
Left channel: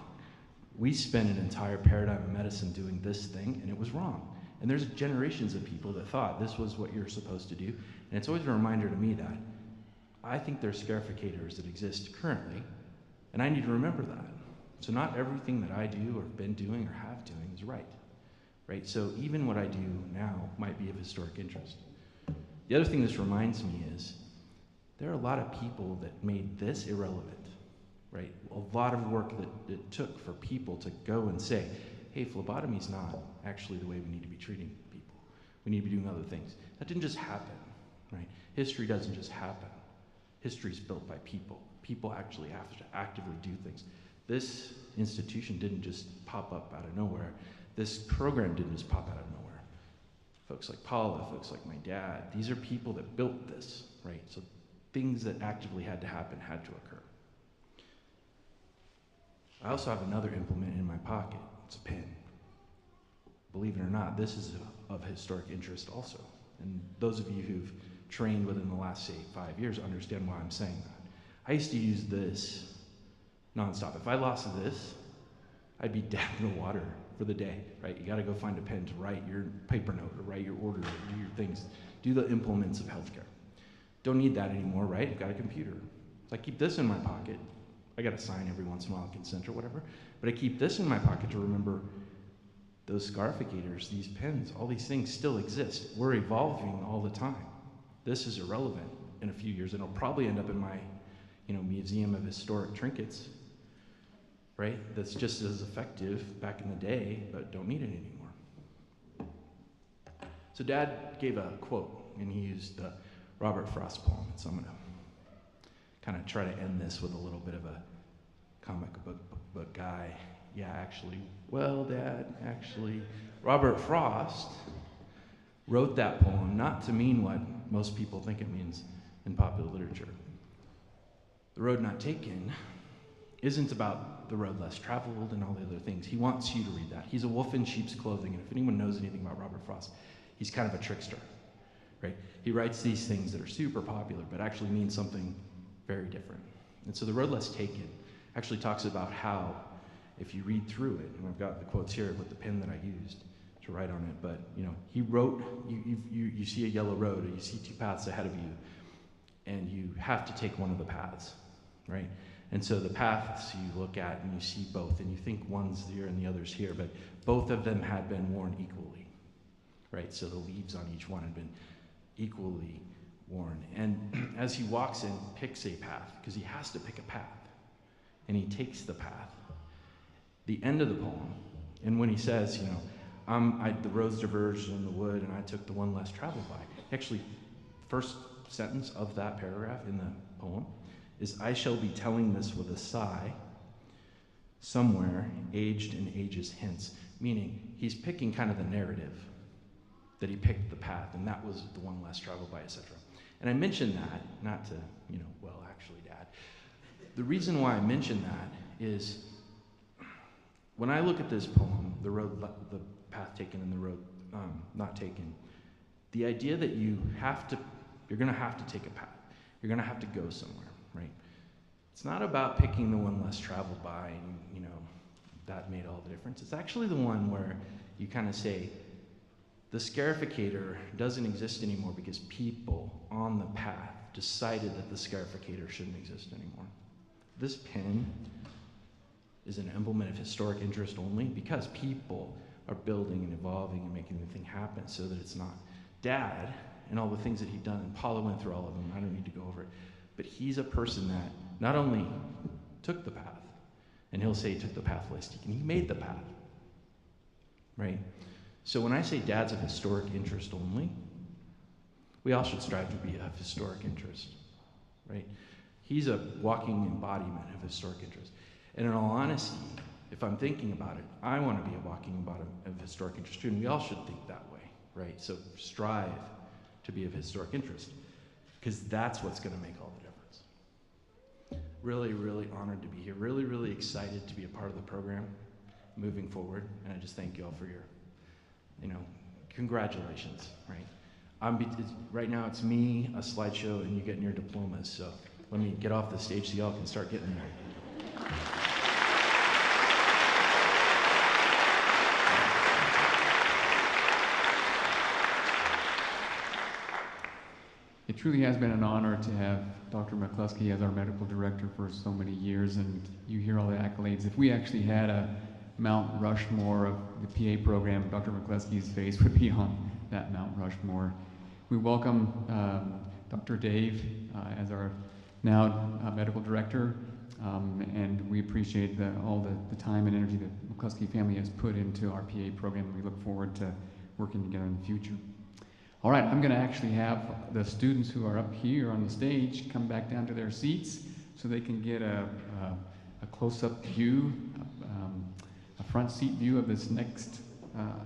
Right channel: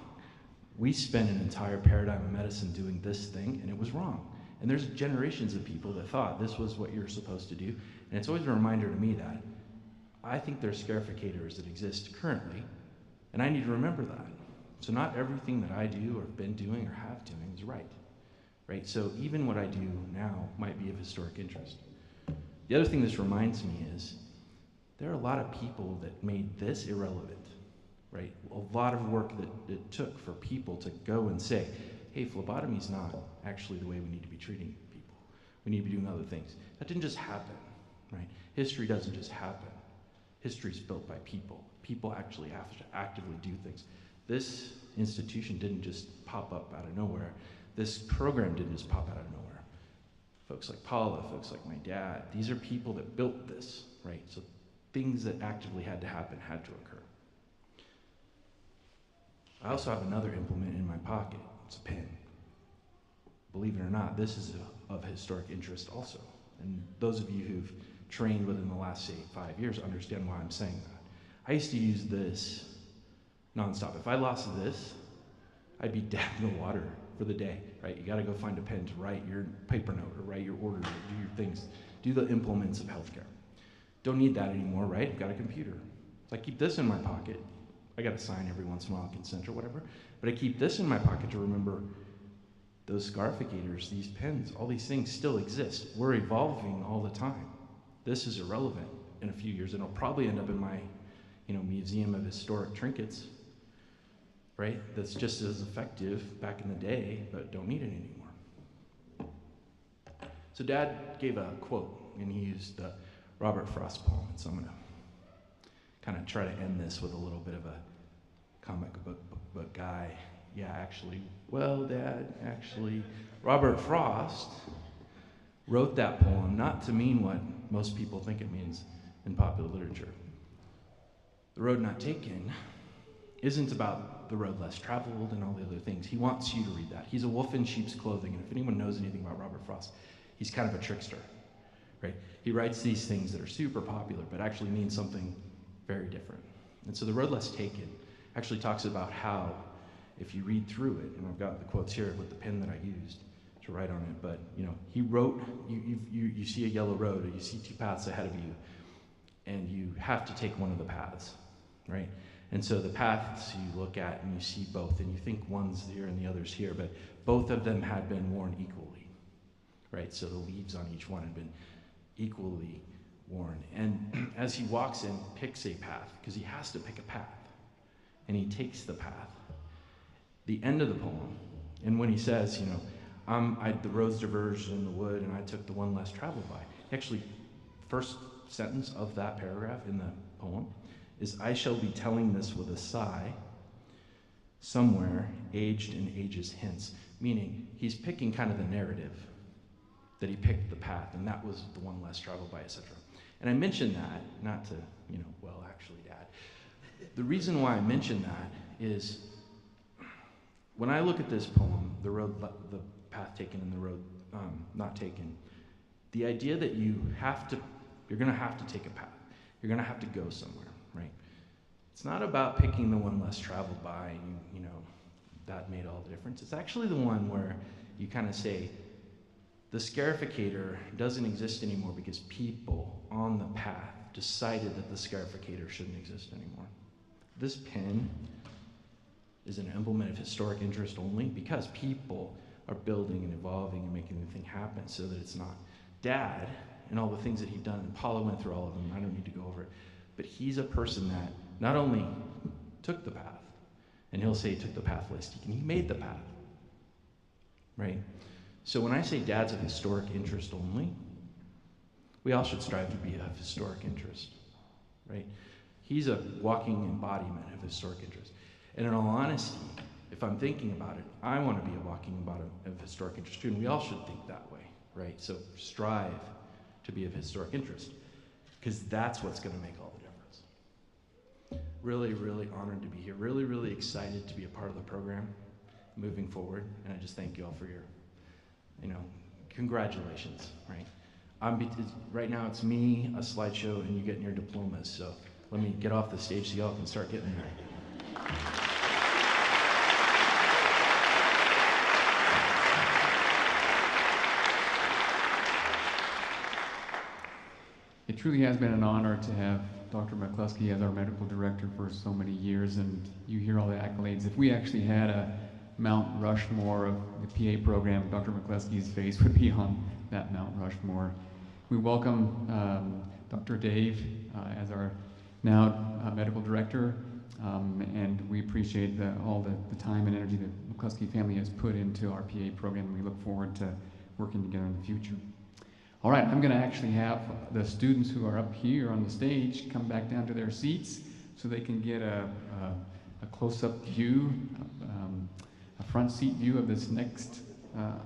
We spent an entire paradigm of medicine doing this thing, and it was wrong. And there's generations of people that thought this was what you're supposed to do. And it's always a reminder to me that I think there's scarificators that exist currently, and I need to remember that. So not everything that I do or have been doing or have doing is right? So even what I do now might be of historic interest. The other thing this reminds me is there are a lot of people that made this irrelevant, right? A lot of work that it took for people to go and say, hey, phlebotomy's not actually the way we need to be treating people. We need to be doing other things. That didn't just happen, right? History doesn't just happen. History's built by people. People actually have to actively do things. This institution didn't just pop up out of nowhere. This program didn't just pop out of nowhere. Folks like Paula, folks like my dad, these are people that built this, right? So things that actively had to happen had to occur. I also have another implement in my pocket. It's a pen. Believe it or not, this is of historic interest also. And those of you who've trained within the last, say, 5 years understand why I'm saying that. I used to use this nonstop. If I lost this, I'd be dead in the water for the day, right? You got to go find a pen to write your paper note or write your order or do your things, do the implements of healthcare. Don't need that anymore, right? I've got a computer. So I keep this in my pocket. I got to sign every once in a while, consent or whatever, but I keep this in my pocket to remember those scarificators, these pens, all these things still exist. We're evolving all the time. This is irrelevant in a few years, and it'll probably end up in my, museum of historic trinkets, right? That's just as effective back in the day, but don't need it anymore. So Dad gave a quote, and he used the Robert Frost poem, and so I'm going to kind of try to end this with a little bit of a comic book guy. Yeah, actually, well, Dad, actually, Robert Frost wrote that poem not to mean what most people think it means in popular literature. The Road Not Taken isn't about the road less traveled and all the other things. He wants you to read that. He's a wolf in sheep's clothing, and if anyone knows anything about Robert Frost, he's kind of a trickster, right? He writes these things that are super popular, but actually mean something very different. And so The Road Less Taken actually talks about how, if you read through it, and I've got the quotes here with the pen that I used to write on it, but he wrote, you see a yellow road, or you see two paths ahead of you, and you have to take one of the paths, right? And so the paths you look at and you see both, and you think one's here and the other's here, but both of them had been worn equally, right? So the leaves on each one had been equally worn. And as he walks in, picks a path, because he has to pick a path, and he takes the path. The end of the poem, and when he says, the roads diverged in the wood, and I took the one less traveled by. Actually, first sentence of that paragraph in the poem is, I shall be telling this with a sigh, somewhere aged in ages hence. Meaning, he's picking kind of the narrative that he picked the path, and that was the one less traveled by, etc. And I mention that, not to, well, actually, Dad. The reason why I mention that is, when I look at this poem, the path taken and the road not taken, the idea that you're going to have to take a path. You're going to have to go somewhere, right? It's not about picking the one less traveled by, and that made all the difference. It's actually the one where you kind of say, the scarificator doesn't exist anymore because people on the path decided that the scarificator shouldn't exist anymore. This pen is an emblem of historic interest only because people are building and evolving and making the thing happen so that it's not. Dad and all the things that he'd done, and Paula went through all of them, I don't need to go over it, but he's a person that not only took the path, and he'll say he took the path less taken, he made the path, right? So when I say Dad's of historic interest only, we all should strive to be of historic interest, right? He's a walking embodiment of historic interest. And in all honesty, if I'm thinking about it, I want to be a walking embodiment of historic interest too, and we all should think that way, right? So strive to be of historic interest, because that's what's going to make all the difference. Really, really honored to be here. Really, really excited to be a part of the program moving forward, and I just thank you all for your, congratulations, right? Right now it's me, a slideshow, and you getting your diplomas, so let me get off the stage so y'all can start getting there. It truly has been an honor to have Dr. McCluskey as our medical director for so many years, and you hear all the accolades. If we actually had a Mount Rushmore of the PA program, Dr. McCluskey's face would be on that Mount Rushmore. We welcome Dr. Dave as our now medical director, and we appreciate all the time and energy the McCluskey family has put into our PA program, and we look forward to working together in the future. All right, I'm going to actually have the students who are up here on the stage come back down to their seats so they can get a close-up view, a front seat view of this next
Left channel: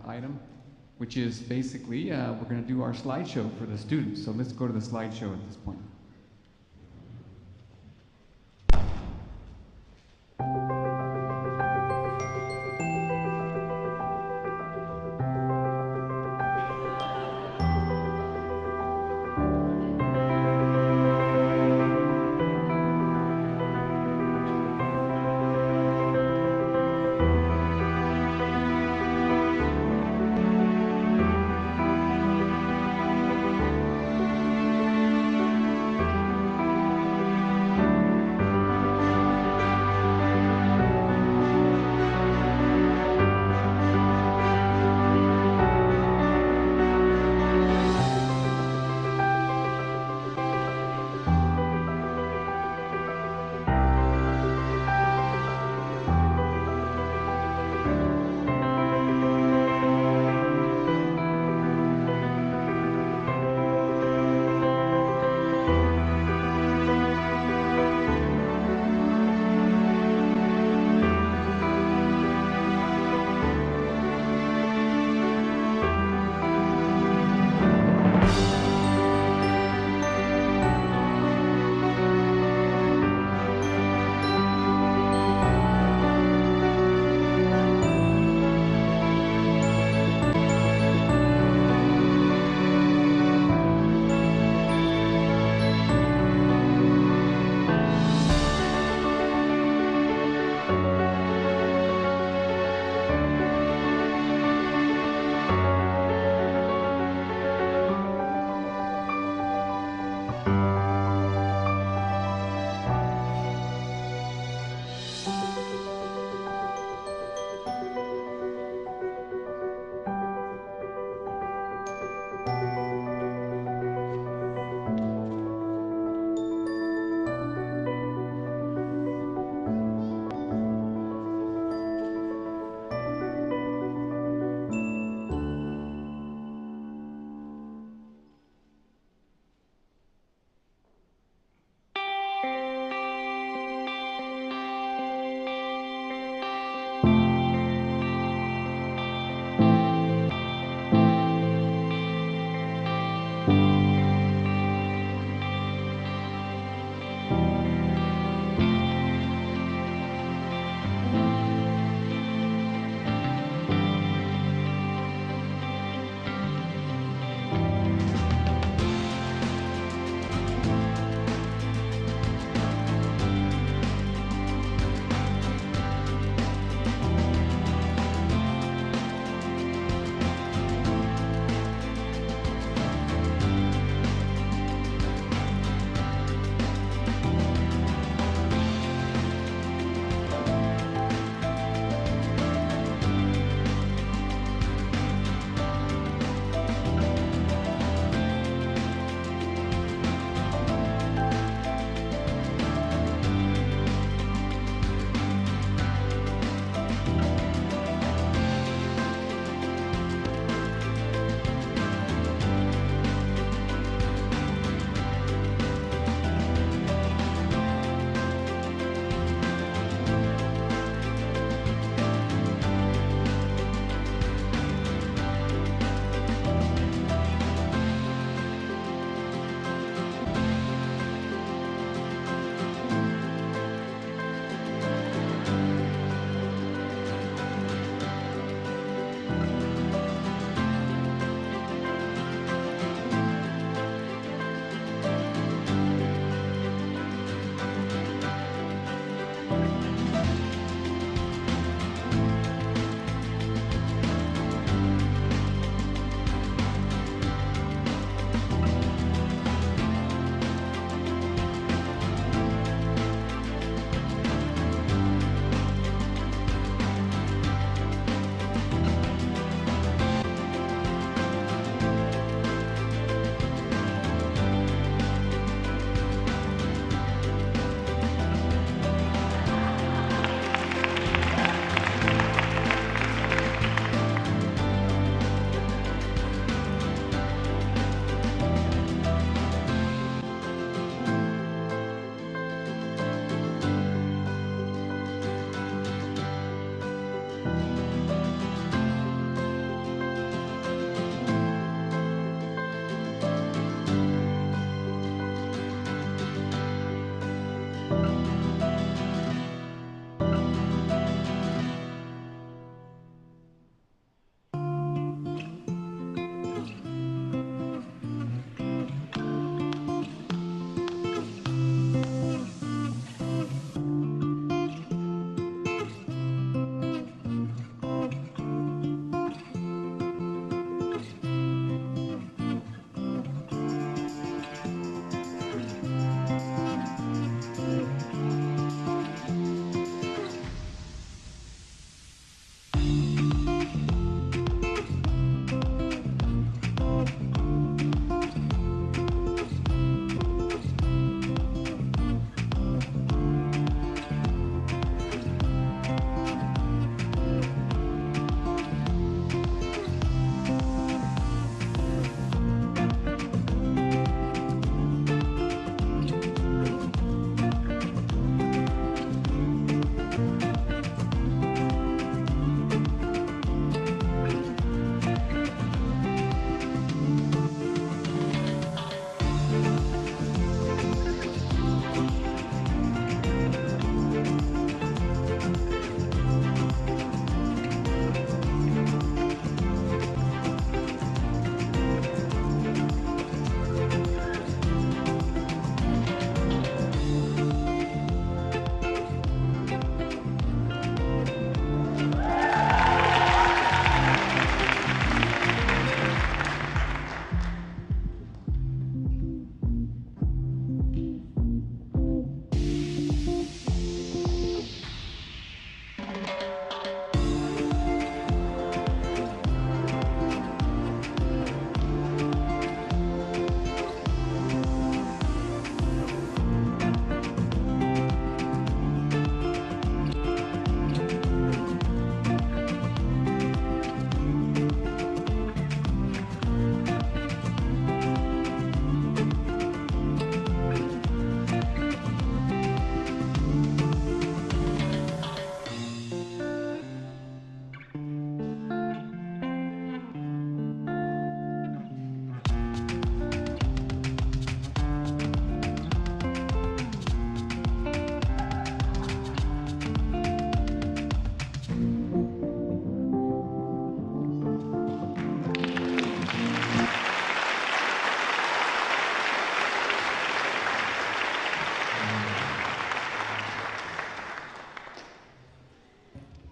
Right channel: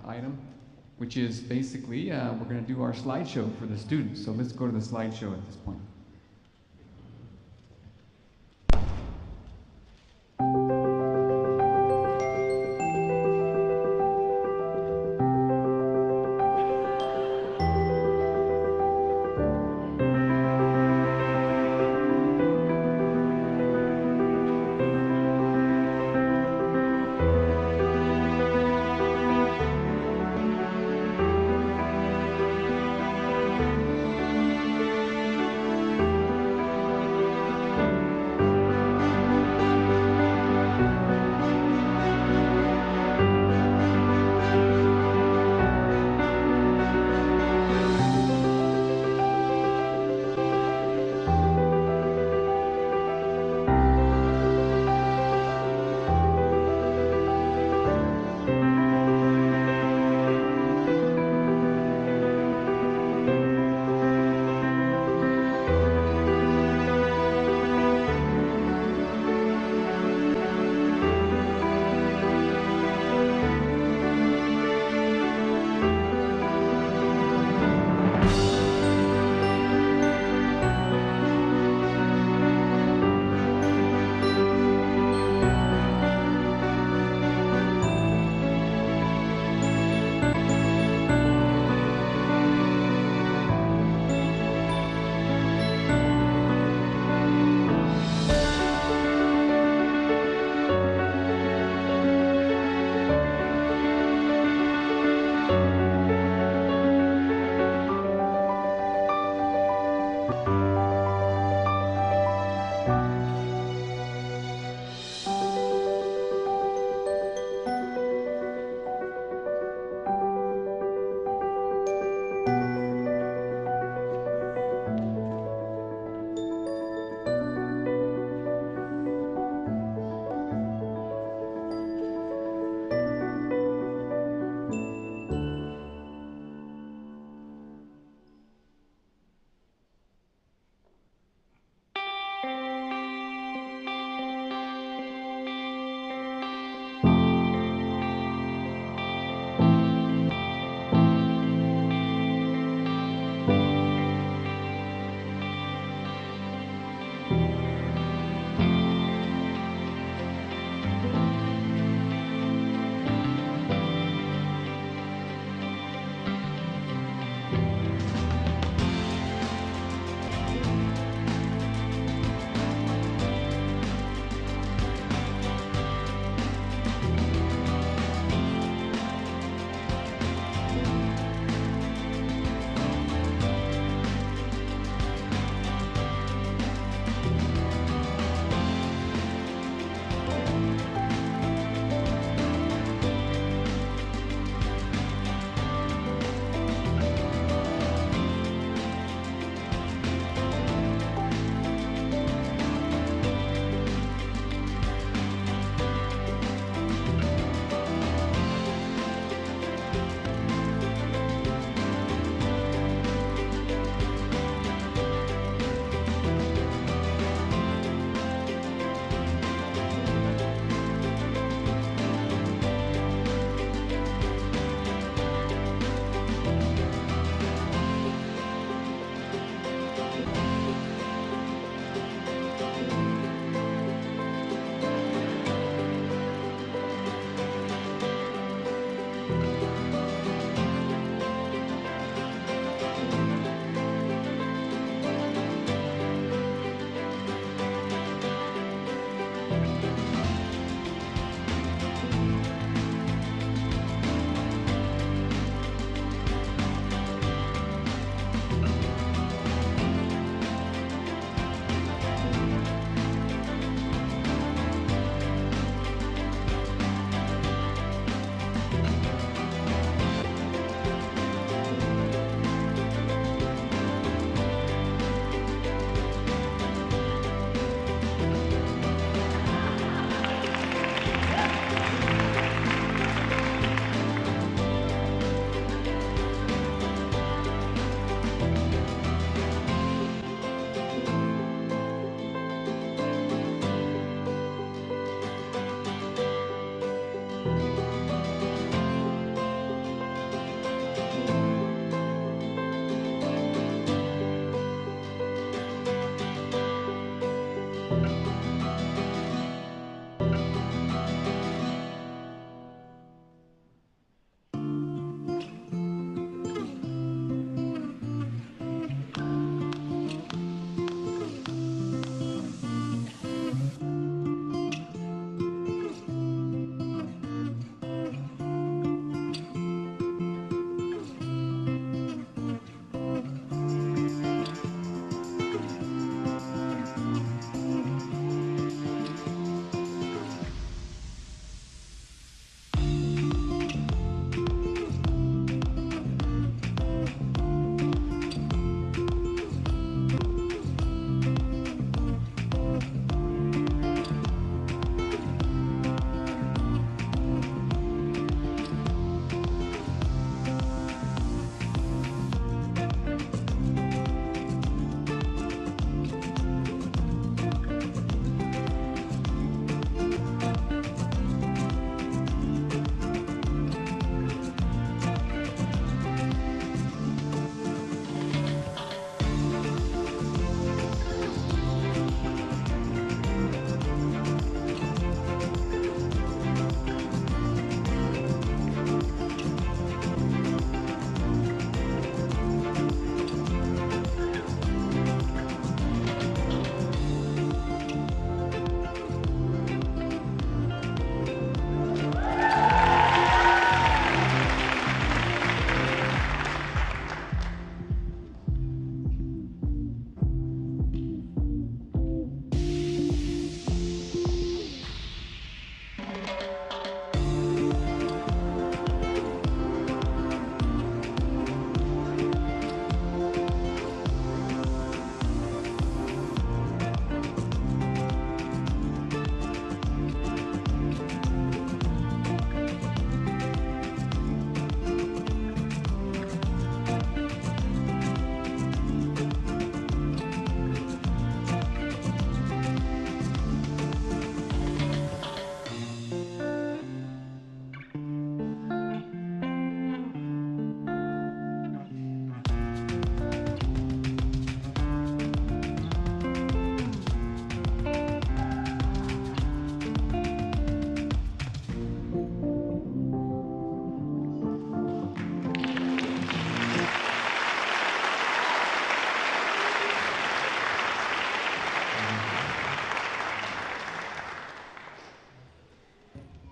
item, which is basically we're going to do our slideshow for the students. So let's go to the slideshow at this point.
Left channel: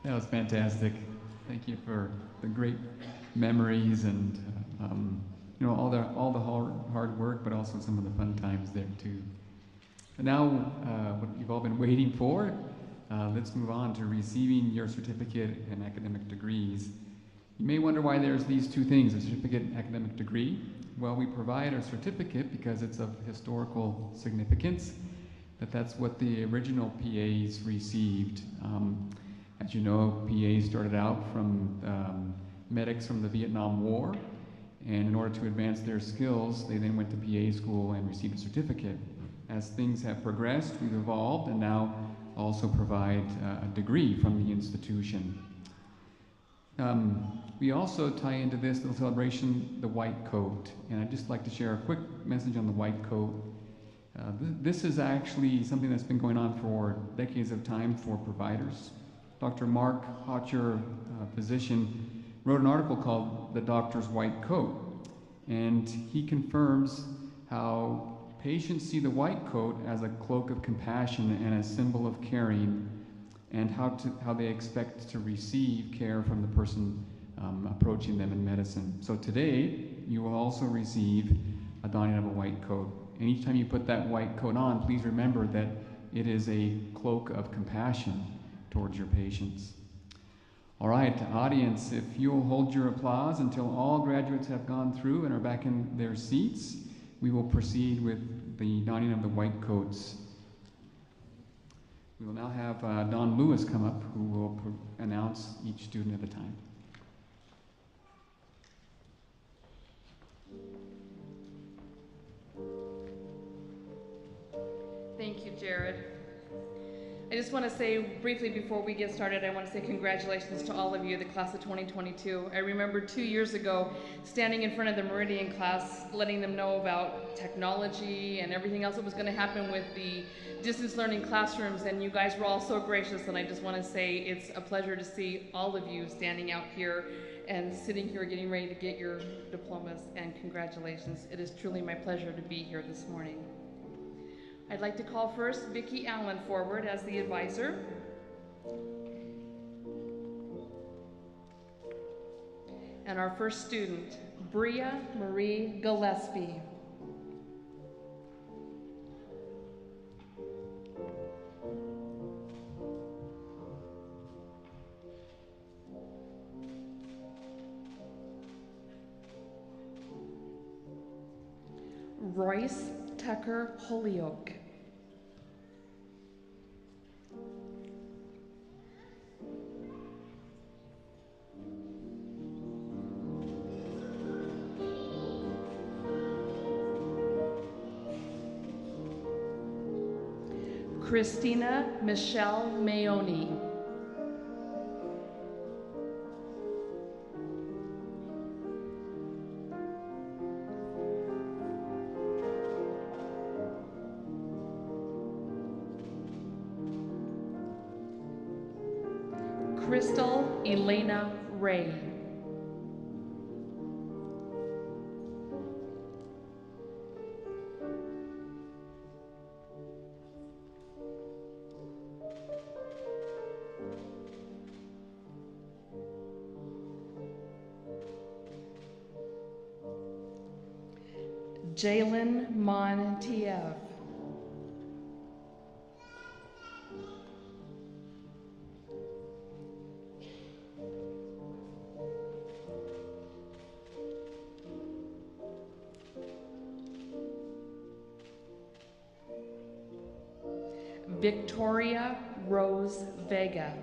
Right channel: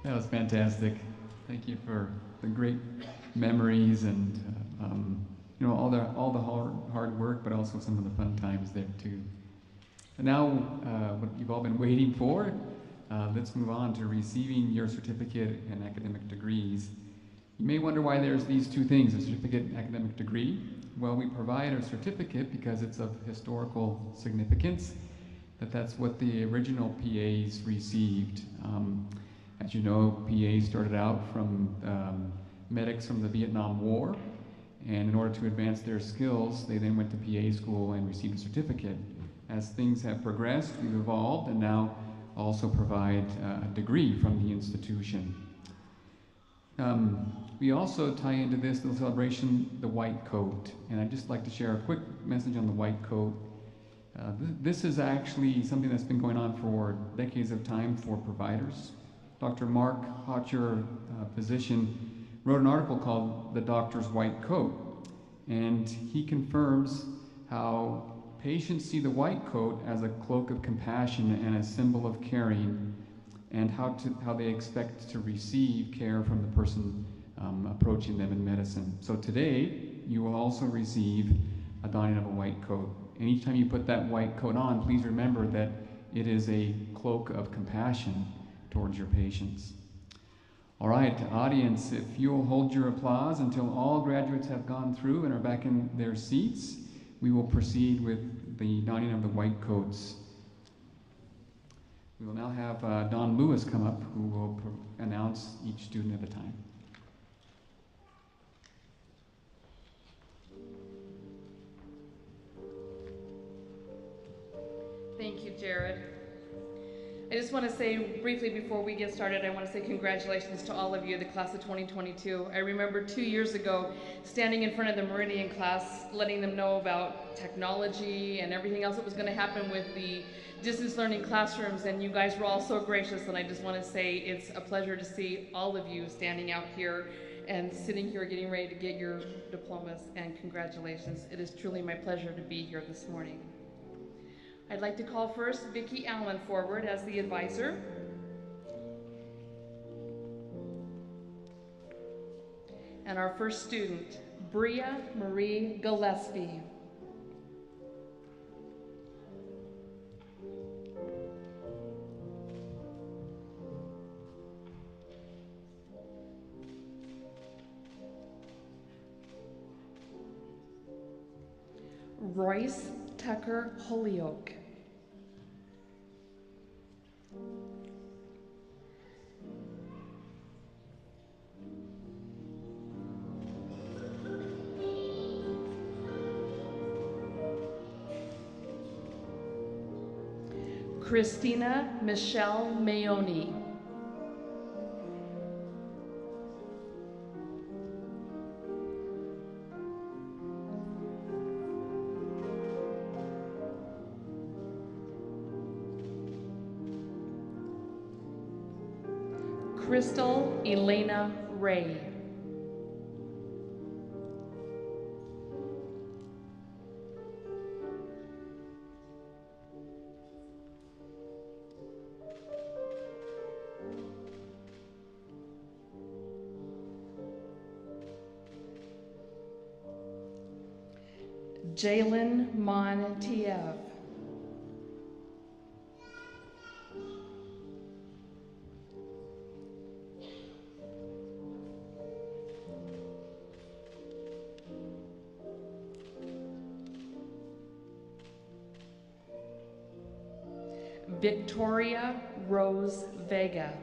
That was fantastic. Thank you for the great memories and all the hard work, but also some of the fun times there too. And now, what you've all been waiting for, let's move on to receiving your certificate and academic degrees. You may wonder why there's these two things, a certificate and academic degree. Well, we provide a certificate because it's of historical significance, that's what the original PAs received. As you know, PAs started out from medics from the Vietnam War, and in order to advance their skills, they then went to PA school and received a certificate. As things have progressed, we've evolved and now also provide a degree from the institution. We also tie into this little celebration the white coat, and I'd just like to share a quick message on the white coat. This is actually something that's been going on for decades of time for providers. Dr. Mark Hotcher, physician, wrote an article called The Doctor's White Coat, and he confirms how patients see the white coat as a cloak of compassion and a symbol of caring, and how they expect to receive care from the person approaching them in medicine. So today, you will also receive a donning of a white coat. And each time you put that white coat on, please remember that it is a cloak of compassion towards your patients. All right, audience, if you'll hold your applause until all graduates have gone through and are back in their seats, we will proceed with the donning of the white coats. We will now have Don Lewis come up, who will announce each student at a time. Thank you, Jared. I just want to say briefly before we get started, I want to say congratulations to all of you, the class of 2022. I remember 2 years ago standing in front of the Meridian class, letting them know about technology and everything else that was going to happen with the distance learning classrooms, and you guys were all so gracious, and I just want to say it's a pleasure to see all of you standing out here and sitting here getting ready to get your diplomas, and congratulations. It is truly my pleasure to be here this morning. I'd like to call first Vicki Allen forward as the advisor. And our first student, Bria Marie Gillespie. Royce Tucker Holyoke. Christina Michelle Mayoni. Crystal Elena Ray. Jalen Montiev. Victoria Rose Vega.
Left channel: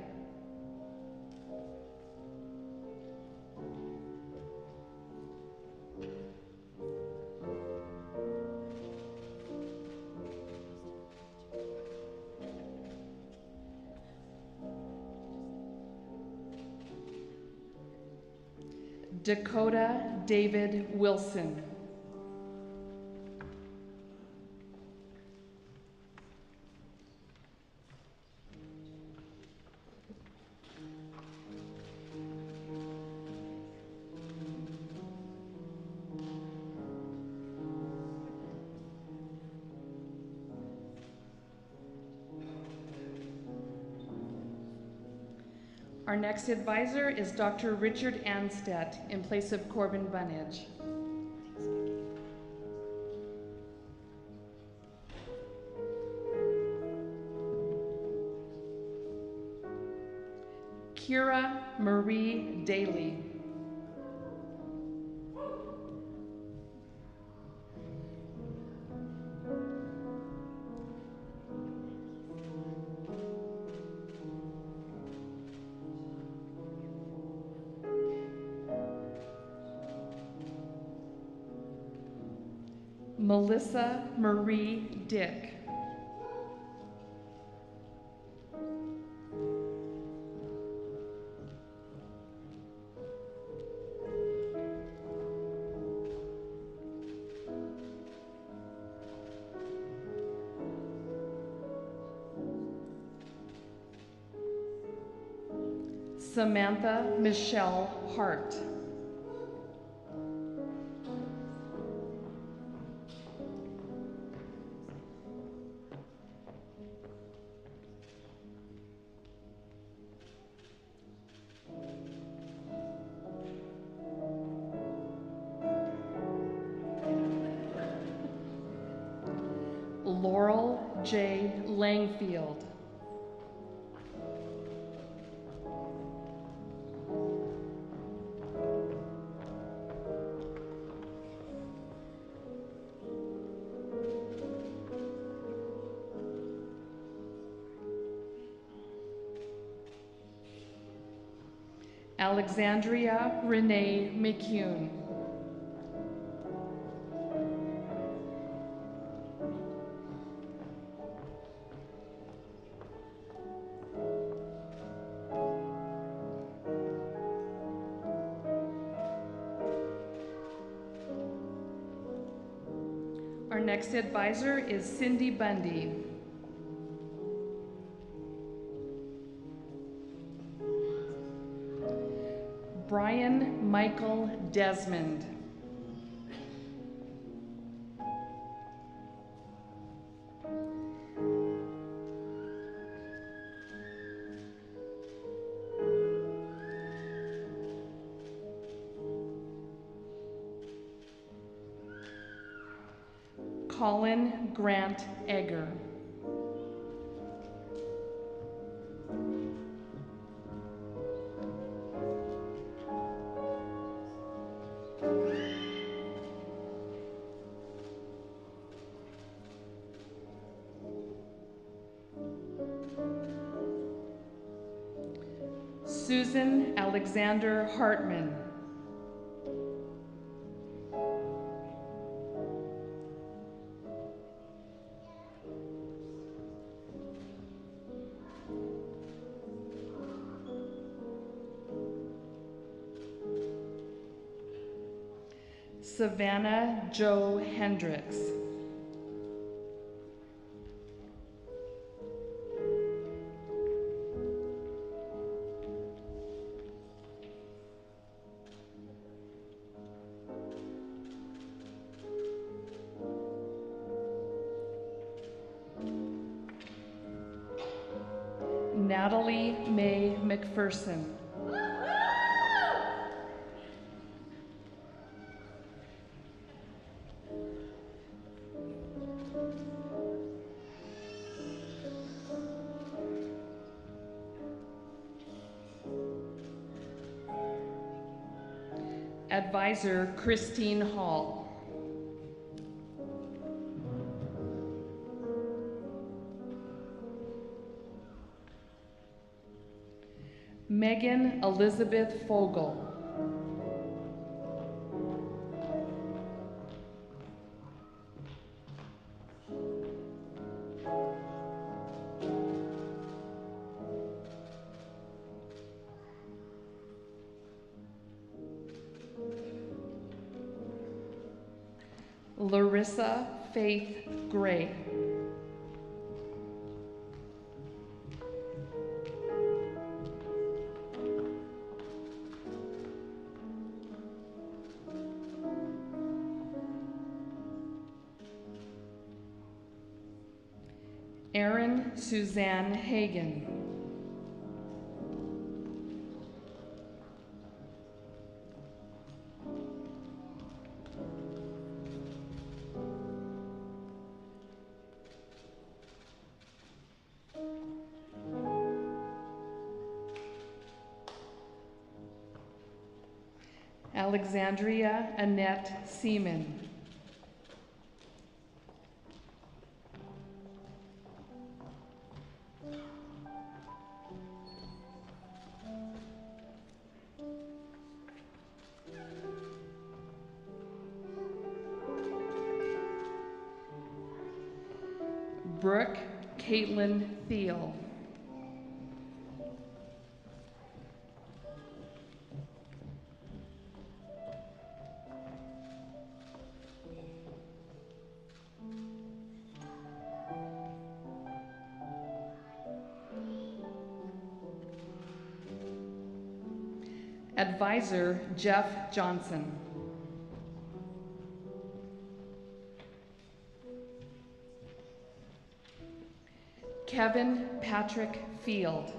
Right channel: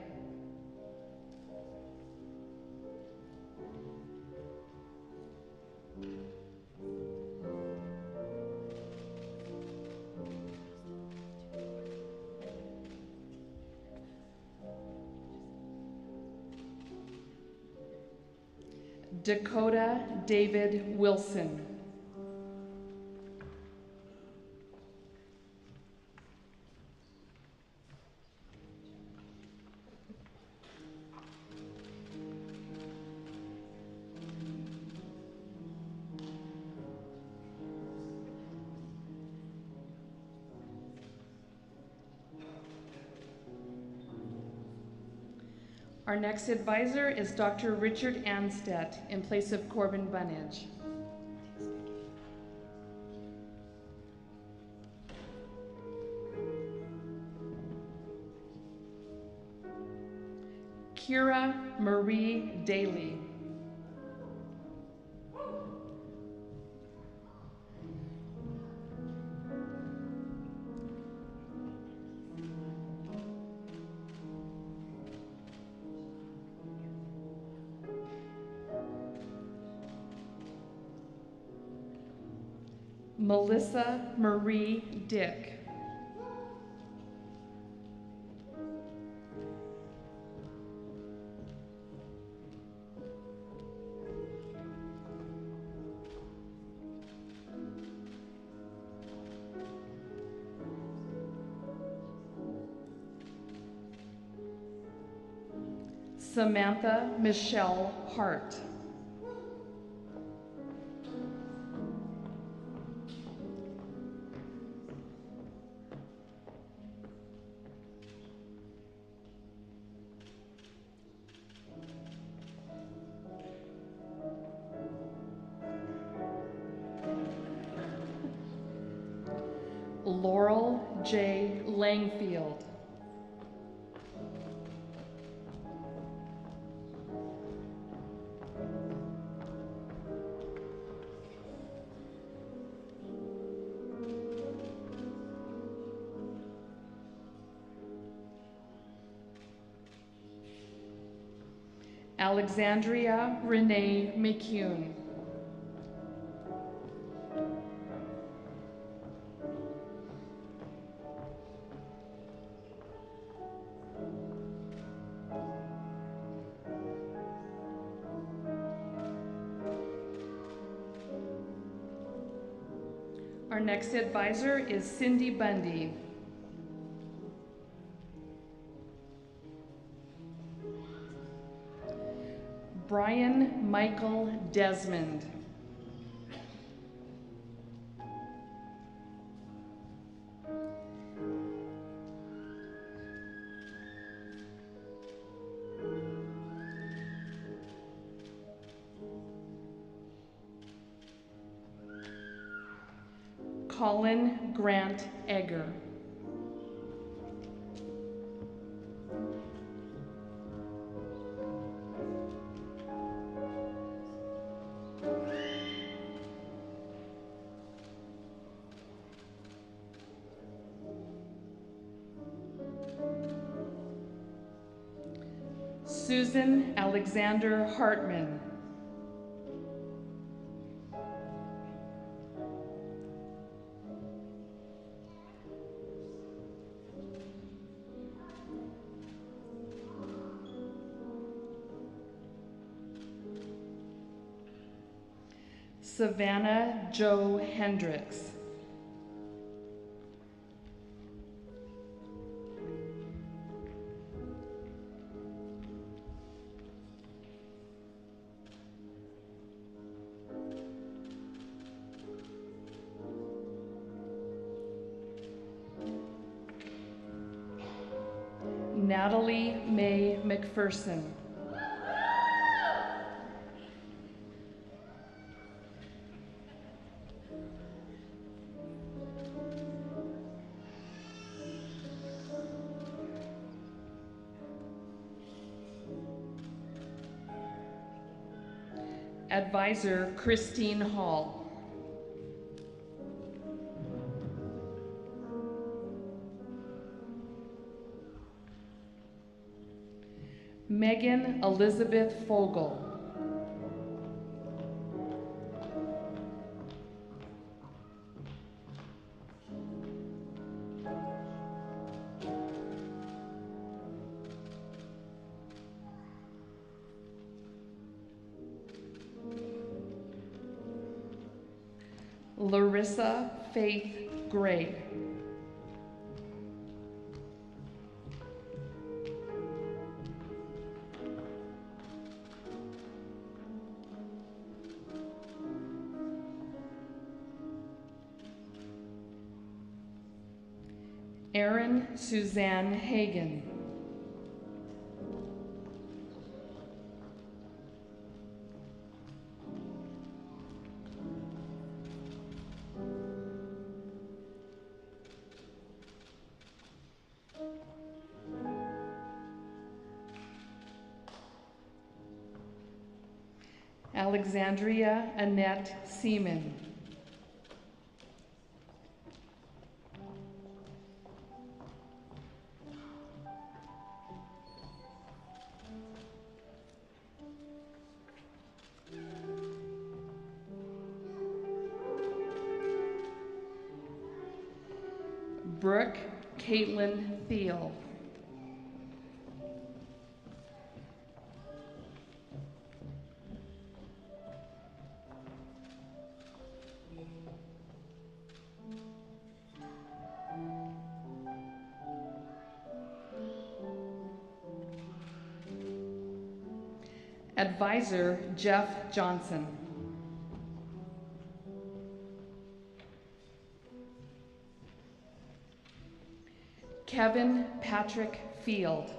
Dakota David Wilson. Our next advisor is Dr. Richard Anstedt in place of Corbin Bunnage. Kira Marie Daly. Melissa Marie Dick. Samantha Michelle Hart. Laurel J. Langfield. Alexandria Renee McCune. Our next advisor is Cindy Bundy. Brian Michael Desmond. Colin Grant Egger. Susan Alexander Hartman. Savannah Jo Hendricks. Natalie Mae McPherson. Advisor Christine Hall. Megan Elizabeth Fogel. Larissa Faith Gray. Erin Suzanne Hagan. Alexandria Annette Seaman. Brooke Caitlin Thiel. Advisor Jeff Johnson. Kevin Patrick Field.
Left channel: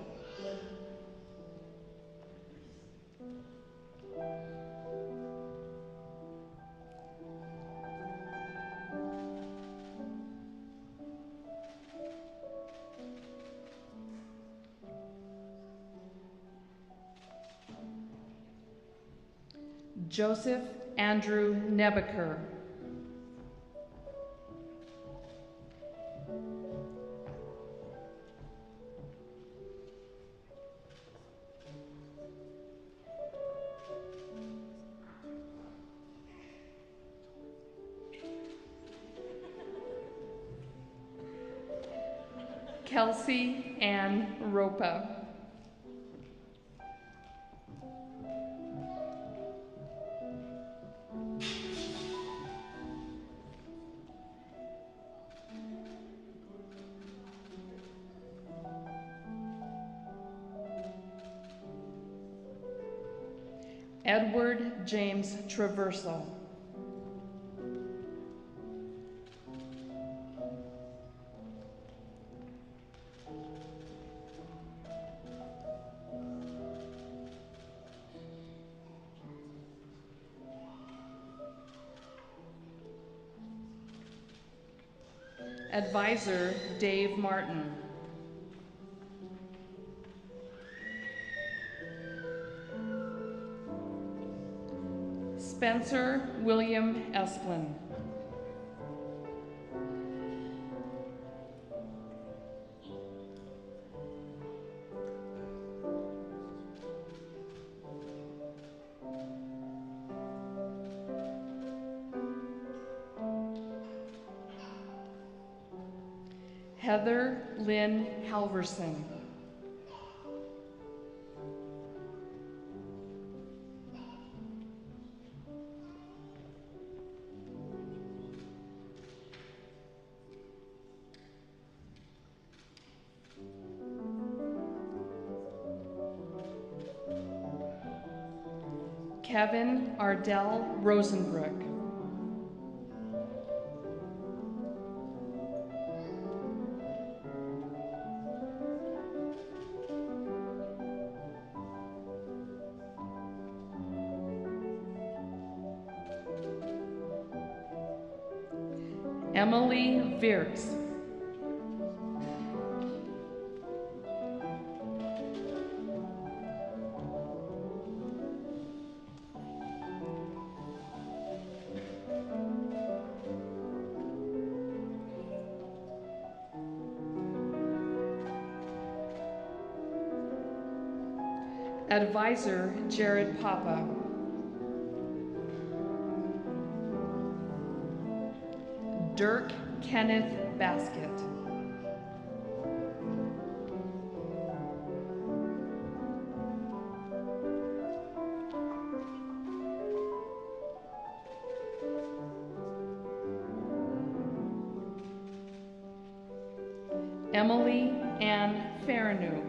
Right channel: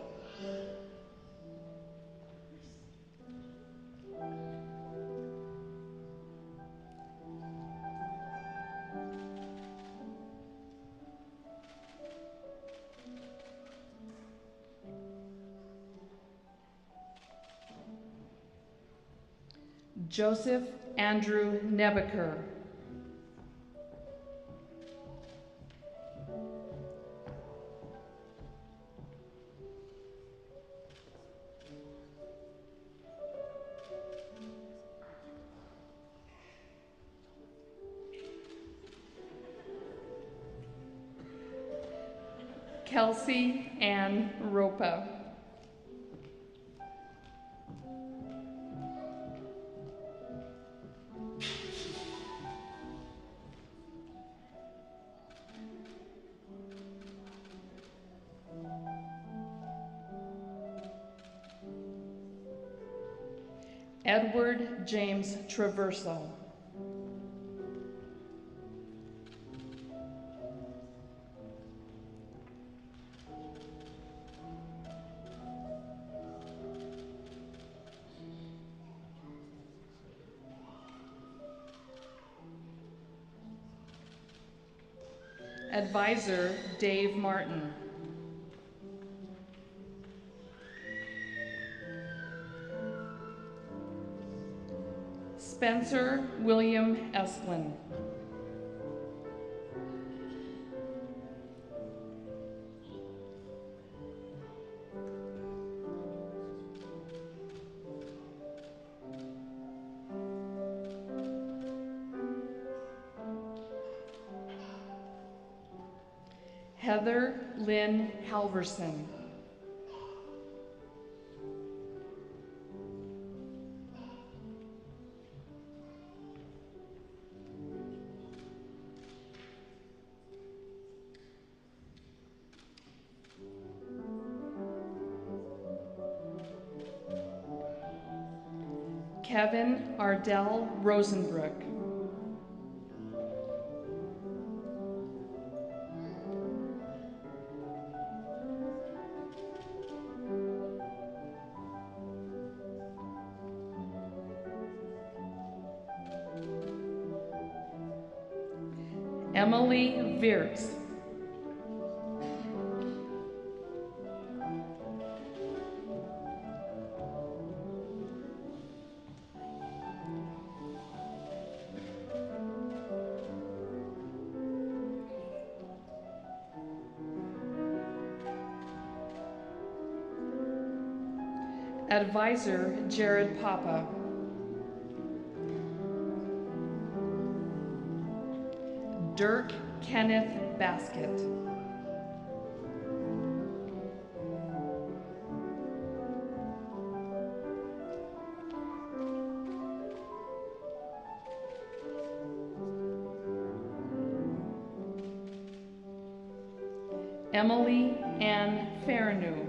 Joseph Andrew Nebaker. Kelsey Ann Ropa. Edward James Traverso. Advisor Dave Martin. Spencer William Esplin. Heather Lynn Halverson. Kevin Ardell Rosenbrook. Emily Virts. Advisor Jared Papa. Dirk Kenneth Basket. Emily Ann Farinu.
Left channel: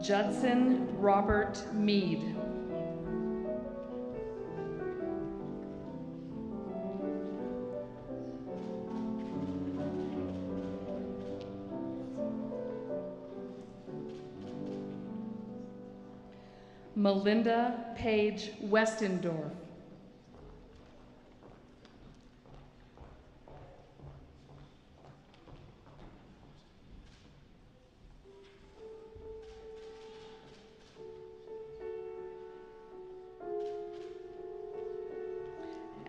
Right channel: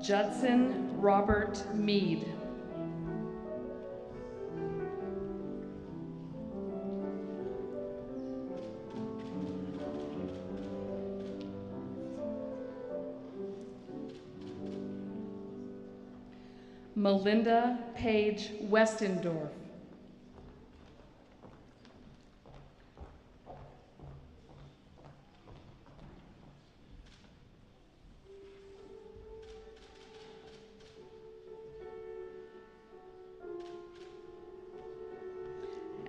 Judson Robert Mead. Melinda Page Westendorf.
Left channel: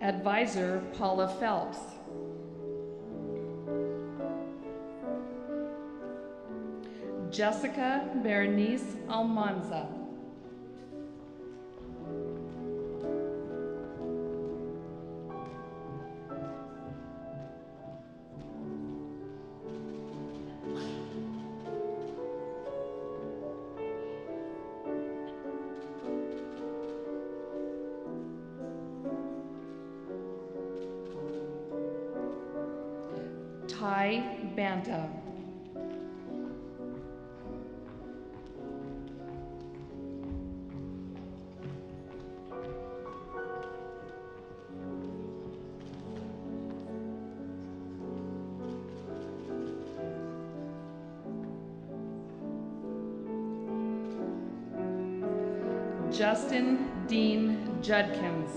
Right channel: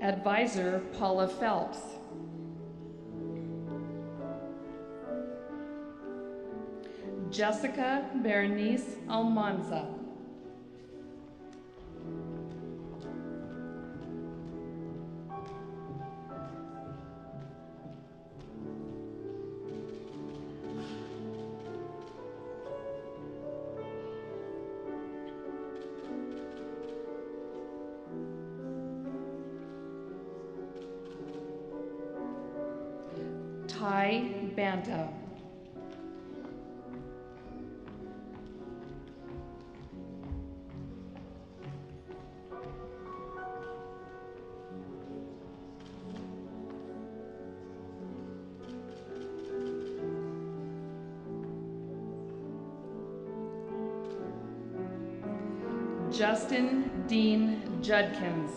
Advisor Paula Phelps. Jessica Berenice Almanza. Ty Banta. Justin Dean Judkins.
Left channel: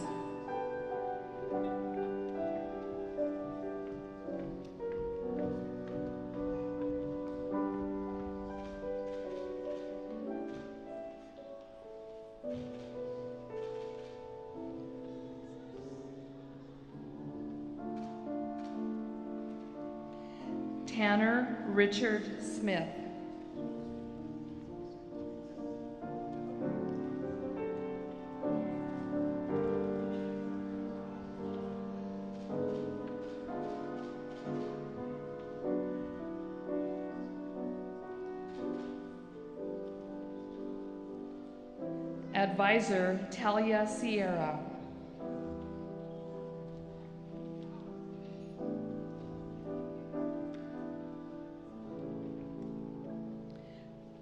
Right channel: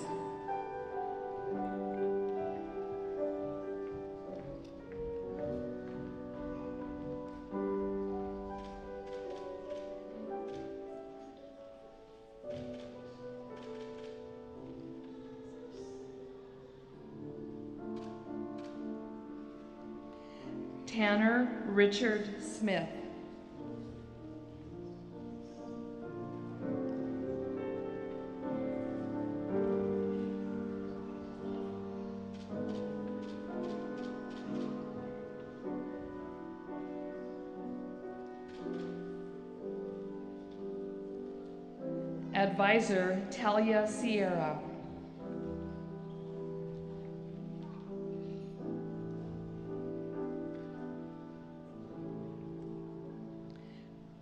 Tanner Richard Smith. Advisor Talia Sierra.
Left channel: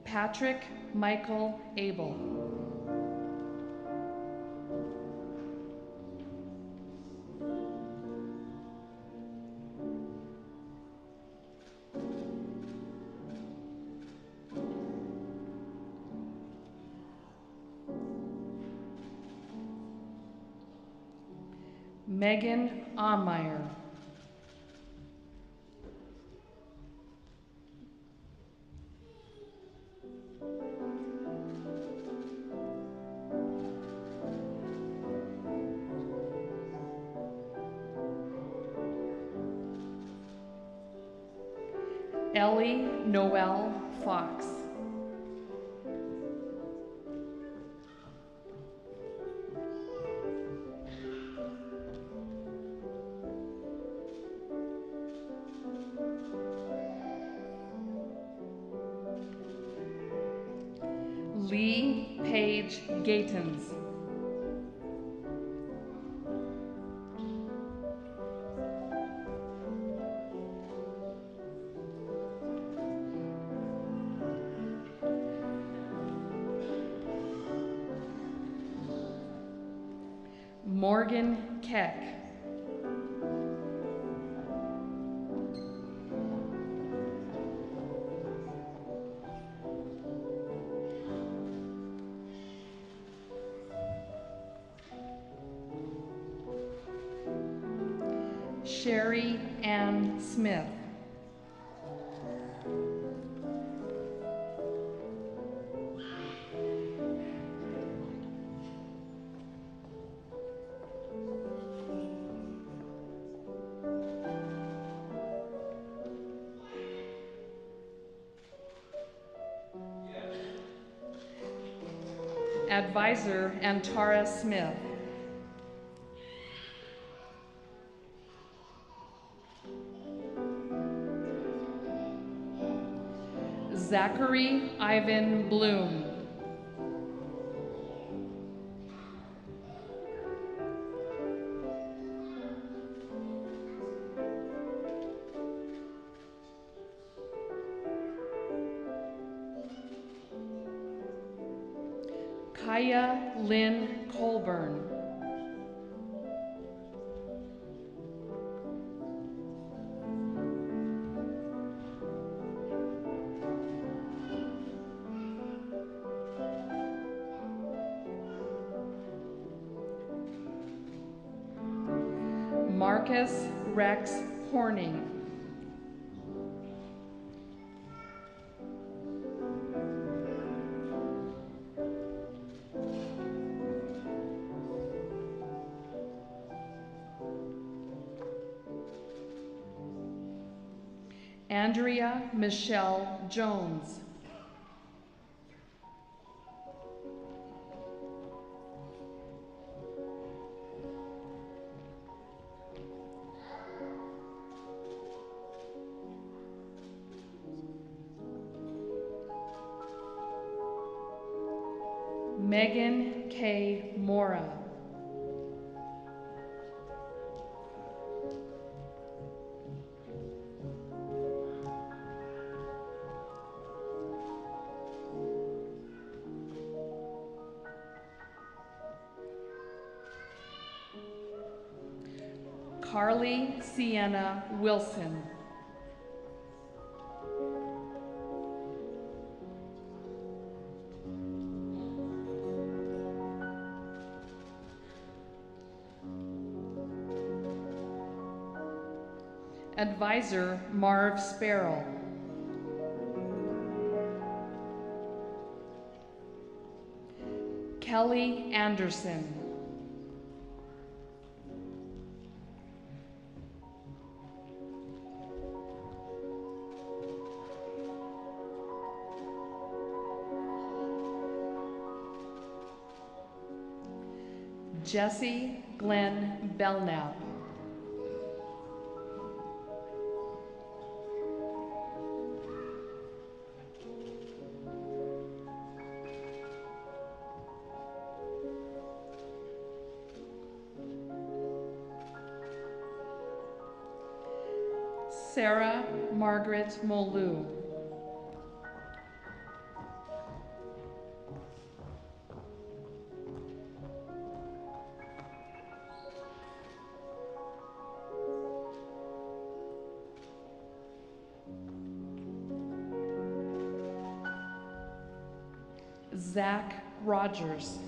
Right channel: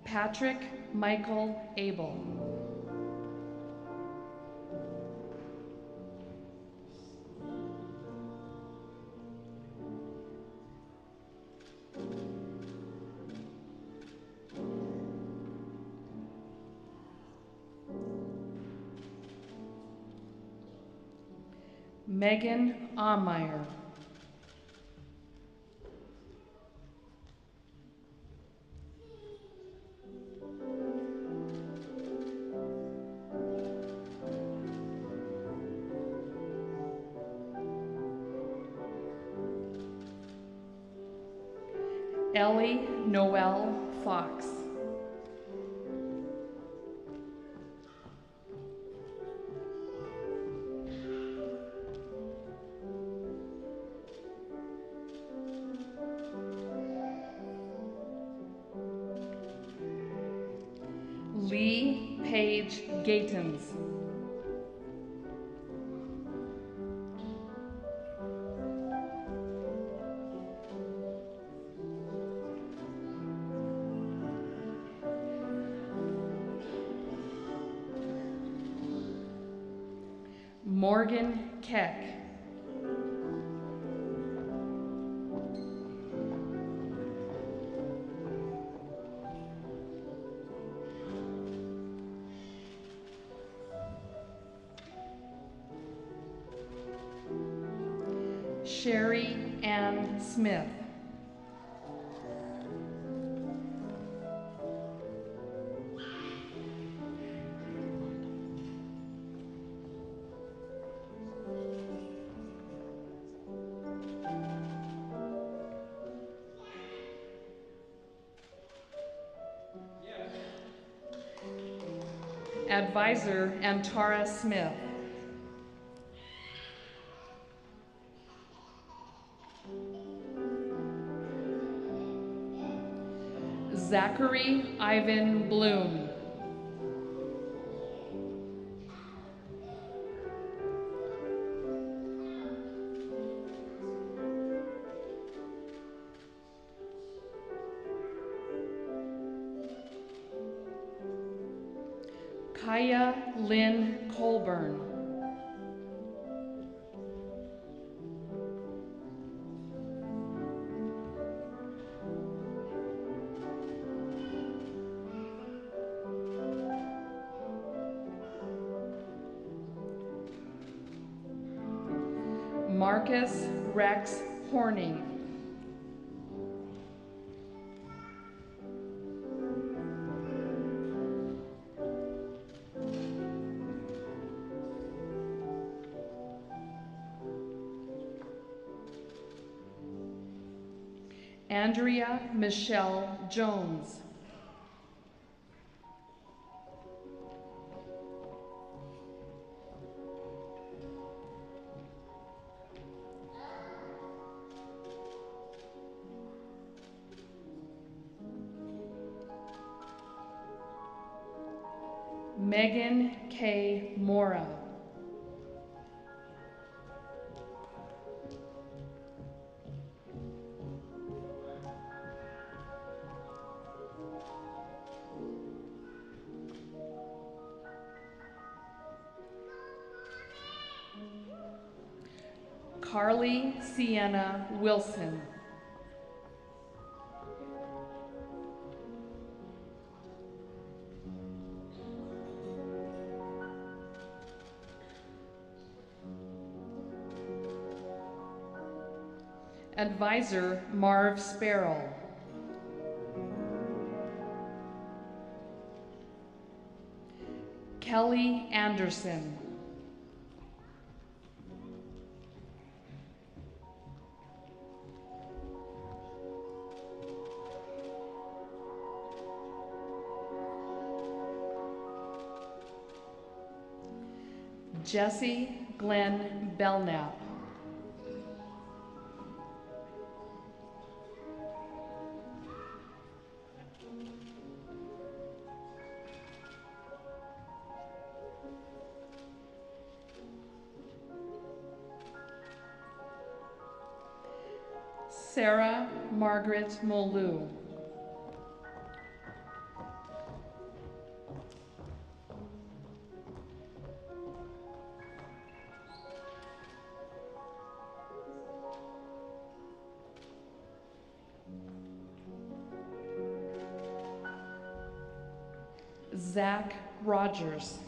Patrick Michael Abel. Megan Ahmeyer. Ellie Noel Fox. Lee Page Gatens. Morgan Keck. Sherry Ann Smith. Advisor Antara Smith. Zachary Ivan Bloom. Kaya Lynn Colburn. Marcus Rex Horning. Andrea Michelle Jones. Megan K. Mora. Carly Sienna Wilson. Advisor Marv Sparrow. Kelly Anderson. Jesse Glenn Belknap. Sarah Margaret Molu. Zach Rogers.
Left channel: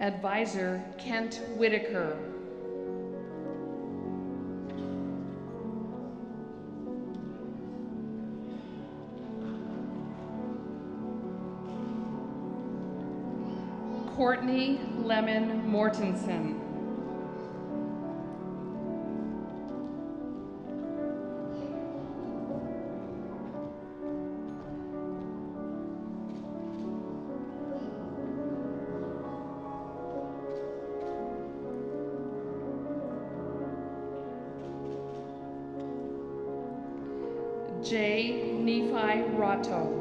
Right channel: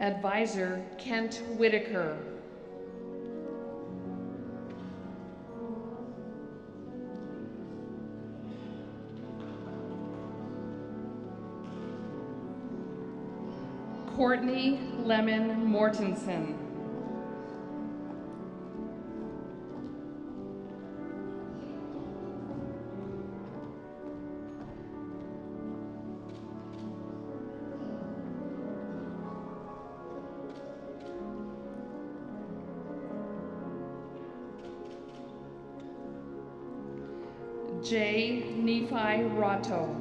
Advisor Kent Whitaker. Courtney Lemon Mortensen. J. Nephi Rato.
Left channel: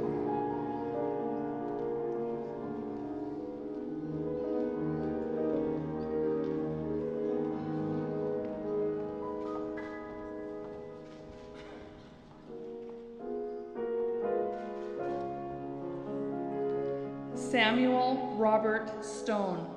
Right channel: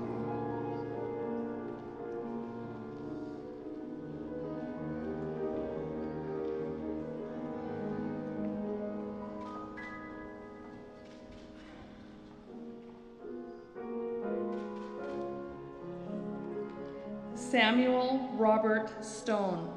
Samuel Robert Stone.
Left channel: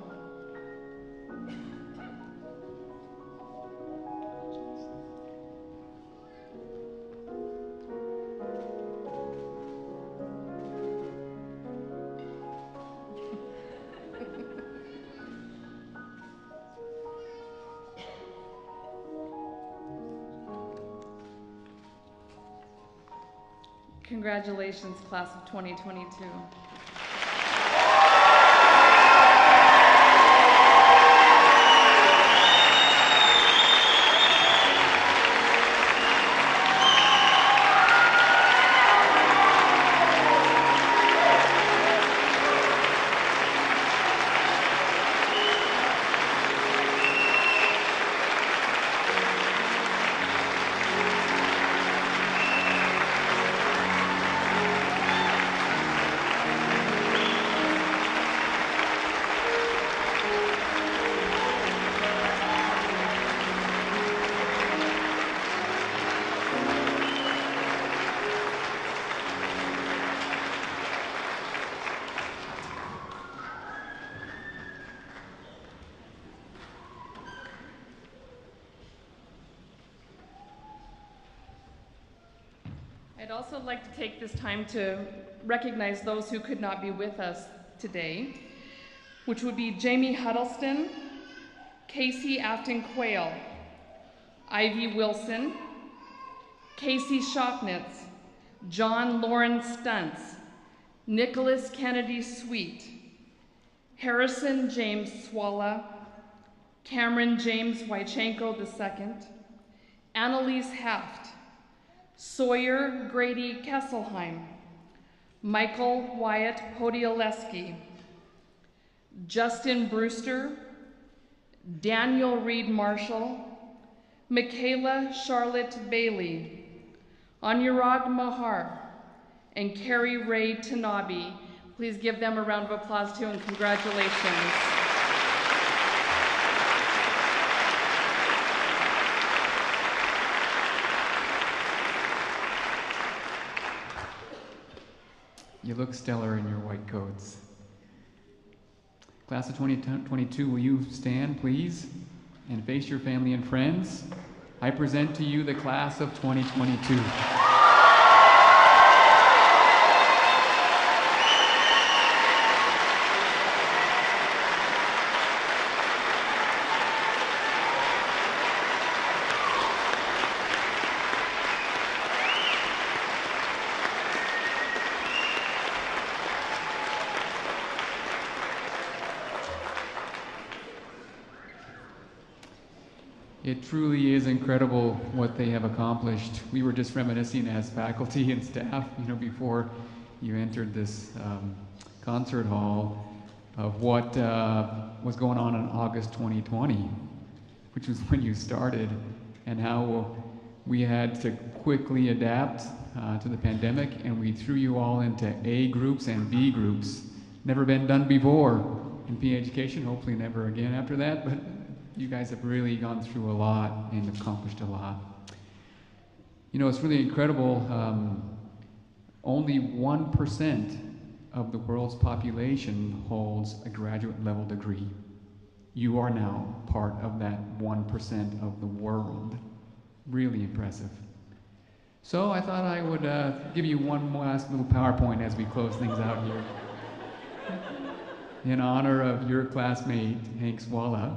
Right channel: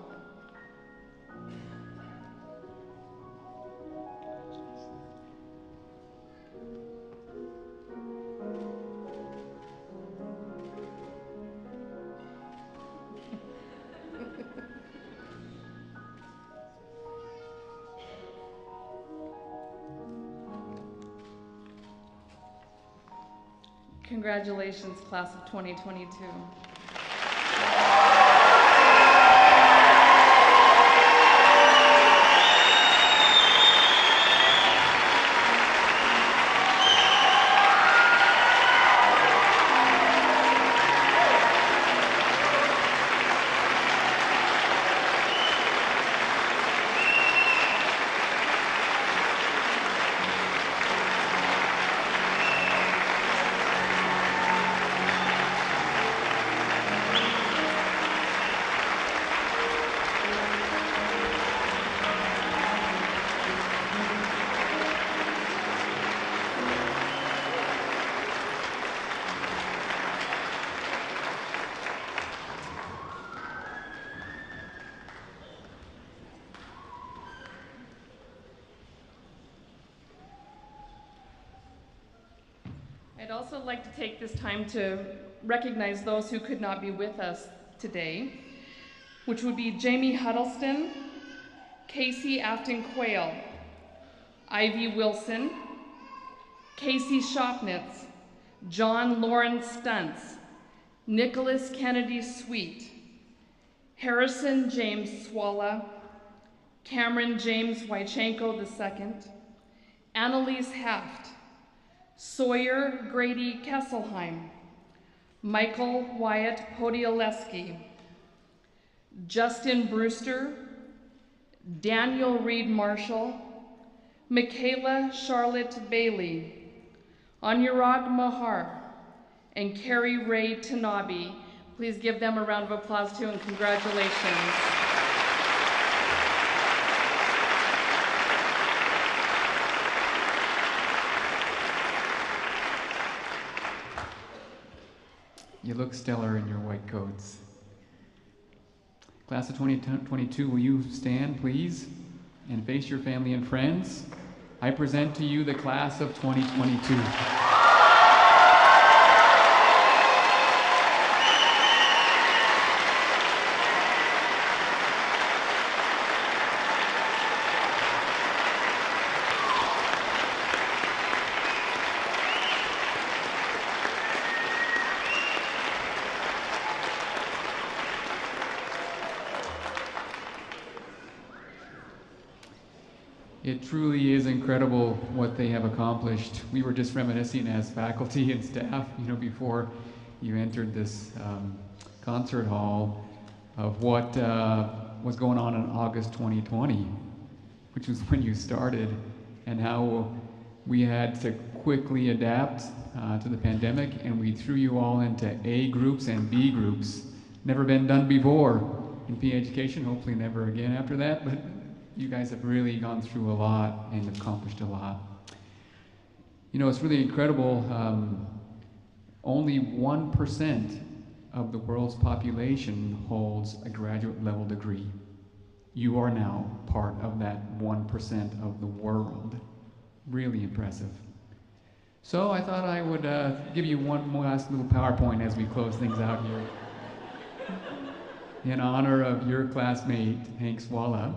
Congratulations, class of 2022. I'd also like to take this time to recognize those who could not be with us today, which would be Jamie Huddleston, Casey Afton Quayle, Ivy Wilson, Casey Shopnitz, John Lawrence Stuntz, Nicholas Kennedy Sweet, Harrison James Swalla, Cameron James Wychenko II, Annalise Haft, Sawyer Grady Kesselheim, Michael Wyatt Podiolewski, Justin Brewster, Daniel Reed Marshall, Michaela Charlotte Bailey, Anurag Mahar, and Carrie Ray Tanabe. Please give them a round of applause too, and congratulations. You look stellar in your white coats. Class of 2022, will you stand, please, and face your family and friends? I present to you the class of 2022. It truly is incredible what they have accomplished. We were just reminiscing as faculty and staff, before you entered this concert hall of what was going on in August 2020. which was when you started, and how we had to quickly adapt to the pandemic, and we threw you all into A groups and B groups. Never been done before in PA education, hopefully never again after that, but you guys have really gone through a lot and accomplished a lot. You know, it's really incredible. Only 1% of the world's population holds a graduate level degree. You are now part of that 1% of the world. Really impressive. So I thought I would give you one last little PowerPoint as we close things out here. In honor of your classmate, Hank Swalla,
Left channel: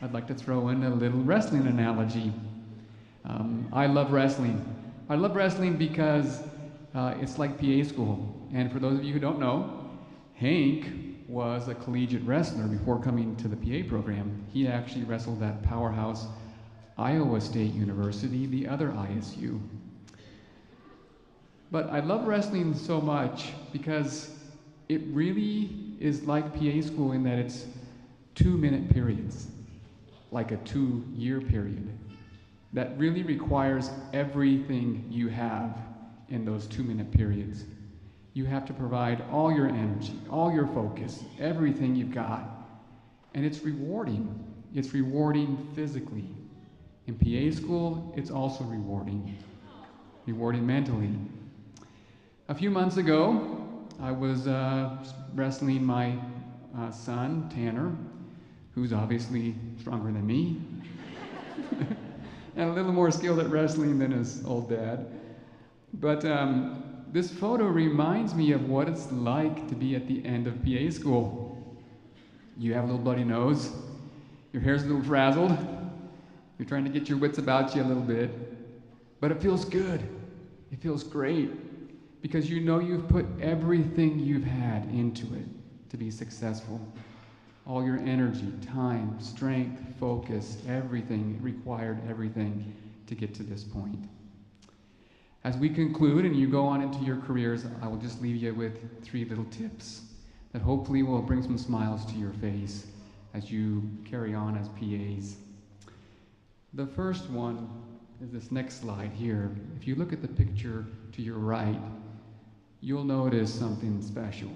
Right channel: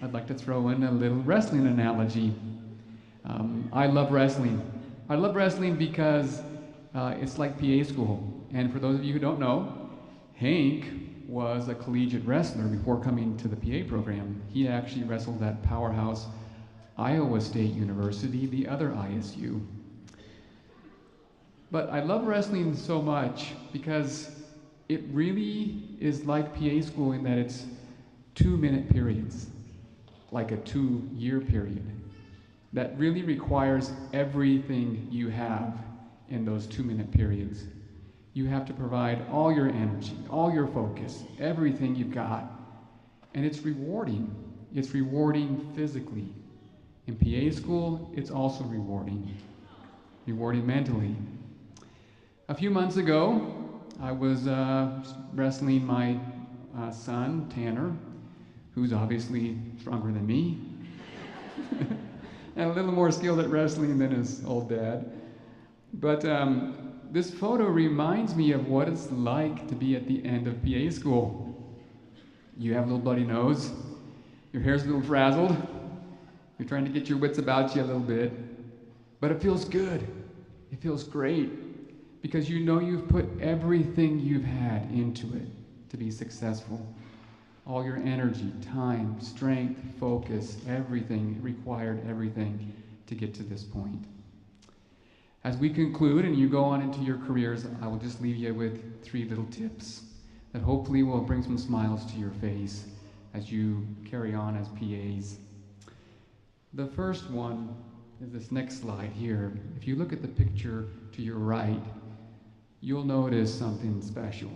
I'd like to throw in a little wrestling analogy. I love wrestling. I love wrestling because it's like PA school. And for those of you who don't know, Hank was a collegiate wrestler before coming to the PA program. He actually wrestled at powerhouse Iowa State University, the other ISU. But I love wrestling so much because it really is like PA school in that it's 2-minute periods, like a 2-year period, that really requires everything you have in those 2-minute periods. You have to provide all your energy, all your focus, everything you've got. And it's rewarding. It's rewarding physically. In PA school, it's also rewarding mentally. A few months ago, I was wrestling my son, Tanner, who's obviously stronger than me, and a little more skilled at wrestling than his old dad. But this photo reminds me of what it's like to be at the end of PA school. You have a little bloody nose, your hair's a little frazzled, you're trying to get your wits about you a little bit, but it feels good. It feels great because you know you've put everything you've had into it to be successful. All your energy, time, strength, focus, everything, required everything to get to this point. As we conclude and you go on into your careers, I will just leave you with 3 little tips that hopefully will bring some smiles to your face as you carry on as PAs. The first one is this next slide here. If you look at the picture to your right, you'll notice something special.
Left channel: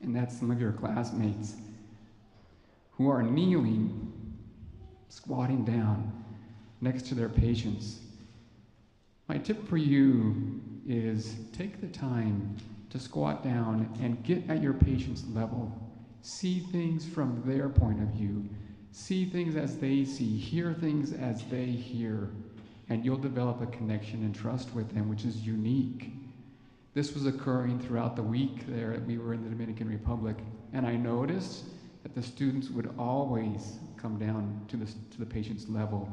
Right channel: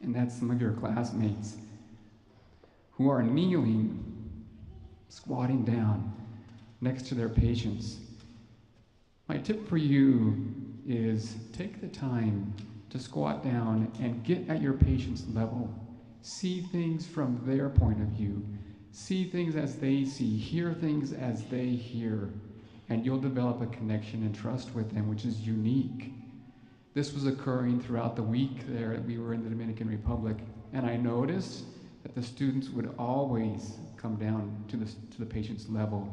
And that's some of your classmates who are kneeling, squatting down next to their patients. My tip for you is take the time to squat down and get at your patient's level. See things from their point of view. See things as they see. Hear things as they hear. And you'll develop a connection and trust with them, which is unique. This was occurring throughout the week there that we were in the Dominican Republic, and I noticed that the students would always come down to the patient's level.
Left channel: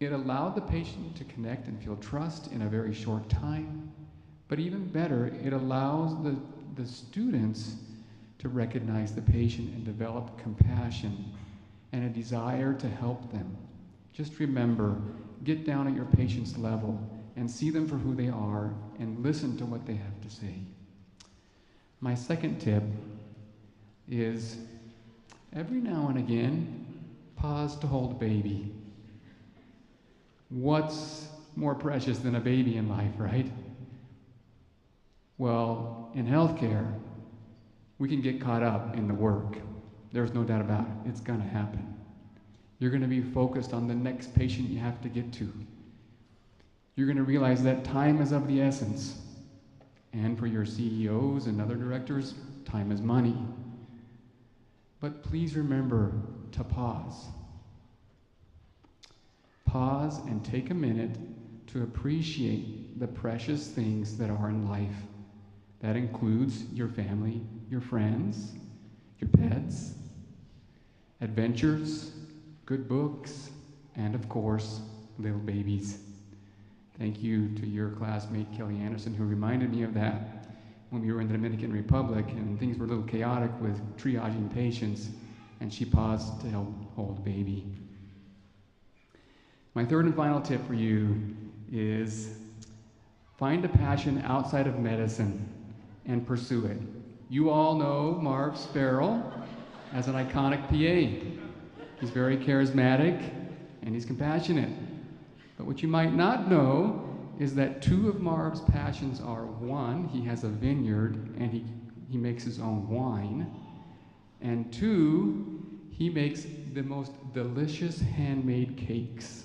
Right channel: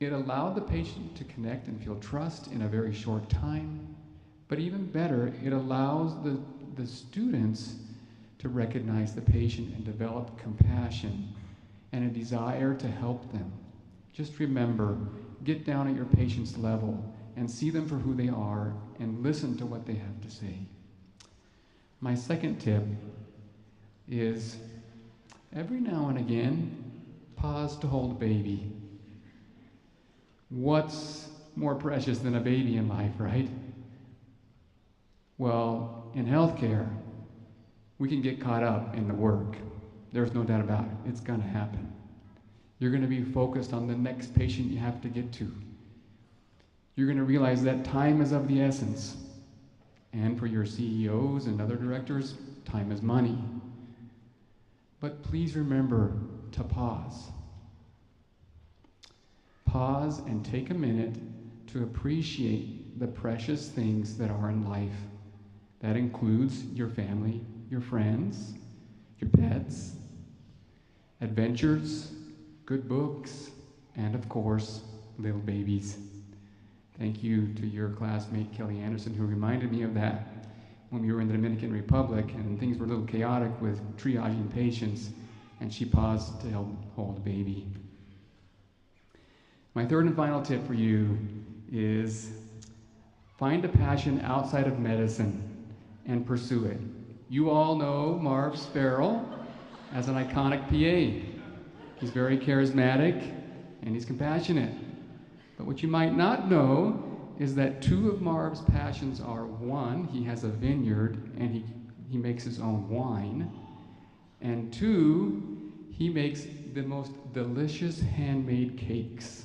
It allowed the patient to connect and feel trust in a very short time, but even better, it allows the students to recognize the patient and develop compassion and a desire to help them. Just remember, get down at your patient's level and see them for who they are and listen to what they have to say. My second tip is every now and again, pause to hold a baby. What's more precious than a baby in life, right? Well, in healthcare, we can get caught up in the work. There's no doubt about it. It's going to happen. You're going to be focused on the next patient you have to get to. You're going to realize that time is of the essence. And for your CEOs and other directors, time is money. But please remember to pause. Pause and take a minute to appreciate the precious things that are in life. That includes your family, your friends, your pets, adventures, good books, and of course, little babies. Thank you to your classmate, Kelly Anderson, who reminded me of that when we were in the Dominican Republic and things were a little chaotic with triaging patients, and she paused to help hold a baby. My third and final tip for you is find a passion outside of medicine and pursue it. You all know Marv Sparrow as an iconic PA. He's very charismatic and he's compassionate. But what you might not know is that two of Marv's passions are, one, he has a vineyard and he makes his own wine, and two, he makes the most delicious handmade cakes.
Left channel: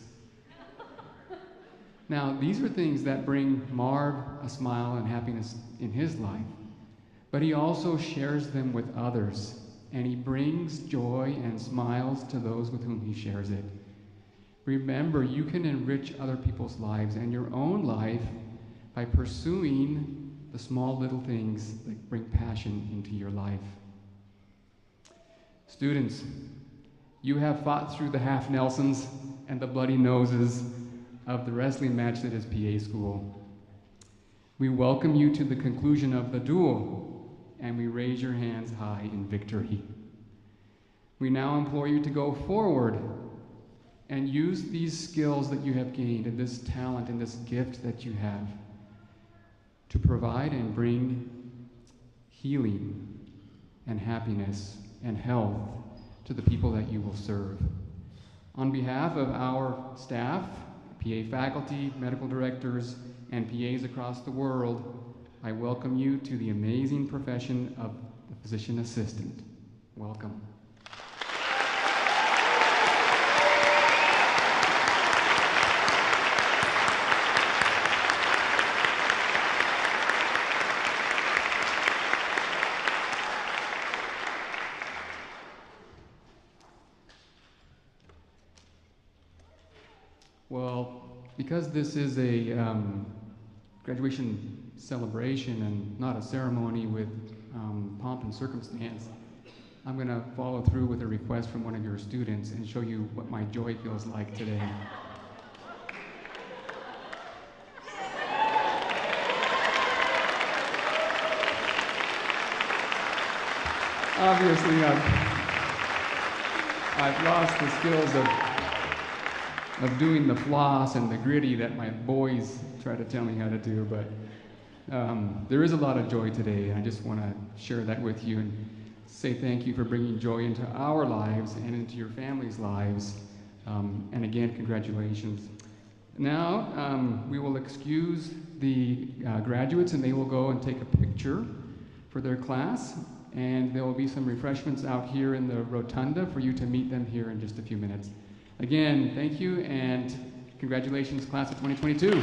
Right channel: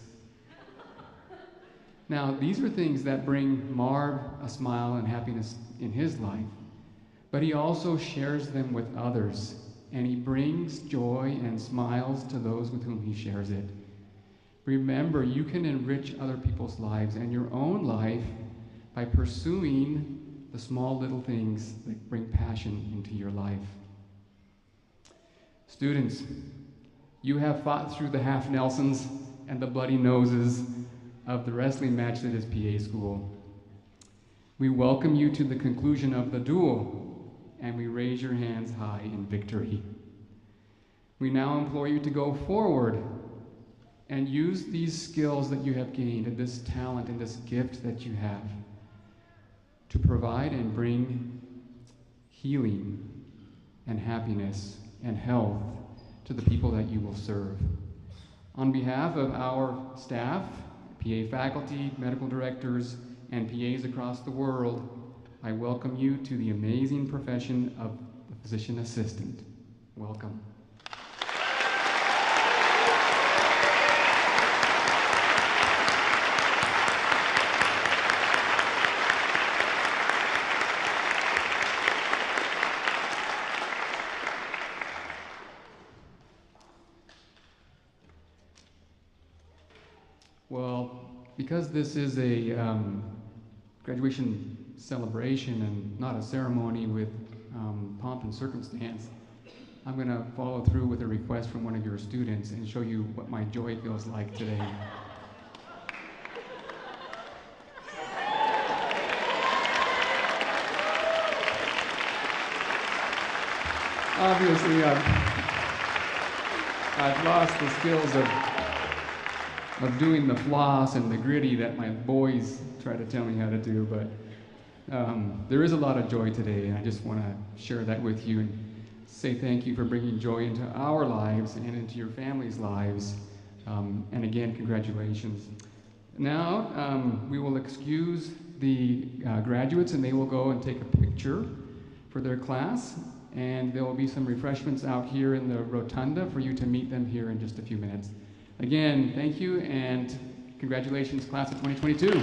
Now, these are things that bring Marv a smile and happiness in his life, but he also shares them with others, and he brings joy and smiles to those with whom he shares it. Remember, you can enrich other people's lives and your own life by pursuing the small little things that bring passion into your life. Students, you have fought through the half Nelsons and the bloody noses of the wrestling match that is PA school. We welcome you to the conclusion of the duel, and we raise your hands high in victory. We now implore you to go forward and use these skills that you have gained and this talent and this gift that you have to provide and bring healing and happiness and health to the people that you will serve. On behalf of our staff, PA faculty, medical directors, and PAs across the world, I welcome you to the amazing profession of the physician assistant. Welcome. Well, because this is a graduation celebration and not a ceremony with pomp and circumstance, I'm going to follow through with a request from one of your students and show you what my joy feels like today. Obviously, I've lost the skills of doing the floss and the gritty that my boys try to tell me how to do, but there is a lot of joy today, and I just want to share that with you and say thank you for bringing joy into our lives and into your families' lives. And again, congratulations. Now, we will excuse the graduates, and they will go and take a picture for their class, and there will be some refreshments out here in the rotunda for you to meet them here in just a few minutes. Again, thank you, and congratulations, class of 2022.